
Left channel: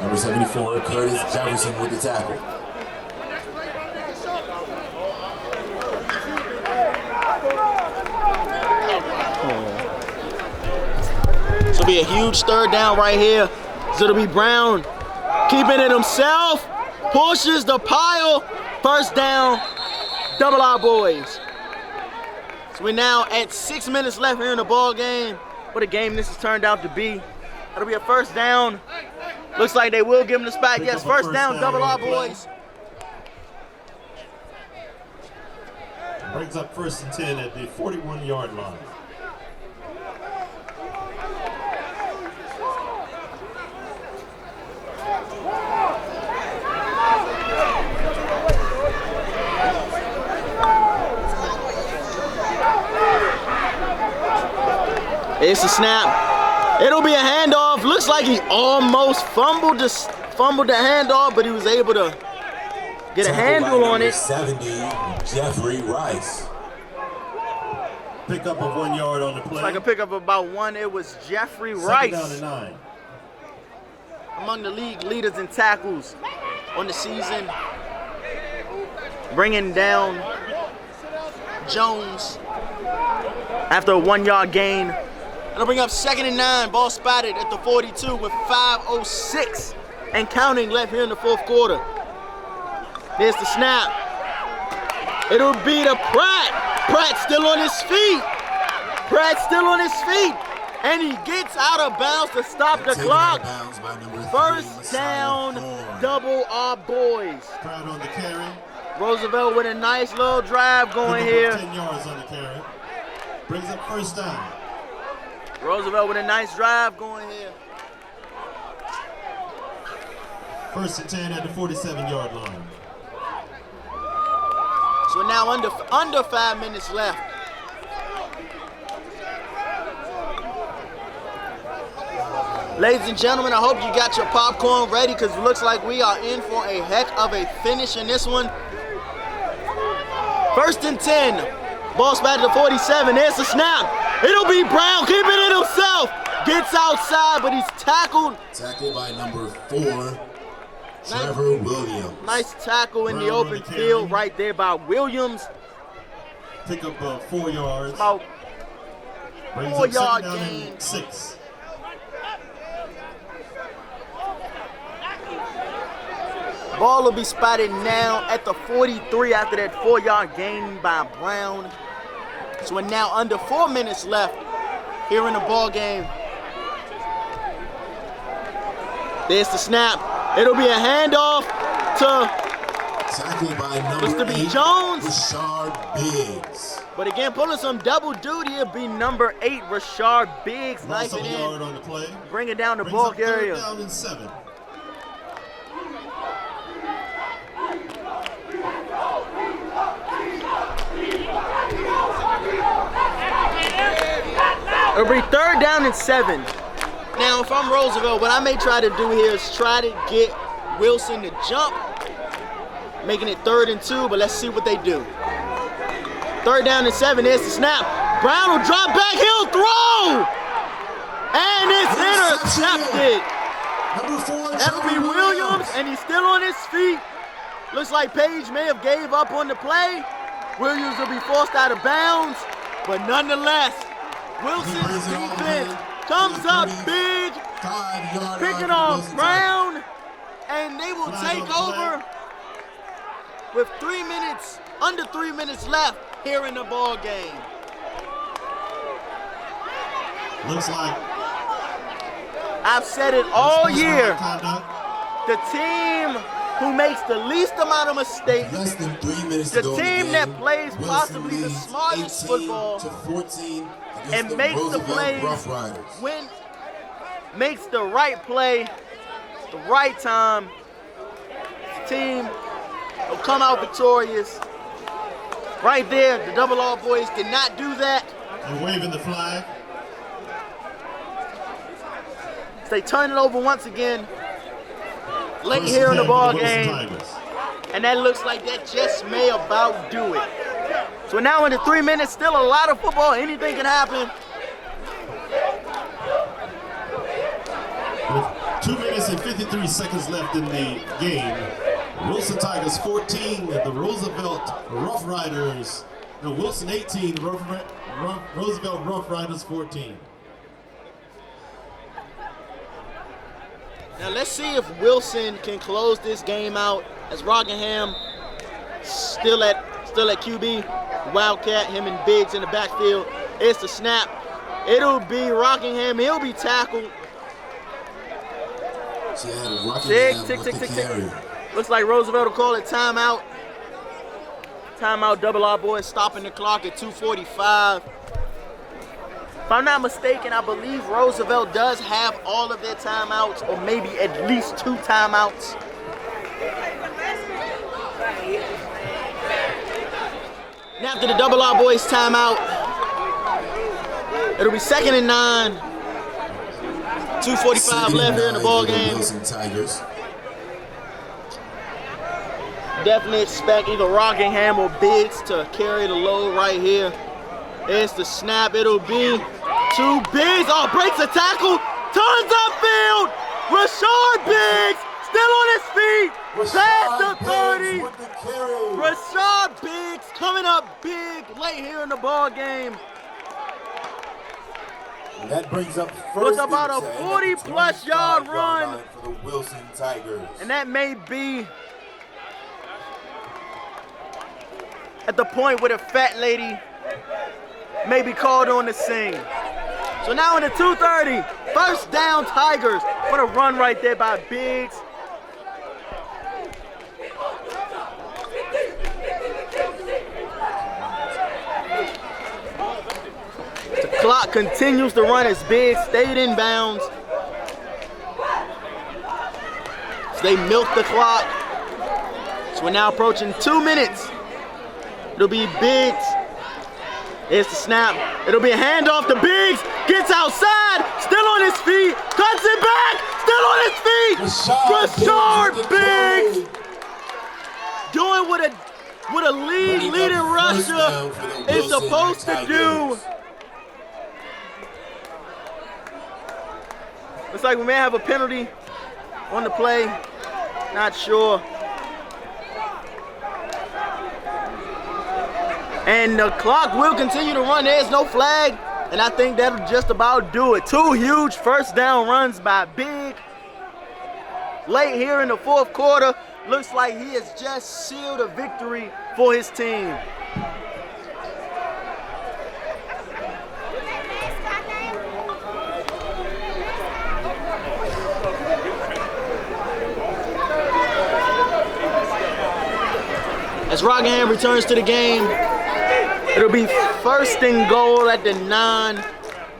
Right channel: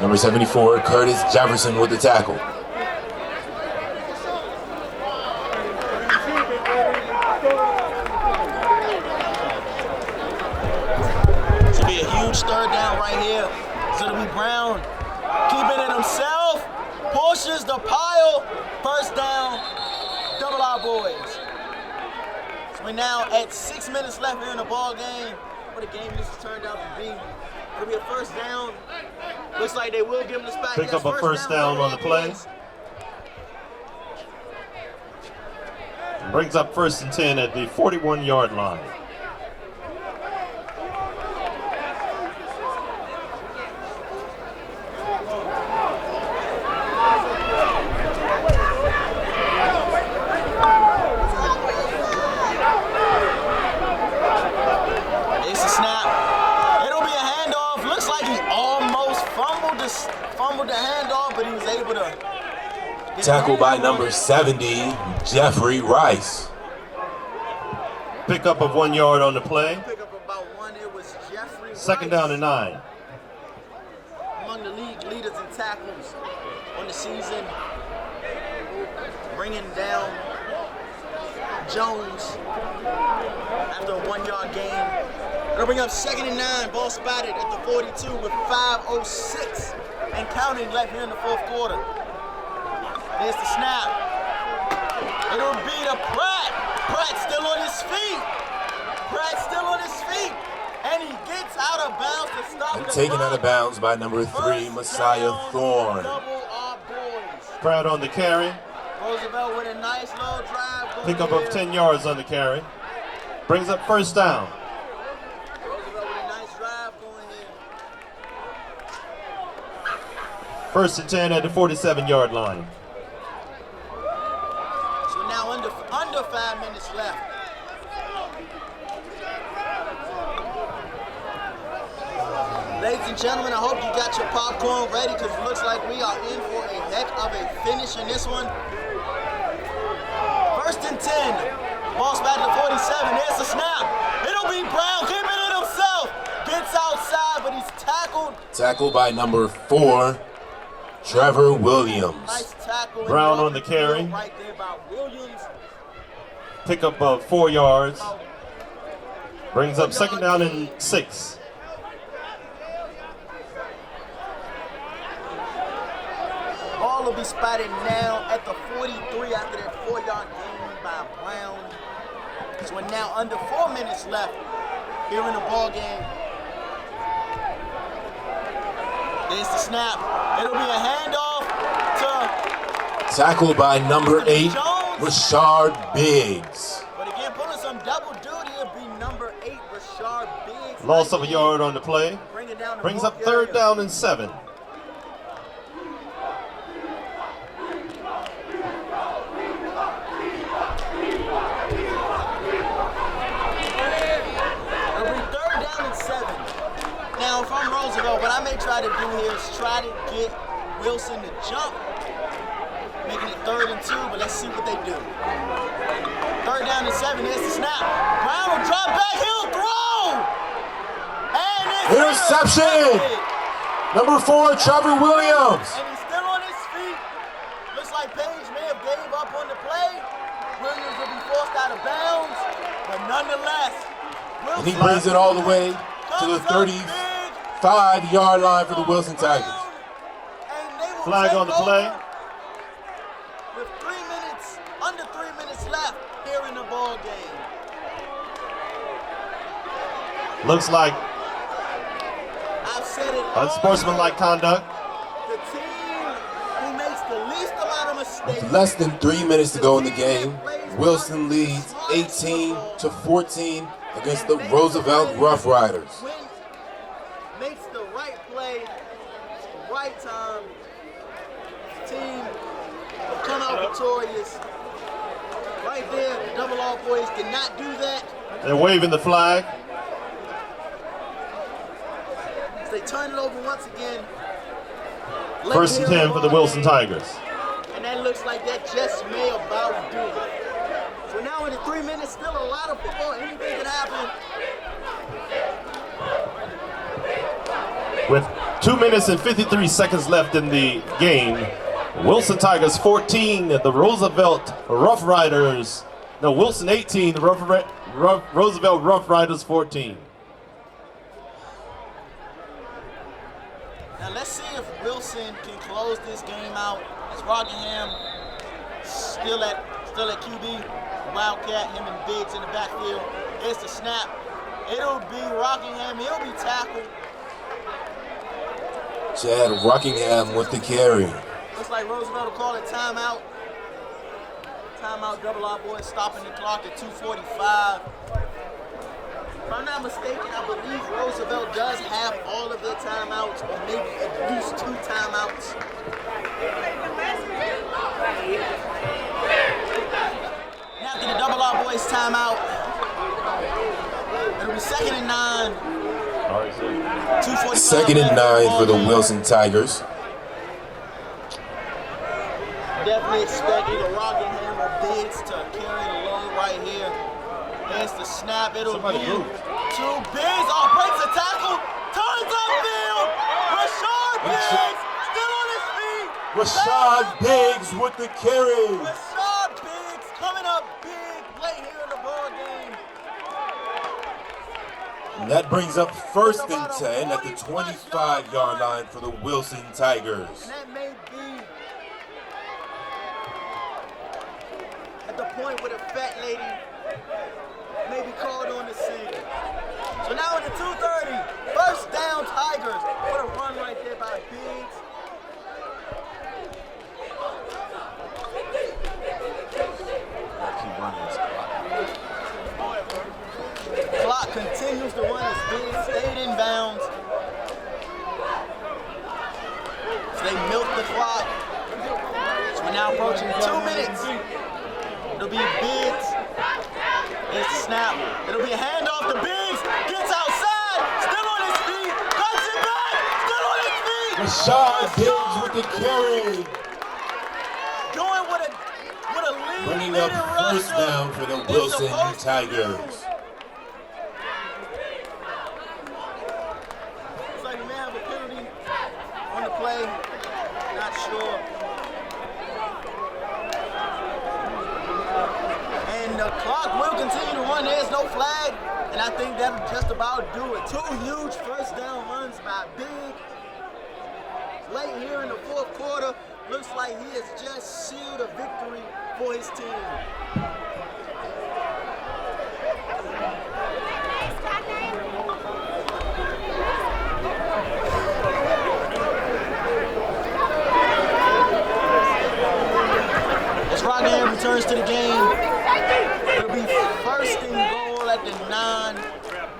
Number 74, Curtis Jefferson with the tackle. This will be a huge 3rd down right here. So it'll be Brown keeping it himself, pushes the pile, 1st down. Double R boys. So we're now at 6 minutes left here in the ball game. What a game this has turned out to be. It'll be a 1st down. Looks like they will give him the spot. Yes, 1st down, double R boys. Brings up 1st and 10 at the 41-yard line. It's a snap. It'll be a handoff. Looks like he almost fumbled the handoff, but he was able to get a handle by on number it. 70, Jeffrey Rice. Pickup of 1 yard on the play. Like a pickup of about 1. It was Jeffrey Rice. 2nd down and 9. Among the league leaders in tackles on the season, bringing down Jones after a 1-yard gain. It'll bring up 2nd and 9. Ball spotted at the 42 with 5:06 and counting left here in the 4th quarter. There's the snap. It'll be to Pratt. Pratt still on his feet. Pratt still on his feet. And he gets out of bounds to stop the Taken clock. out of bounds by number 3, First Messiah down, Thorne. double our boys. Pratt on the carry. Roosevelt with a nice little drive going Pick here. up 10 yards on the carry. Brings up 1st down. Roosevelt with a nice drive going here. 1st and 10 at the 47-yard line. So now under 5 minutes left. Ladies and gentlemen, I hope you got your popcorn ready because it looks like we are in for a heck of a finish in this one. 1st and 10. Ball spotted to 47. There's the snap. It'll be Brown keeping it himself. Gets outside, but he's tackled. Tackled by number 4, Trevor Williams. Nice tackle in Brown the on open the carry. field right there by Williams. Pick up 4 yards. About Brings up 2nd 4-yard down gain. and 6. Ball will be spotted now at the 43 after that 4-yard gain by Brown. So we're now under 4 minutes left here in the ball game. There's the snap. It'll be a handoff to, Tackled by number Mr. B. 8, Jones. Rashard Biggs. but again, pulling some double duty, it'll be number 8, Rashard Biggs. Loss Nice of a in. yard on the play. Bring it down the Brings ball up 3rd area. down and 7. It'll be 3rd down and 7. Now, if I'm Roosevelt, what I may try to do here is try to get Wilson to jump, making it 3rd and 2, but let's see what they do. 3rd down and 7, there's the snap. Brown will drop back, he'll throw! And it's Interception! intercepted. Number 4, Trevor Williams. And he's still on his feet. Looks like Page may have gave up on the play. Williams will be forced out of bounds, but nonetheless, Wilson He brings it all the way comes to the up big, 35-yard line picking for the off Wilson Tigers. Brown, and they will Flag on take the play. over with under 3 minutes left here in the ball game. Looks like I've said it all unsportsmanlike year. conduct. The team who makes the least amount of mistakes, Less than 3 minutes to The go in the team game. that plays Wilson possibly the leads smartest 18 to 14 against and the makes Roosevelt plays Roughriders. makes the right play, the right time. The team will come out victorious. Right there, the Double R boys did not do that. They're waving the flag. So they turn it over once again. Late 1st here and in 10 the for the ball Wilson game. Tigers. And that looks like that just may about do it. So now into 3 minutes, still a lot of football. Anything can happen. With 2 minutes and 53 seconds left in the game, Wilson Tigers 14, the Roosevelt Roughriders. No, Wilson 18, the Roosevelt Roughriders 14. Now let's see if Wilson can close this game out as Rockingham still at QB. Wildcat, him and Biggs in the backfield. It's the snap. It'll be Rockingham. He'll be tackled. Chad Rockingham with the carry. Looks like Roosevelt will call it timeout. Timeout, Double R boys stopping the clock at 2:45. If I'm not mistaken, I believe Roosevelt does have all of their timeouts, or maybe at least 2 timeouts. And after the Double R boys timeout, it'll be 2nd and 9. 2:45 2nd left in and the 9 ball for the game. Wilson Tigers. Definitely expect either Rockingham or Biggs to carry the load right here. It's the snap. It'll be 2 Biggs. Oh, breaks a tackle. Turns upfield. Rashard Biggs still on his feet. Past Rashard the 30. Biggs with the carry. Rashard Biggs coming up big late here in the ball game. And that brings up first and 10 about a 40-plus yard run line for the Wilson Tigers. And that may be at the point where the fat lady may be called on the scene. So now in the 2:30, first down Tigers. What a run right there by Biggs. The clock continues to run as Biggs stayed in bounds. So they milk the clock. So we're now approaching 2 minutes. It'll be Biggs. Here's the snap. It'll be a handoff to Biggs. Gets outside. Still on his feet. Cuts it back. Still on his feet. Rashard Biggs. Doing what a leading rusher is supposed to do. Looks like we may have a penalty on the play. Not sure. And the clock will continue to run. There's no flag, and I think that'll just about do it. 2 huge first down runs by Big. Late here in the 4th quarter, looks like he has just sealed a victory for his team. As Rockingham returns to the game, it'll be first and goal at the 9.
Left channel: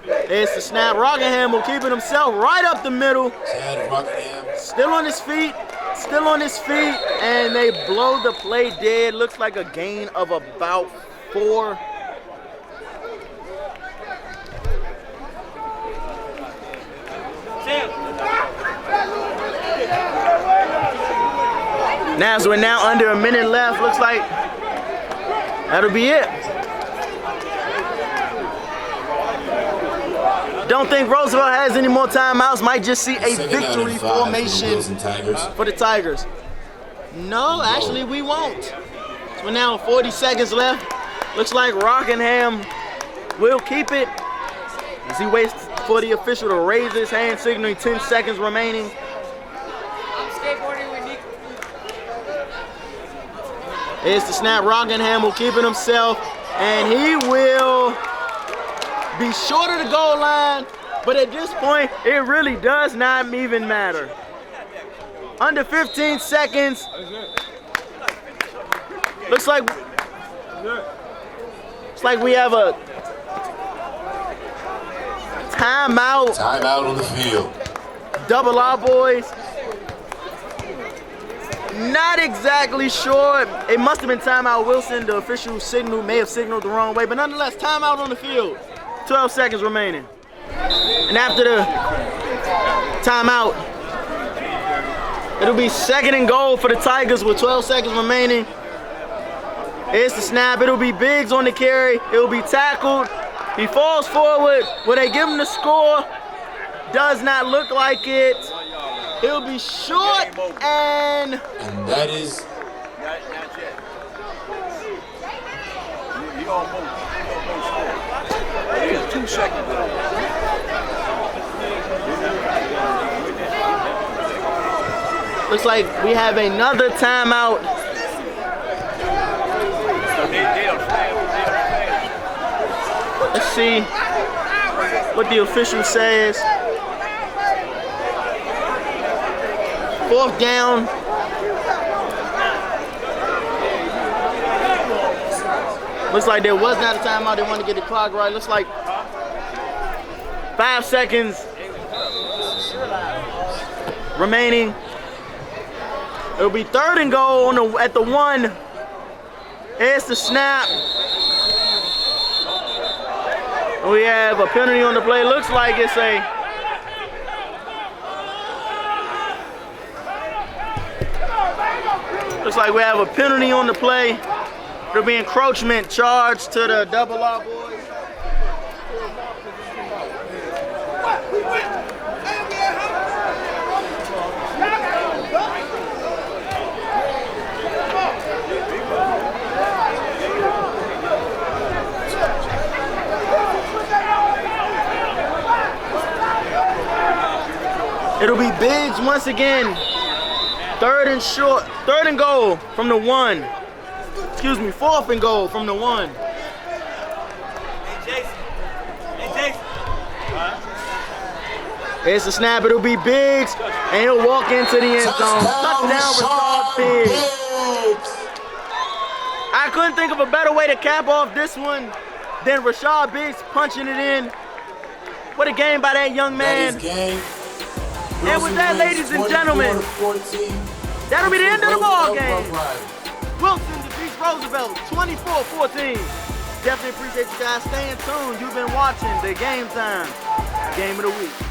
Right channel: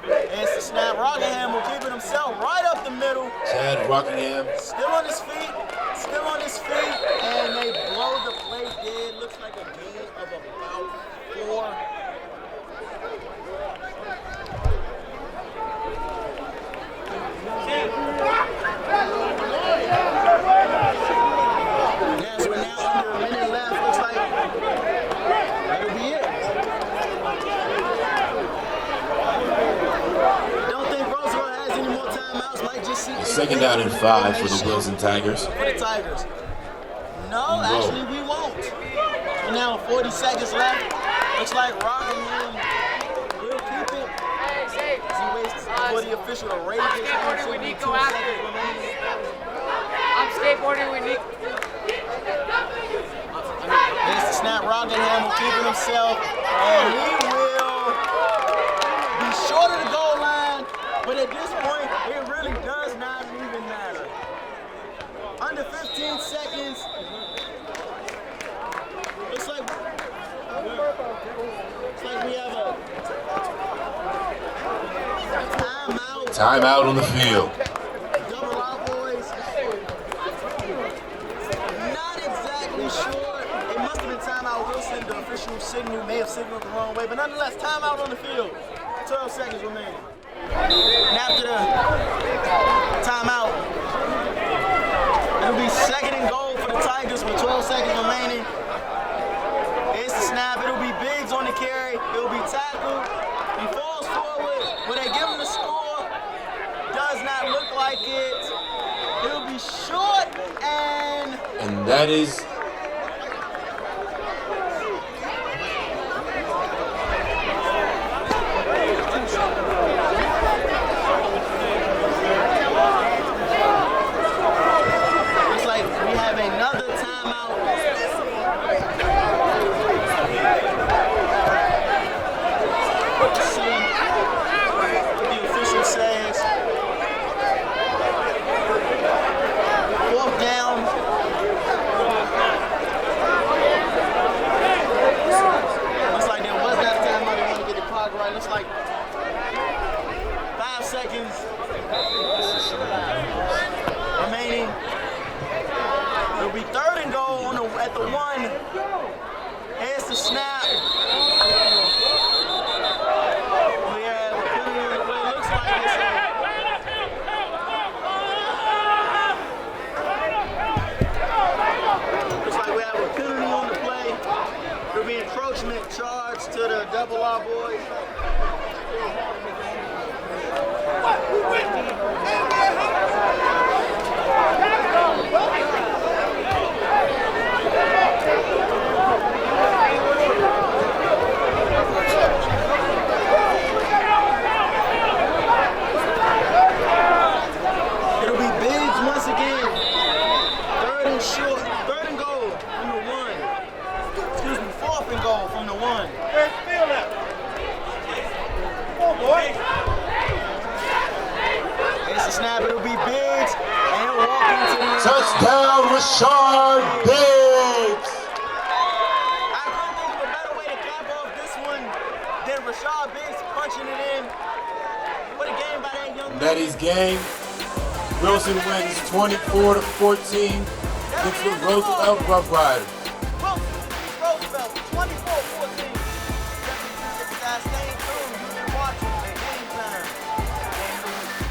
It's the snap. Rockingham will keep it himself right up the middle. Chad Rockingham. Still on his feet, and they blow the play dead. Looks like a gain of about 4. Now, so we're now under a minute left. Looks like that'll be it. Don't think Roosevelt has any more timeouts. Might just see a victory formation for the Tigers. No, actually we won't. So we're now 40 seconds left. Looks like Rockingham will keep it as he waits for the official to raise his hand, signaling 10 seconds remaining. I'm skateboarding with Nick. Here's the snap. Rockingham will keep it himself, and he will be short of the goal line, but at this point, it really does not even matter. Under 15 seconds. Looks like we have a timeout. Timeout on the field. Double R boys. Not exactly sure. It must have been timeout Wilson. The official may have signaled the wrong way, but nonetheless, timeout on the field. 12 seconds remaining. And after the timeout, it'll be second and goal for the Tigers with 12 seconds remaining. Here's the snap. It'll be Biggs on the carry. It'll be tackled. He falls forward. Will they give him the score? Does not look like it. He'll be short, and that is looks like we have another timeout. Let's see what the official says. 4th down. Looks like there was not a timeout. They want to get the clock right. Looks like 5 seconds remaining. It'll be 3rd and goal at the 1. Here's the snap. We have a penalty on the play. Looks like it's a Looks like we have a penalty on the play. There'll be encroachment charge to the double R boys. once again. Third and goal from the 1. Excuse me, 4th and goal from the 1. Here's the snap, it'll be Biggs, and he'll walk into the end zone. Touchdown, Rashard Biggs. I couldn't think of a better way to cap off this one than Rashard Biggs punching it in. What a game by that young man. Game. And with that, ladies and gentlemen, that'll be the end of the ball game. Wilson defeats Roosevelt 24-14. Definitely appreciate you guys staying tuned. You've been watching the Game Time Game of the Week.